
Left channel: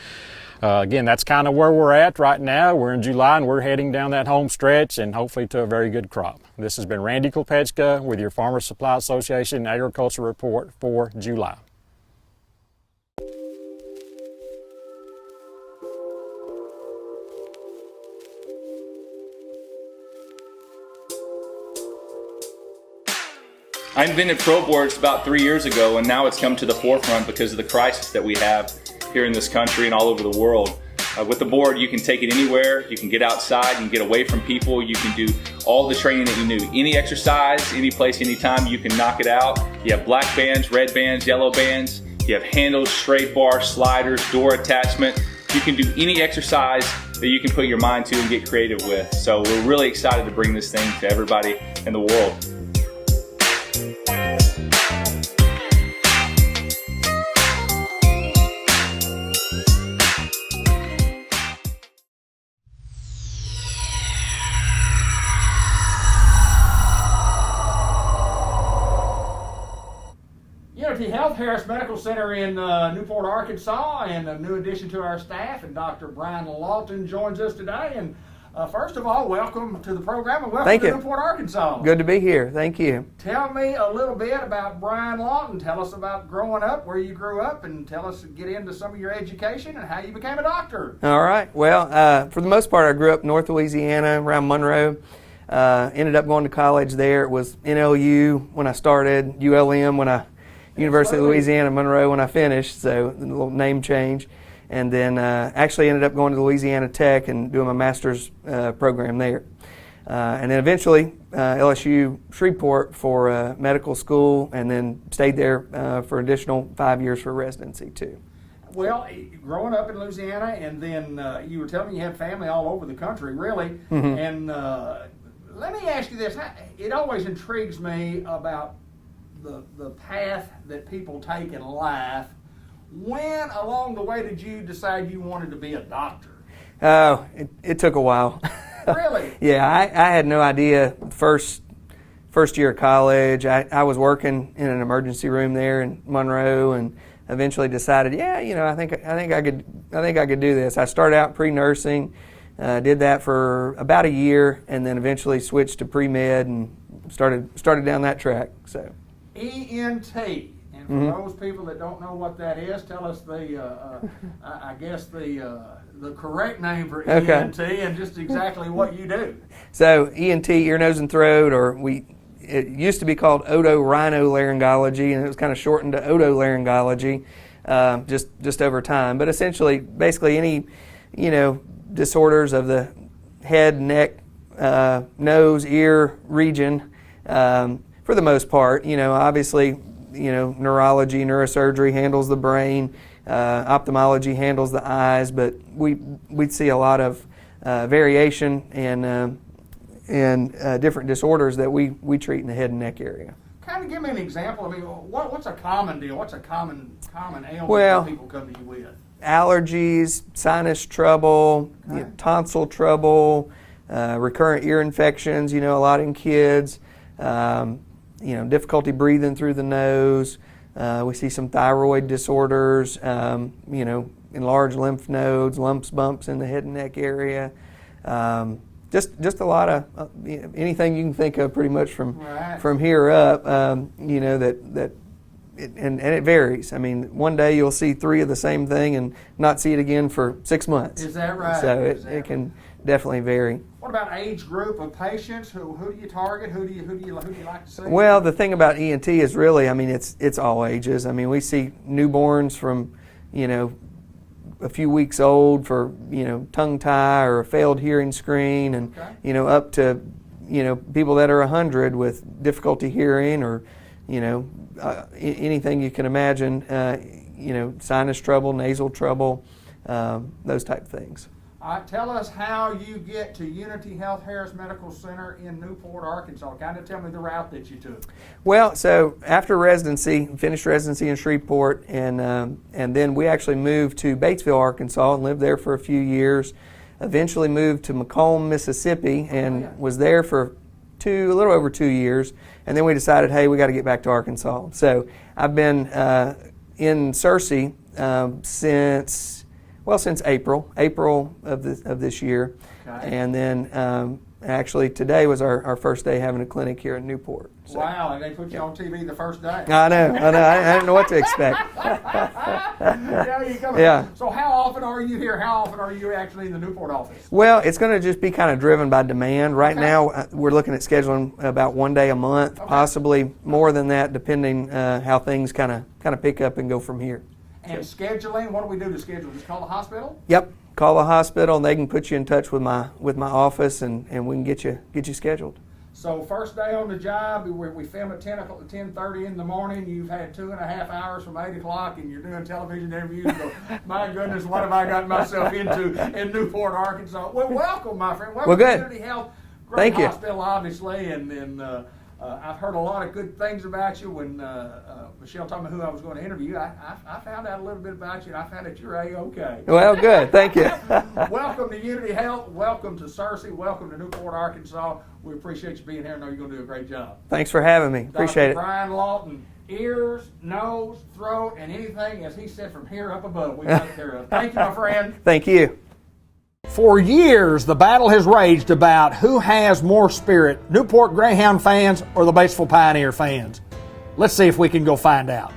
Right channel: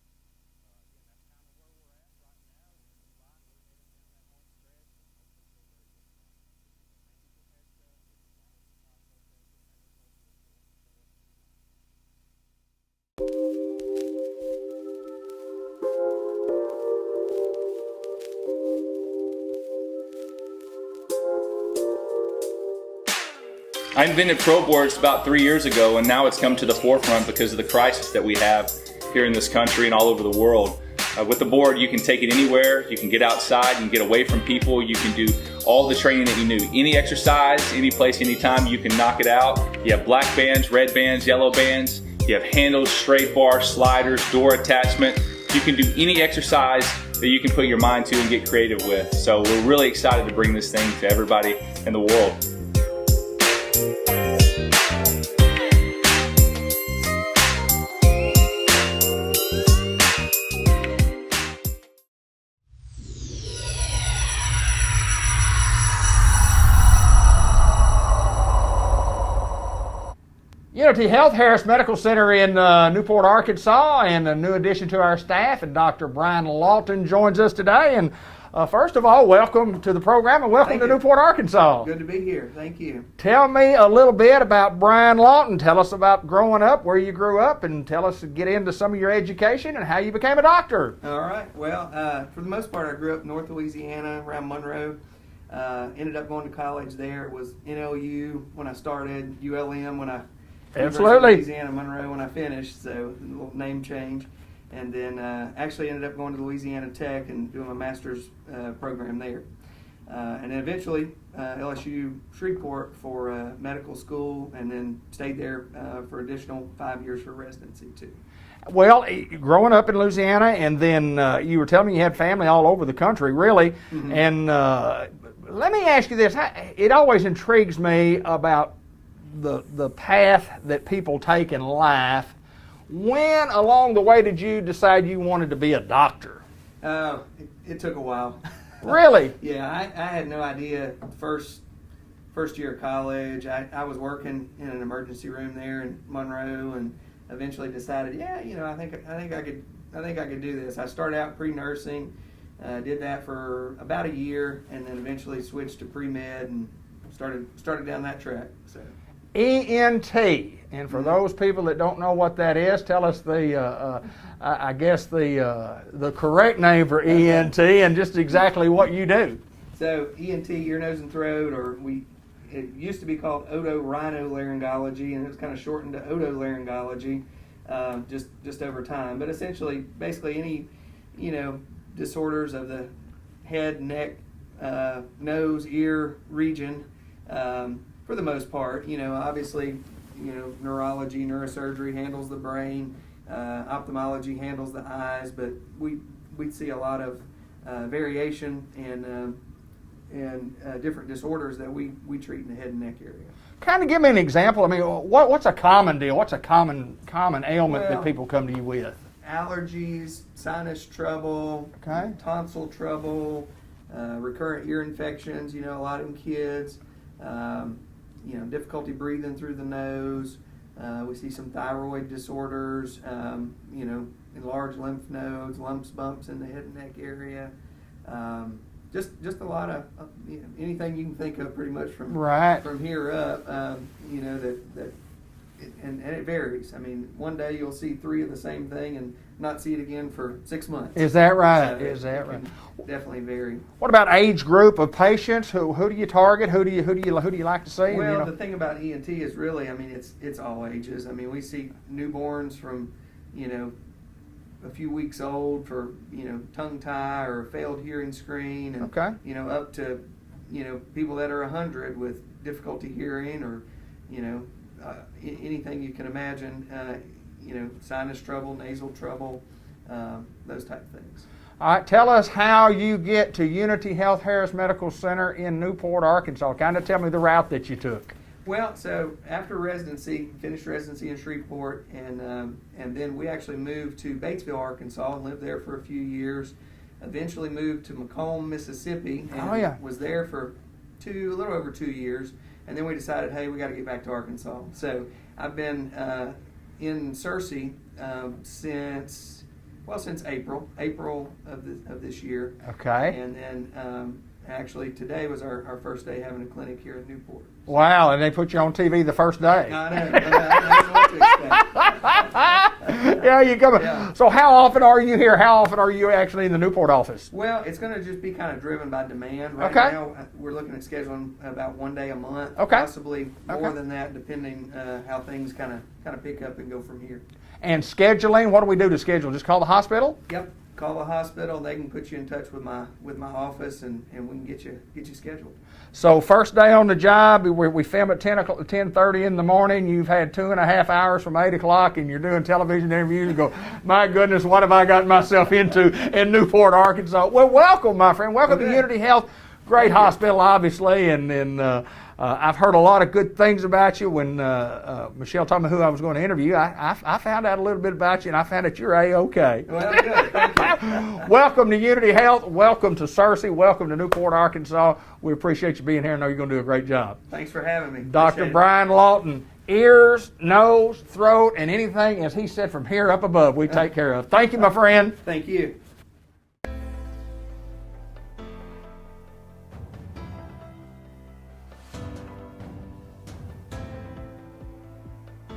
again, that's kind of where we're at right now. We're in July and we're heading down that home stretch and hopefully to a very good crop. This has been Randy Kopechka with your Farmers Supply Association Agriculture Report for July. I invented ProBoards about 3 years ago, and now it's come to the forefront because of the crisis that we have here in this country and all over the world. With the board, you can take it anywhere, you can get outside, you can get away from people, you can do all the training that you need. Any exercise, any place, anytime, you can knock it out. You have black bands, red bands, yellow bands, you have handles, straight bar, sliders, door attachment. You can do any exercise that you can put your mind to and get creative with. So we're really excited to bring this thing to everybody in the world. Unity Health Harris Medical Center in Newport, Arkansas, and a new addition to our staff, and Dr. Brian Lalton joins us today. And first of all, welcome to the program and welcome to Newport, Arkansas. Good to be here. Thank you. Tell me a little bit about Brian Lalton. Tell us about growing up, where you grew up, and tell us, get into some of your education and how you became a doctor. All right. Well, for the most part, I grew up North Louisiana, around Monroe. Ended up going to college there. It was NLU when I started, ULM when I University of Louisiana, Monroe when I finished, so a little name change. and then actually ended up going to Louisiana Tech and doing my master's program there. And then eventually LSU Shreveport for medical school, and then stayed there for additional 5 years for residency too. Well, growing up in Louisiana, and then you were telling me you had family all over the country, really. Mm-hmm. And let me ask you this. It always intrigues me about the path that people take in life. When along the way did you decide you wanted to be a doctor? Oh, it took a while. Really? Yeah, I had no idea. First year of college, I was working in an emergency room there in Monroe, and eventually decided, yeah, you know, I think I could do this. I started out pre-nursing, did that for about a year, and then eventually switched to pre-med and started down that track. So, ENT. And for those people that don't know what that is, tell us I guess the correct name for ENT and just exactly what you do. So ENT, ear, nose, and throat, or it used to be called otorhinolaryngology, and it was kind of shortened to otolaryngology just over time. But essentially, basically any, you know, disorders of the head, neck, nose, ear region, for the most part. You know, obviously, you know, neurology, neurosurgery handles the brain, ophthalmology handles the eyes, but we'd see a lot of variation and different disorders that we treat in the head and neck area. Kind of give me an example. I mean, what's a common deal? What's a common ailment that people come to you with? Allergies, sinus trouble, you know, tonsil trouble, recurrent ear infections, you know, a lot in kids. You know, difficulty breathing through the nose. We see some thyroid disorders, you know, enlarged lymph nodes, lumps, bumps in the head and neck area. Just a lot of anything you can think of, pretty much from here up. You know, and it varies. I mean, one day you'll see 3 of the same thing and not see it again for 6 months. Is that right? So it can definitely vary. What about age group of patients? Who do you target? Who do you like to see? Well, the thing about ENT is really, I mean, it's all ages. I mean, we see newborns from, you know, a few weeks old for, you know, tongue tie or a failed hearing screen, and you know, up to, you know, people that are 100 with difficulty hearing, or, you know, anything you can imagine. You know, sinus trouble, nasal trouble, those type of things. All right, tell us how you get to Unity Health Harris Medical Center in Newport, Arkansas. Kind of tell me the route that you took. Well, so after residency, finished residency in Shreveport, and then we actually moved to Batesville, Arkansas, and lived there for a few years. Eventually moved to Macomb, Mississippi, and was there for a little over 2 years. And then we decided, hey, we got to get back to Arkansas. So I've been in Searcy since April of this year. Okay. And then actually today was our first day having a clinic here in Newport. So. Wow, and they put you on TV the first day. I know. I didn't know what to expect. Yeah, you come. Yeah. So how often are you here? How often are you actually in the Newport office? Well, it's going to just be kind of driven by demand. Right now, we're looking at scheduling about 1 day a month, possibly more than that, depending how things kind of pick up and go from here. And scheduling, what do we do to schedule? Just call the hospital? Yep. Call the hospital, and they can put you in touch with my office, and we can get you scheduled. So first day on the job, we film at 10:30 in the morning. You've had 2.5 hours from 8 o'clock, and you're doing television interviews. And go, my goodness, what have I gotten myself into in Newport, Arkansas? Well, welcome, my friend. Welcome to Unity Health. Great hospital, obviously, and I've heard a lot of good things about you. When Michelle told me who I was going to interview, I found out a little bit about you, and I found that you're A-OK. Well, good. Thank you. Welcome to Unity Health. Welcome to Searcy. Welcome to Newport, Arkansas. We appreciate you being here. I know you're going to do a great job. Thanks for having me. Dr. Brian Lalton, ears, nose, throat, and anything, as he said, from here up above, we take care of. Thank you, my friend. Thank you. For years, the battle has raged about who has more spirit, Newport Greyhound fans or the Batesville Pioneer fans. Let's see if we can go find out.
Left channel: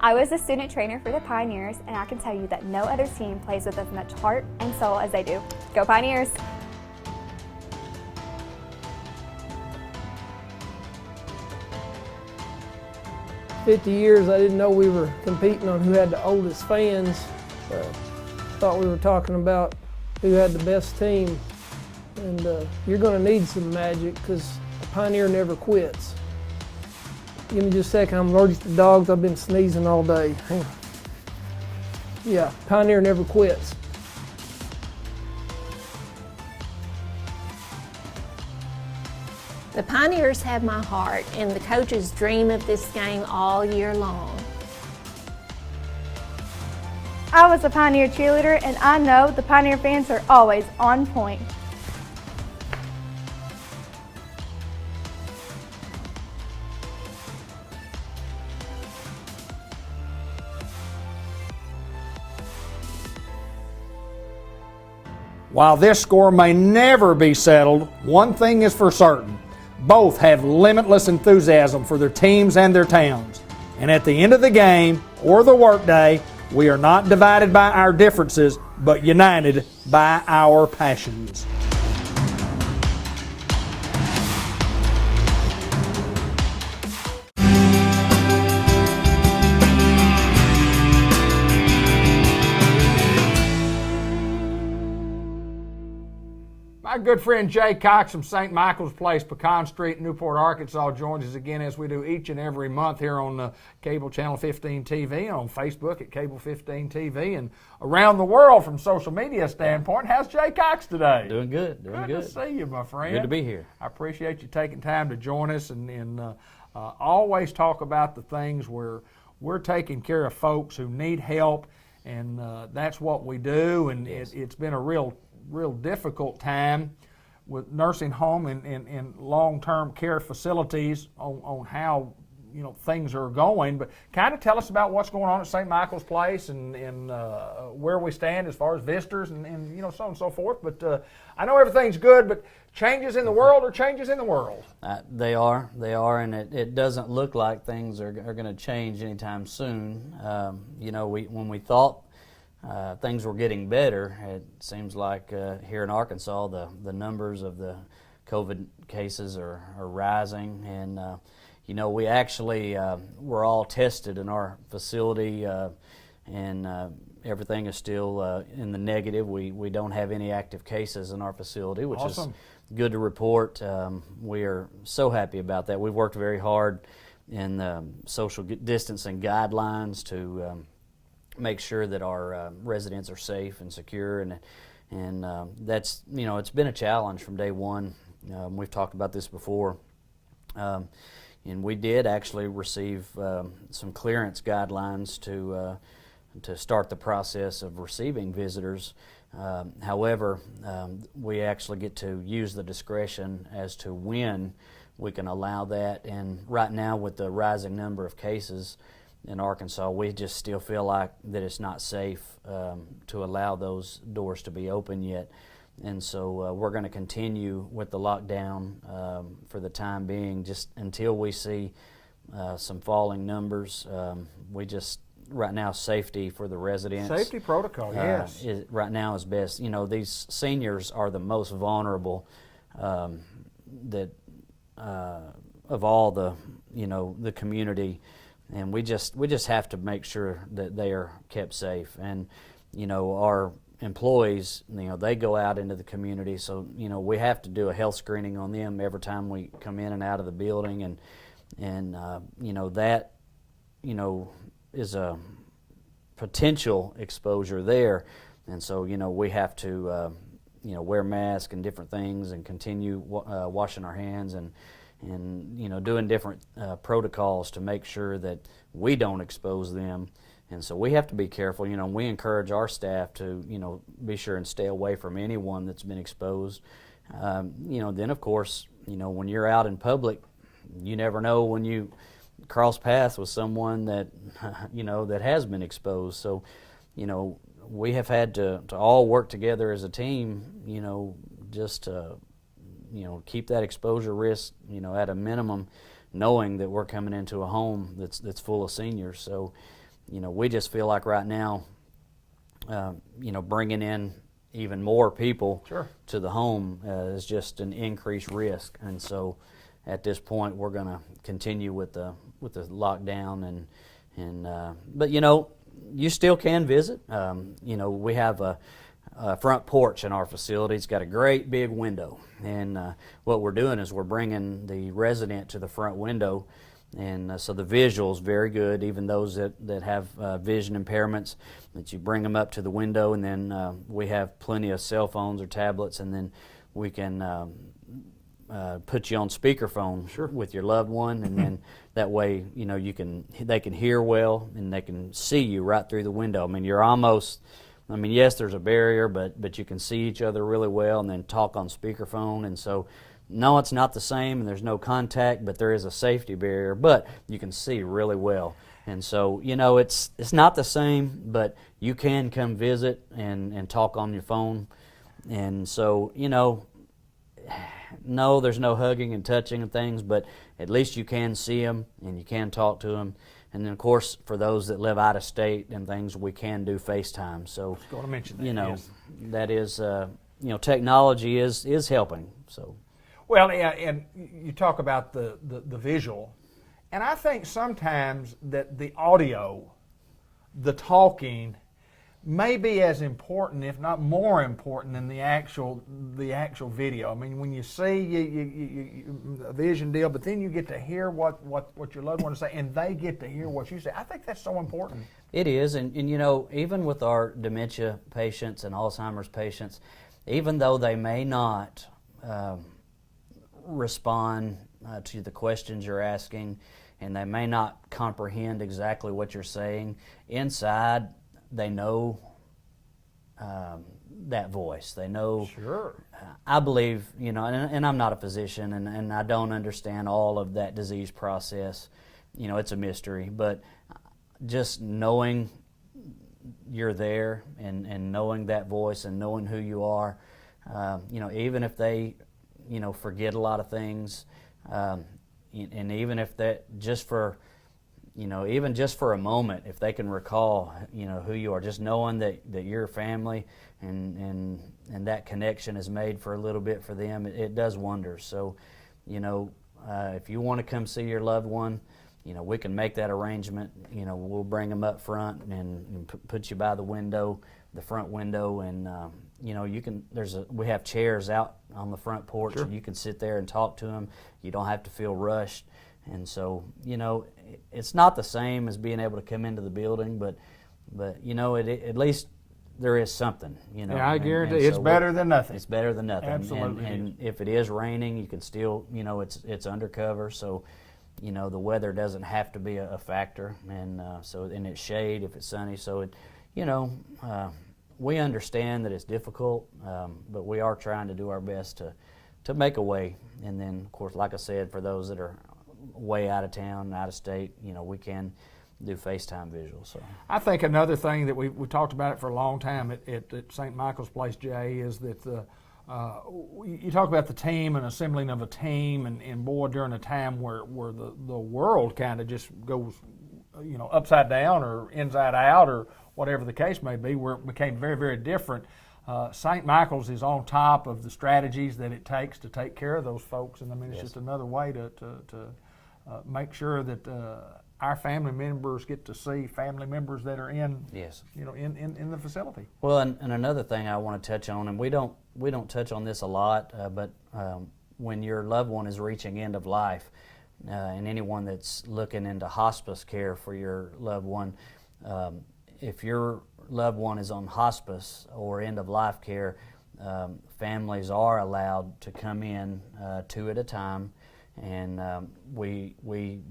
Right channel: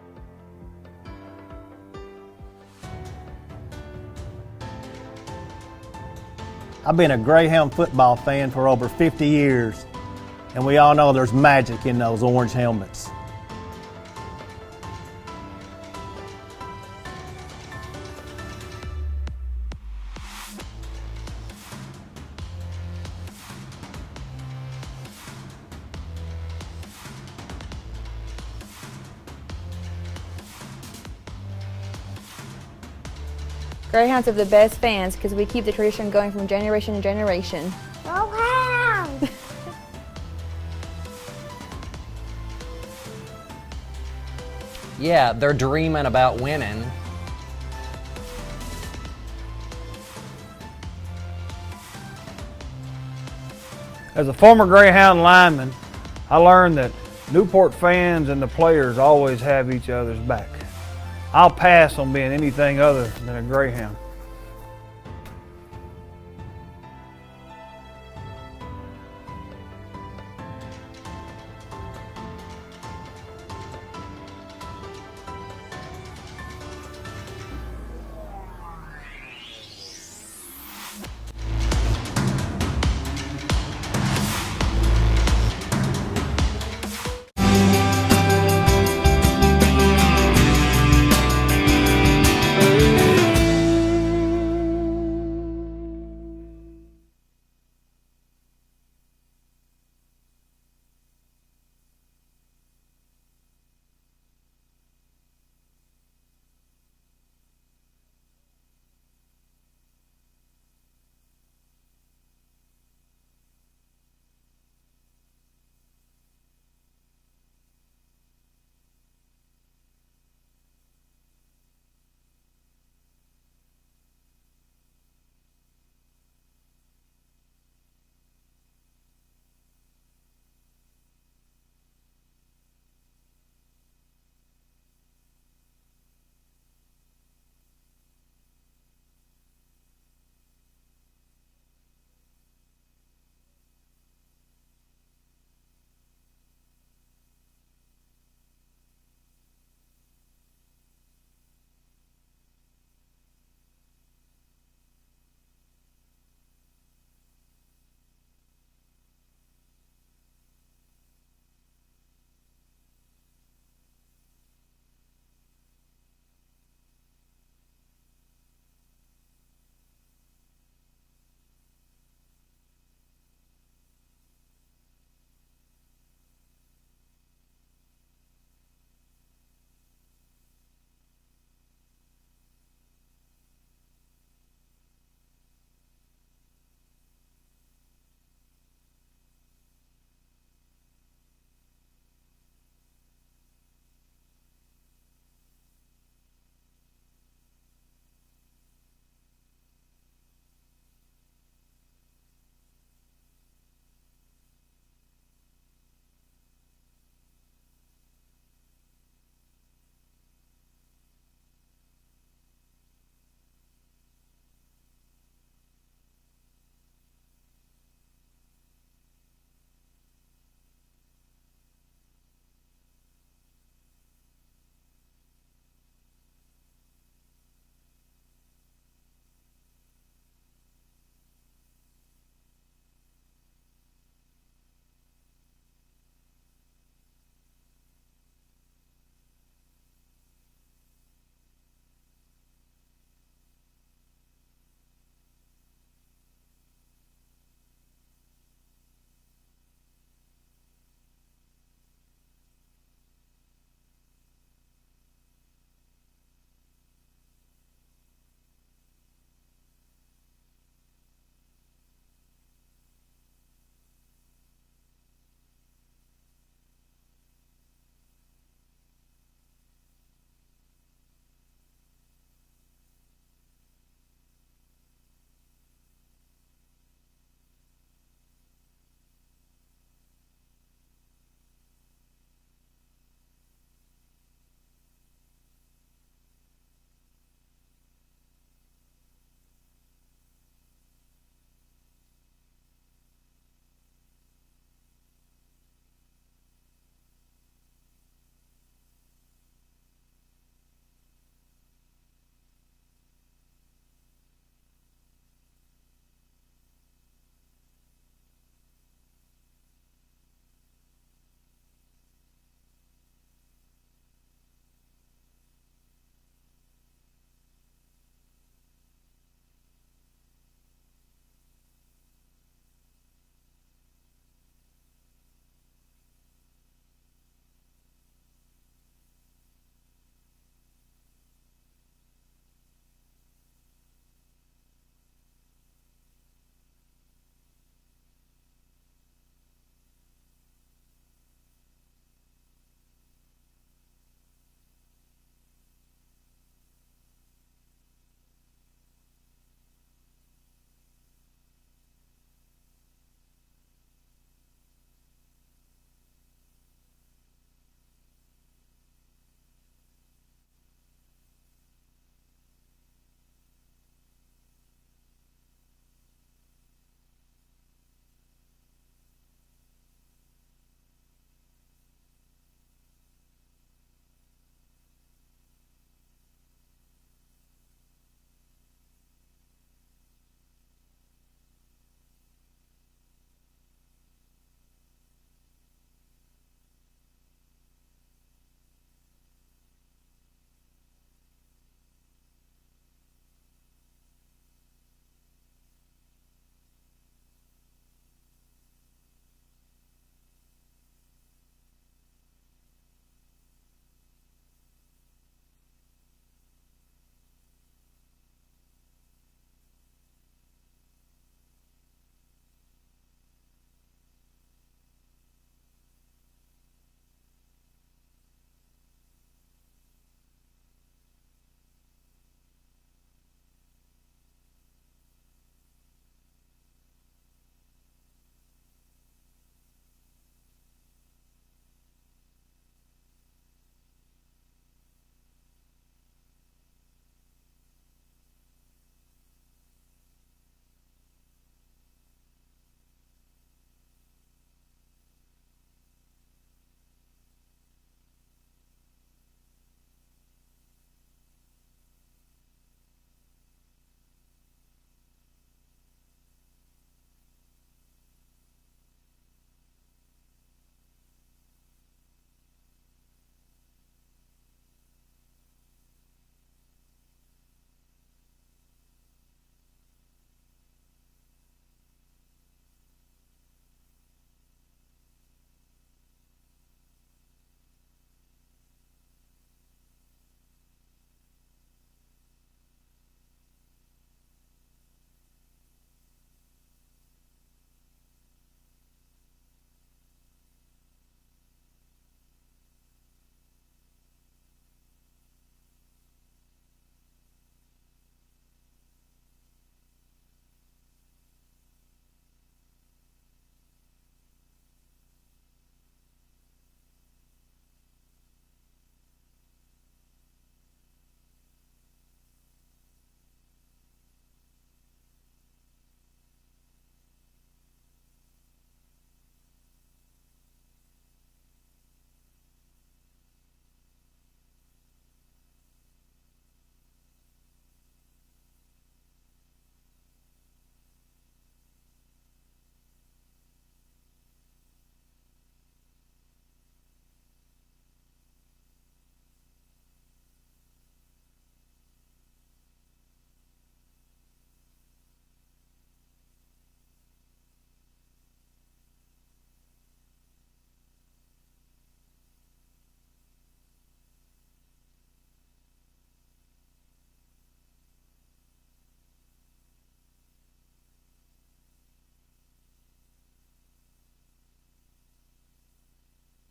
I was a student trainer for the Pioneers, and I can tell you that no other team plays with as much heart and soul as they do. Go Pioneers! I've been a Greyhound football fan for over 50 years, and we all know there's magic in those orange helmets. 50 years, I didn't know we were competing on who had the oldest fans. thought we were talking about who had the best team, and you're going to need some magic because Pioneer never quits. Give me just a second. I'm allergic to dogs. I've been sneezing all day. Hang on. Yeah, Pioneer never quits. Greyhounds have the best fans because we keep the tradition going from generation to generation. The Pioneers have my heart, and the coaches dream of this game all year long. Yeah, they're dreaming about winning. I was a Pioneer cheerleader, and I know the Pioneer fans are always on point. As a former Greyhound lineman, I learned that Newport fans and the players always have each other's back. I'll pass on being anything other than a Greyhound. While this score may never be settled, one thing is for certain. Both have limitless enthusiasm for their teams and their towns. And at the end of the game or the workday, we are not divided by our differences, but united by our passions. My good friend Jay Cox from St. Michael's Place, Pecan Street, Newport, Arkansas, joins us again as we do each and every month here on Cable Channel 15 TV, on Facebook at Cable 15 TV, and around the world from social media standpoint. How's Jay Cox today? Doing good. Doing good. Good to see you, my friend. Good to be here. I appreciate you taking time to join us and always talk about the things where we're taking care of folks who need help, and that's what we do. And it's been a real difficult time with nursing home and long-term care facilities on how things are going. But kind of tell us about what's going on at St. Michael's Place and where we stand as far as visitors and so on and so forth. But I know everything's good, but changes in the world are changes in the world. They are, and it doesn't look like things are going to change anytime soon. When we thought things were getting better, it seems like here in Arkansas the numbers of the COVID cases are rising, and we actually were all tested in our facility, and everything is still in the negative. We don't have any active cases in our facility, which awesome. is good to report. We are so happy about that. We've worked very hard in social distancing guidelines to make sure that our residents are safe and secure, and that's it's been a challenge from day one. We've talked about this before, and we did actually receive some clearance guidelines to start the process of receiving visitors. However, we actually get to use the discretion as to when we can allow that, and right now with the rising number of cases in Arkansas, we just still feel like that it's not safe to allow those doors to be open yet. And so we're going to continue with the lockdown for the time being, just until we see some falling numbers. We just, right now, safety for the residents. Safety protocol, yes. Right now is best. These seniors are the most vulnerable of all the community. And we just have to make sure that they are kept safe. And our employees, they go out into the community, so we have to do a health screening on them every time we come in and out of the building, and that is a potential exposure there. And so we have to wear masks and different things, and continue washing our hands and doing different protocols to make sure that we don't expose them. And so we have to be careful. We encourage our staff to be sure and stay away from anyone that's been exposed. Then of course when you're out in public, you never know when you cross paths with someone that that has been exposed. So we have had to all work together as a team, just to keep that exposure risk, at a minimum, knowing that we're coming into a home that's full of seniors. So, we just feel like right now, bringing in even more people to the home is just an increased risk. And so, at this point, we're going to continue with the lockdown, but you still can visit. You know, we have a front porch in our facility. It's got a great big window, and what we're doing is we're bringing the resident to the front window, and so the visual's very good. Even those that have vision impairments, that you bring them up to the window, and then we have plenty of cell phones or tablets, and then we can put you on speakerphone with your loved one, and then that way, you know, they can hear well and they can see you right through the window. I mean, you're almost, I mean, yes, there's a barrier, but you can see each other really well, and then talk on speakerphone. And so, no, it's not the same, and there's no contact, but there is a safety barrier, but you can see really well. And so, you know, it's not the same, but you can come visit and talk on your phone. And so, you know, no, there's no hugging and touching and things, but at least you can see them and you can talk to them. And then, of course, for those that live out of state and things, we can do FaceTime. So, I was going to mention that, you know, yes. that is, you know, technology is helping. So, well, yeah, and you talk about the visual, and I think sometimes that the audio, the talking, may be as important, if not more important, than the actual video. I mean, when you see a vision deal, but then you get to hear what your loved ones say, and they get to hear what you say. I think that's so important. it is, and you know, even with our dementia patients and Alzheimer's patients, even though they may not respond to the questions you're asking, and they may not comprehend exactly what you're saying, inside they know that voice. They know. Sure. I believe, you know, and I'm not a physician, and I don't understand all of that disease process. You know, it's a mystery, but just knowing you're there and knowing that voice and knowing who you are, you know, even if they, you know, forget a lot of things, and even if that just for, you know, even just for a moment, if they can recall, you know, who you are, just knowing that you're family and that connection is made for a little bit for them, it does wonders. So, you know, if you want to come see your loved one, you know, we can make that arrangement. You know, we'll bring them up front and put you by the window, the front window, and you know, you can. We have chairs out on the front porch, and you can sit there and talk to them. You don't have to feel rushed, and so, you know, it's not the same as being able to come into the building, but you know, at least there is something, you know. Yeah, I guarantee so it's better than nothing. It's better than nothing. Absolutely. And if it is raining, you can still, you know, it's undercover, so, you know, the weather doesn't have to be a factor, and so, and it's shade if it's sunny, so it, you know, we understand that it's difficult, but we are trying to do our best to make a way. And then, of course, like I said, for those that are way out of town, out of state, you know, we can do FaceTime visuals. So I think another thing that we talked about it for a long time at St. Michael's Place, Jay, is that you talk about the team and assembling of a team, and boy, during a time where the world kind of just goes, you know, upside down or inside out or whatever the case may be, where it became very, very different. St. Michael's is on top of the strategies that it takes to take care of those folks, and I mean, it's just another way to make sure that our family members get to see family members that are in, you know, in the facility. Well, and another thing I want to touch on, and we don't touch on this a lot, but when your loved one is reaching end of life, and anyone that's looking into hospice care for your loved one, if your loved one is on hospice or end of life care, families are allowed to come in 2 at a time, and we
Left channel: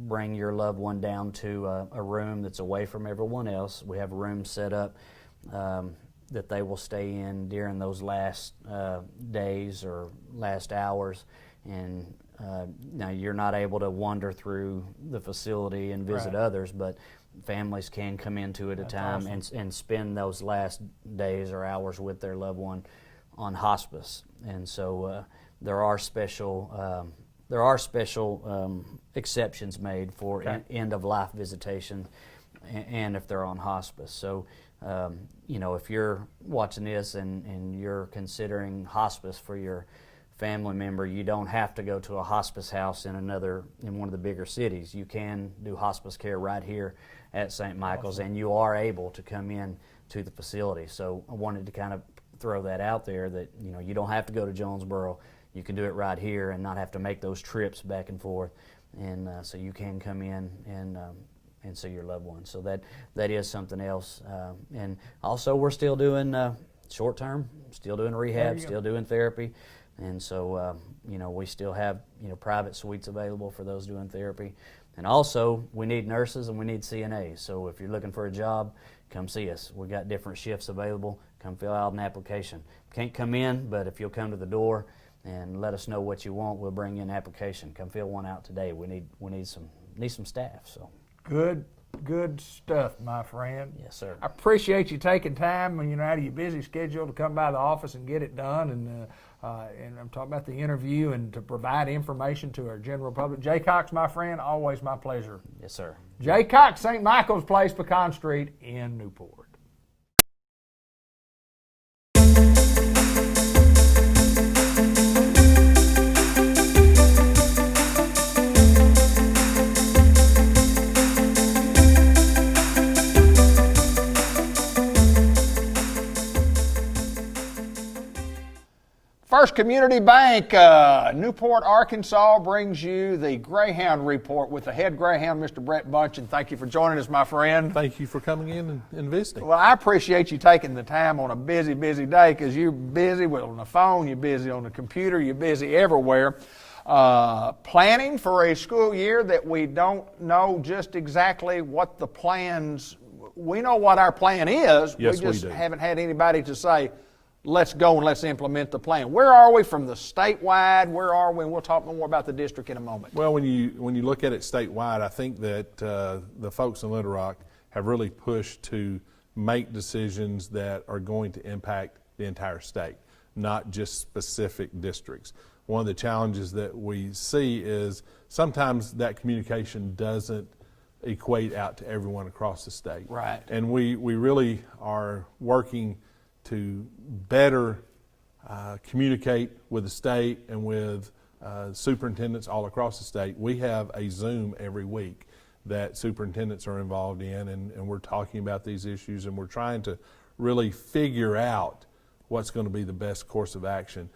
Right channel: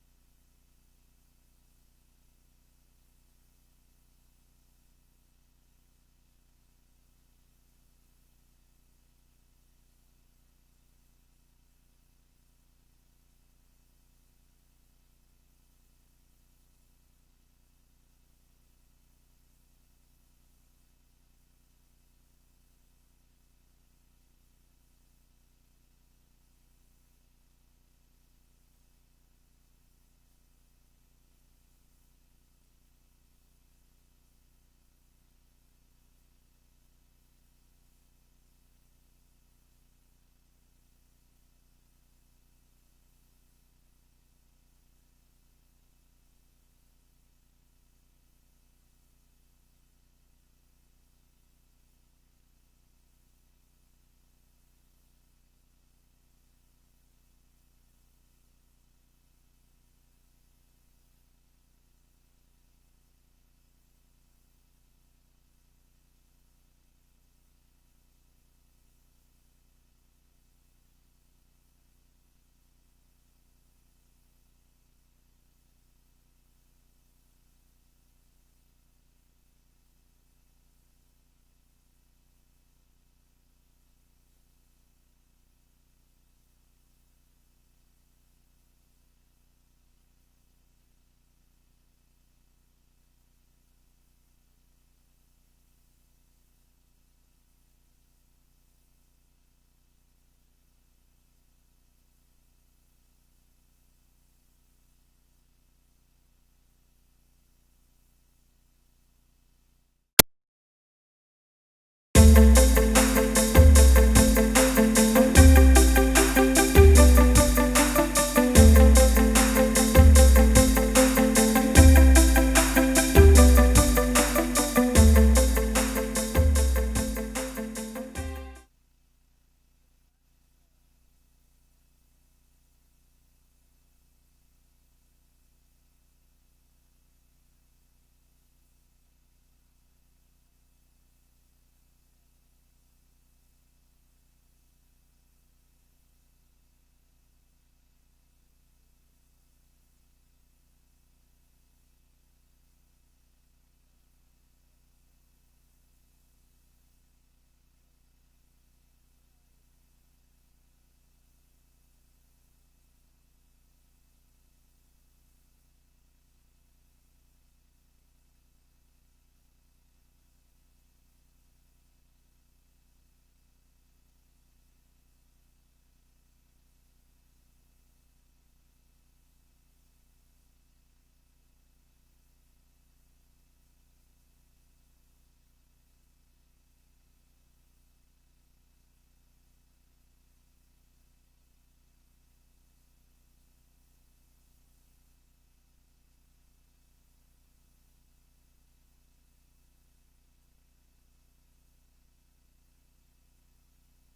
bring your loved one down to a room that's away from everyone else. We have a room set up that they will stay in during those last days or last hours, and now you're not able to wander through the facility and visit others, but families can come in 2 at a time and spend those last days or hours with their loved one on hospice. And so there are special exceptions made for end of life visitation, and if they're on hospice. So you know, if you're watching this and you're considering hospice for your family member, you don't have to go to a hospice house in one of the bigger cities. You can do hospice care right here at St. Michael's, and you are able to come in to the facility. So I wanted to kind of throw that out there that, you know, you don't have to go to Jonesboro. You can do it right here and not have to make those trips back and forth. And so you can come in and see your loved ones. So that is something else. And also we're still doing short term, still doing rehab, still doing therapy. And so, you know, we still have, you know, private suites available for those doing therapy. And also, we need nurses and we need CNAs. So if you're looking for a job, come see us. We got different shifts available. Come fill out an application. Can't come in, but if you'll come to the door and let us know what you want, we'll bring you an application. Come fill one out today. We need some staff. So Good stuff, my friend. Yes, sir. I appreciate you taking time, you know, out of your busy schedule to come by the office and get it done. And I'm talking about the interview and to provide information to our general public. Jay Cox, my friend, always my pleasure. Yes, sir. Jay Cox, St. Michael's Place, Pecan Street in Newport. First Community Bank, Newport, Arkansas, brings you the Greyhound Report with the head Greyhound, Mr. Brett Bunch, and thank you for joining us, my friend. Thank you for coming in and visiting. Well, I appreciate you taking the time on a busy, busy day, because you're busy on the phone, you're busy on the computer, you're busy everywhere. Planning for a school year that we don't know just exactly what the plans, we know what our plan is. Yes, we just we do. haven't had anybody to say, let's go and let's implement the plan. Where are we from the statewide? Where are we? And we'll talk more about the district in a moment. Well, when you look at it statewide, I think that the folks in Little Rock have really pushed to make decisions that are going to impact the entire state, not just specific districts. One of the challenges that we see is sometimes that communication doesn't equate out to everyone across the state. Right. And we really are working to better communicate with the state and with superintendents all across the state. We have a Zoom every week that superintendents are involved in, and we're talking about these issues, and we're trying to really figure out what's going to be the best course of action.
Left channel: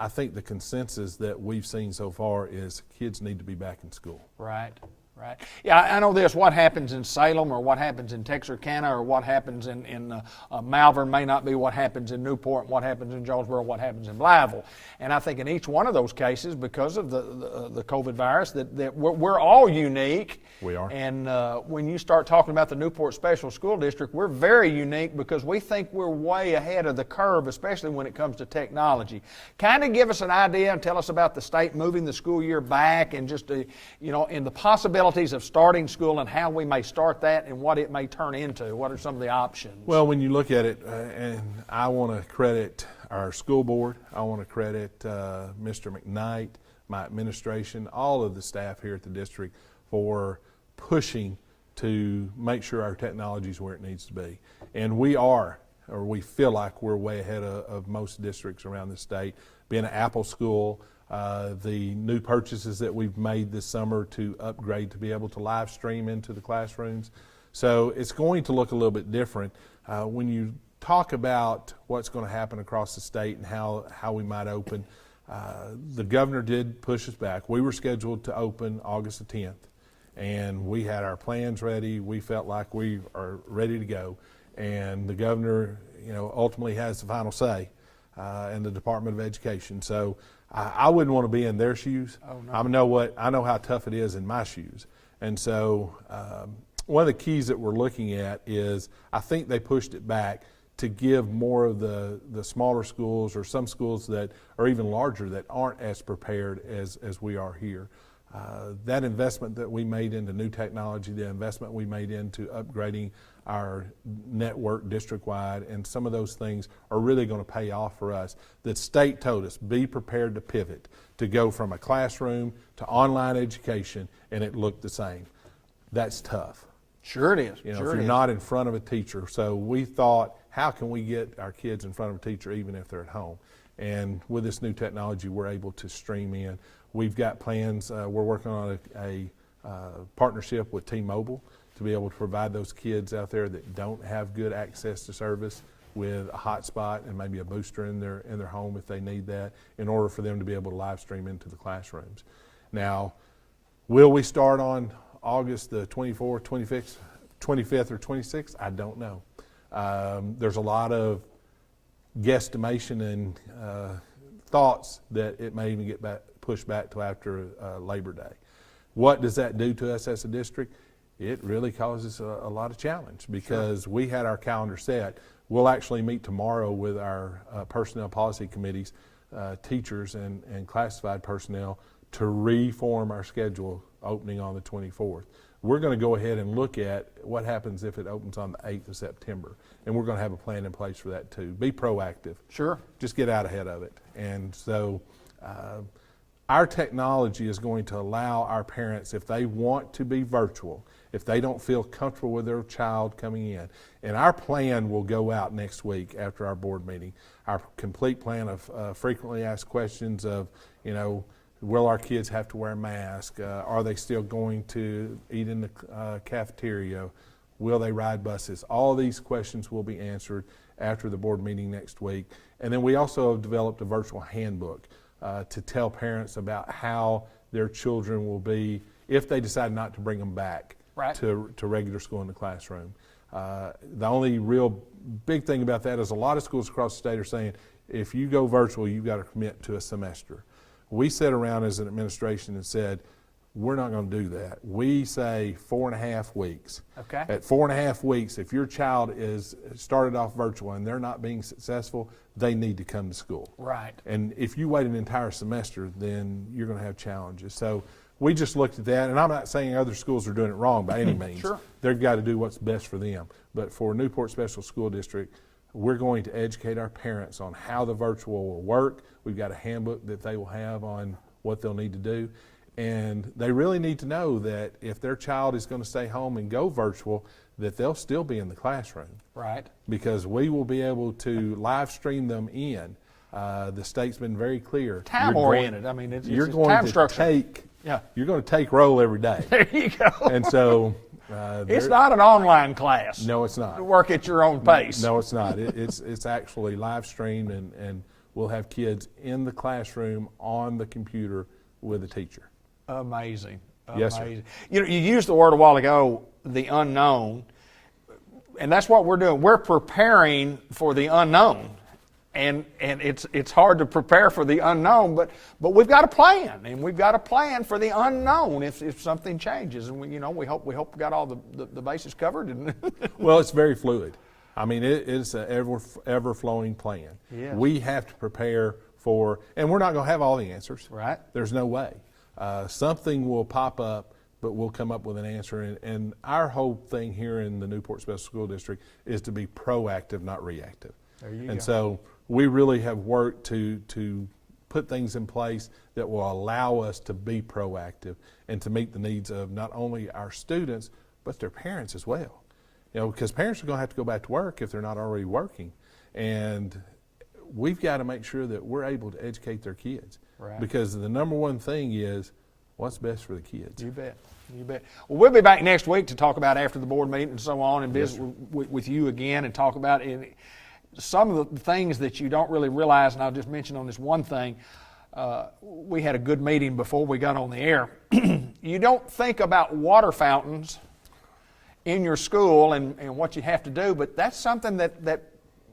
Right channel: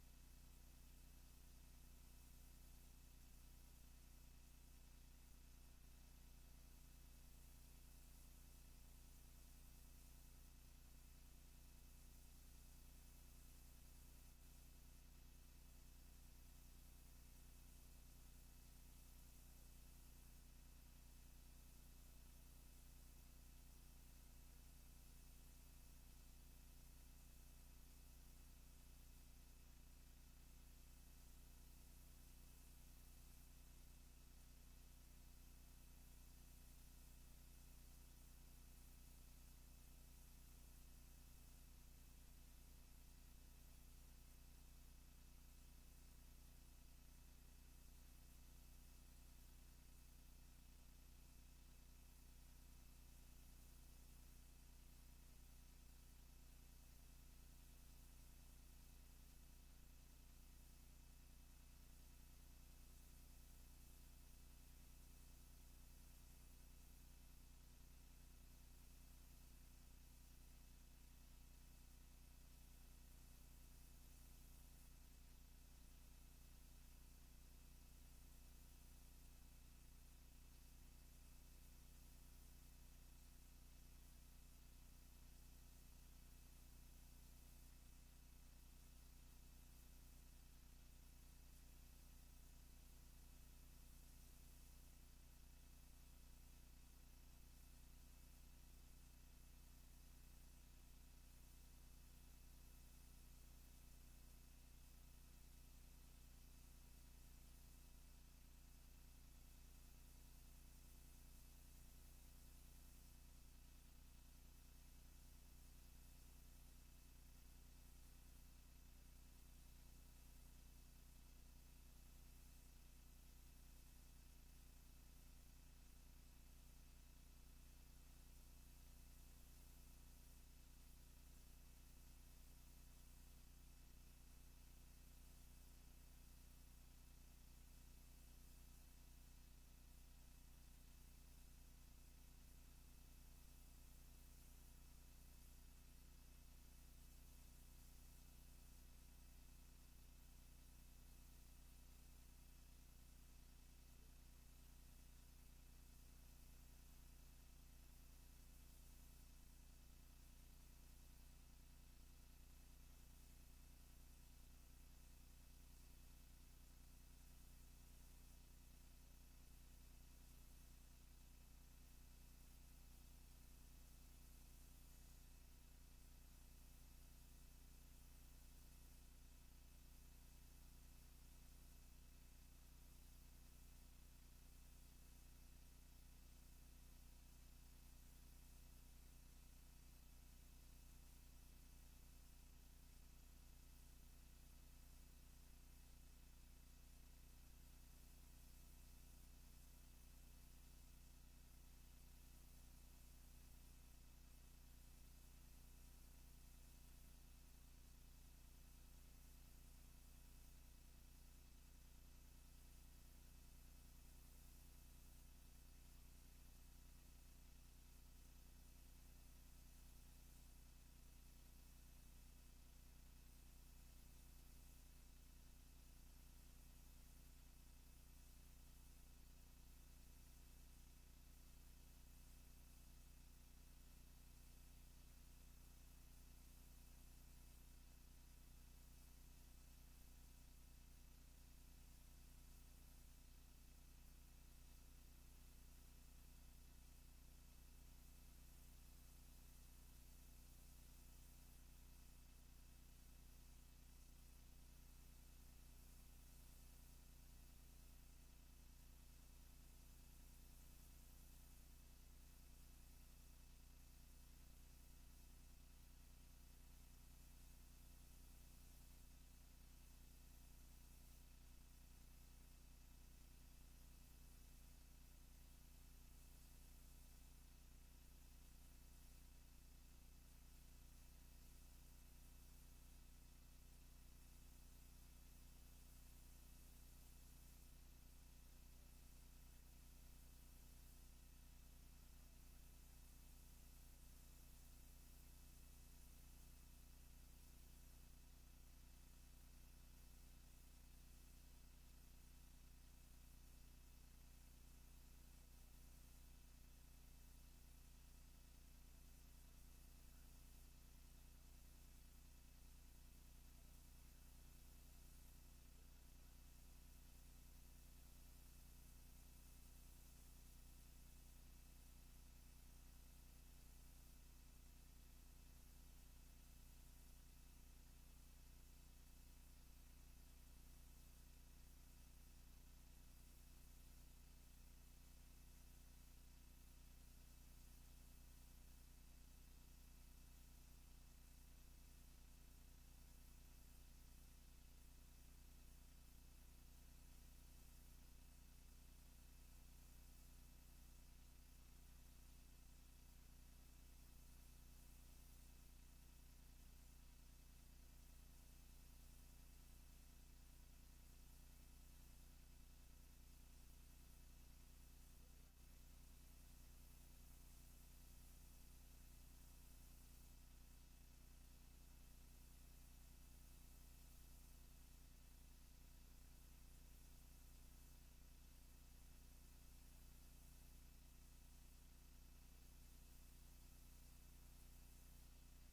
I think the consensus that we've seen so far is kids need to be back in school. Right. Right. Yeah, I know this. What happens in Salem or what happens in Texarkana or what happens in Malvern may not be what happens in Newport, what happens in Jonesboro, what happens in Blytheville. And I think in each one of those cases, because of the COVID virus, that we're all unique. We are. And when you start talking about the Newport Special School District, we're very unique because we think we're way ahead of the curve, especially when it comes to technology. Kind of give us an idea and tell us about the state moving the school year back and just, you know, in the possibilities of starting school and how we may start that and what it may turn into. What are some of the options? Well, when you look at it, and I want to credit our school board, I want to credit Mr. McKnight, my administration, all of the staff here at the district for pushing to make sure our technology is where it needs to be. And we feel like we're way ahead of most districts around the state. Being an Apple school, the new purchases that we've made this summer to upgrade to be able to live stream into the classrooms. So it's going to look a little bit different. When you talk about what's going to happen across the state and how we might open, the governor did push us back. We were scheduled to open August the 10th, and we had our plans ready. We felt like we are ready to go, and the governor, you know, ultimately has the final say in the Department of Education. So I wouldn't want to be in their shoes. Oh, no. I know how tough it is in my shoes. And so one of the keys that we're looking at is I think they pushed it back to give more of the smaller schools or some schools that are even larger that aren't as prepared as we are here. That investment that we made into new technology, the investment we made into upgrading our network district-wide, and some of those things are really going to pay off for us. The state told us, be prepared to pivot, to go from a classroom to online education, and it looked the same. That's tough. Sure it is. You know, sure if you're not in front of a teacher. So we thought, how can we get our kids in front of a teacher even if they're at home? And with this new technology, we're able to stream in. We've got plans. We're working on a partnership with T-Mobile to be able to provide those kids out there that don't have good access to service with a hotspot and maybe a booster in their home if they need that, in order for them to be able to live stream into the classrooms. Now, will we start on August the 24th, 25th, or 26th? I don't know. There's a lot of guesstimation and thoughts that it may even get pushed back till after Labor Day. What does that do to us as a district? It really causes a lot of challenge, because we had our calendar set. We'll actually meet tomorrow with our personnel policy committees, teachers and classified personnel, to reform our schedule opening on the 24th. We're going to go ahead and look at what happens if it opens on the 8th of September. And we're going to have a plan in place for that too. Be proactive. Sure. Just get out ahead of it. And so our technology is going to allow our parents, if they want to be virtual, if they don't feel comfortable with their child coming in, and our plan will go out next week after our board meeting. Our complete plan of frequently asked questions of, will our kids have to wear a mask? Are they still going to eat in the cafeteria? Will they ride buses? All these questions will be answered after the board meeting next week. And then we also have developed a virtual handbook to tell parents about how their children will be if they decide not to bring them back to regular school in the classroom. The only real big thing about that is a lot of schools across the state are saying, if you go virtual, you've got to commit to a semester. We sat around as an administration and said, we're not going to do that. We say 4.5 weeks. Okay. At 4.5 weeks, if your child is started off virtual and they're not being successful, they need to come to school. Right. And if you wait an entire semester, then you're going to have challenges. So we just looked at that, and I'm not saying other schools are doing it wrong by any means. Sure. They've got to do what's best for them. But for Newport Special School District, we're going to educate our parents on how the virtual will work. We've got a handbook that they will have on what they'll need to do. And they really need to know that if their child is going to stay home and go virtual, that they'll still be in the classroom. Right. Because we will be able to live stream them in. The state's been very clear. Time oriented. I mean, it's time structure. You're going to take roll every day. There you go. And so it's not an online class. No, it's not. Work at your own pace. No, it's not. It's actually live streamed, and we'll have kids in the classroom on the computer with a teacher. Amazing. Yes, sir. Amazing. You used the word a while ago, the unknown, and that's what we're doing. We're preparing for the unknown, and it's hard to prepare for the unknown, but we've got a plan, and we've got a plan for the unknown if something changes, and we hope we got all the bases covered. Well, it's very fluid. I mean, it's an ever flowing plan. Yes. We have to prepare for, and we're not going to have all the answers. Right. There's no way. Something will pop up, but we'll come up with an answer. And our whole thing here in the Newport Special School District is to be proactive, not reactive. There you And go. so we really have worked to put things in place that will allow us to be proactive and to meet the needs of not only our students, but their parents as well. Because parents are going to have to go back to work if they're not already working. And we've got to make sure that we're able to educate their kids. Right. Because the number one thing is what's best for the kids. You bet. You bet. Well, we'll be back next week to talk about after the board meeting and so on, and visit with you again and talk about some of the things that you don't really realize. And I'll just mention on this one thing. We had a good meeting before we got on the air. You don't think about water fountains in your school and what you have to do, but that's something that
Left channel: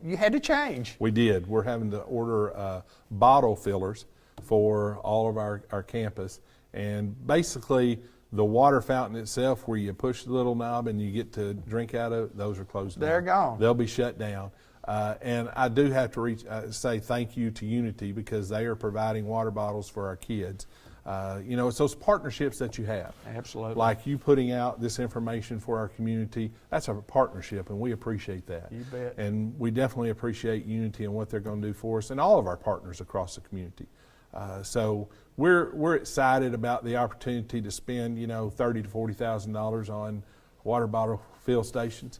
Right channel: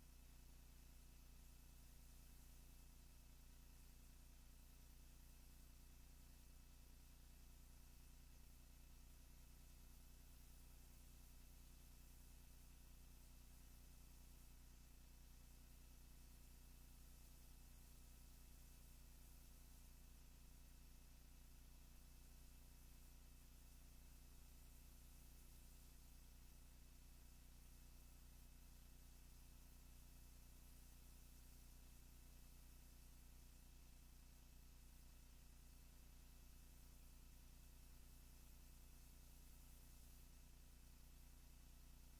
you had to change. We did. We're having to order bottle fillers for all of our campus. And basically, the water fountain itself, where you push the little knob and you get to drink out of it, those are closed down. They're gone. They'll be shut down. And I do have to say thank you to Unity, because they are providing water bottles for our kids. It's those partnerships that you have. Absolutely. Like you putting out this information for our community, that's a partnership, and we appreciate that. You bet. And we definitely appreciate Unity and what they're going to do for us and all of our partners across the community. So we're excited about the opportunity to spend, $30,000 to $40,000 on water bottle fill stations,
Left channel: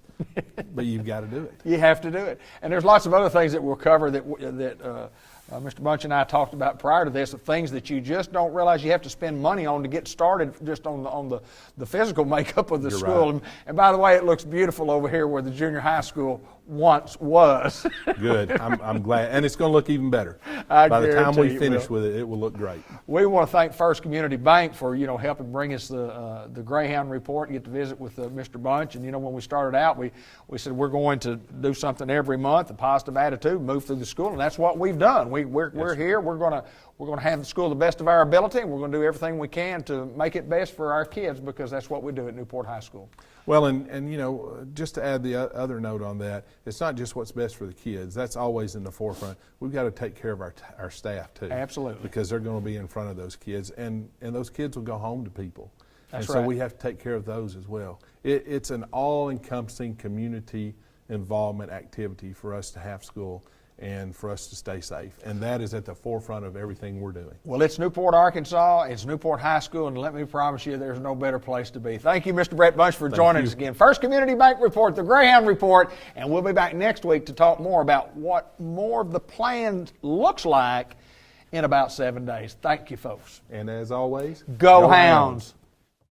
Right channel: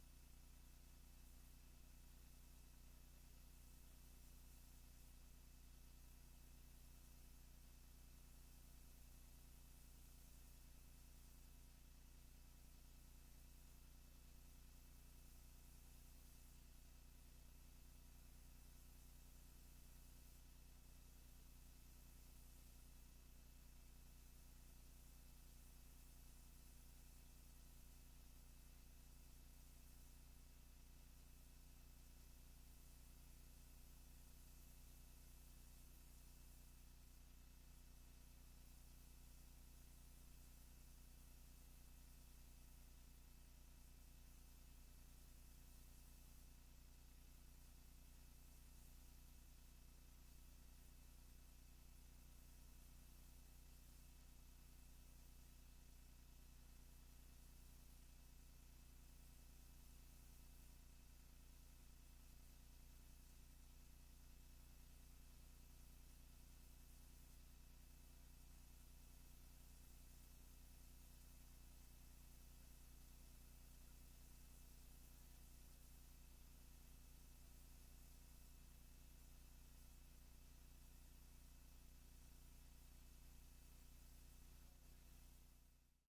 but you've got to do it. You have to do it. And there's lots of other things that we'll cover that Mr. Bunch and I talked about prior to this, the things that you just don't realize you have to spend money on to get started just on the physical makeup of the You're school. right. And by the way, it looks beautiful over here where the junior high school once was. Good. I'm glad. And it's going to look even better. I By the time guarantee we it finish will. with it, it will look great. We want to thank First Community Bank for helping bring us the Greyhound report and get to visit with Mr. Bunch. And when we started out, we said we're going to do something every month, a positive attitude, move through the school, and that's what we've done. We're here. We're going to have the school the best of our ability, and we're going to do everything we can to make it best for our kids because that's what we do at Newport High School. Well, and just to add the other note on that, it's not just what's best for the kids. That's always in the forefront. We've got to take care of our staff too. Absolutely. Because they're going to be in front of those kids, and those kids will go home to people. That's and right. So we have to take care of those as well. It's an all-encompassing community involvement activity for us to have school and for us to stay safe. And that is at the forefront of everything we're doing. Well, it's Newport, Arkansas. It's Newport High School, and let me promise you there's no better place to be. Thank you, Mr. Brett Bunch, for joining us again. First Community Bank Report, the Greyhound Report, and we'll be back next week to talk more about what more of the plan looks like in about 7 days. Thank you, folks. And as always, Go Hounds.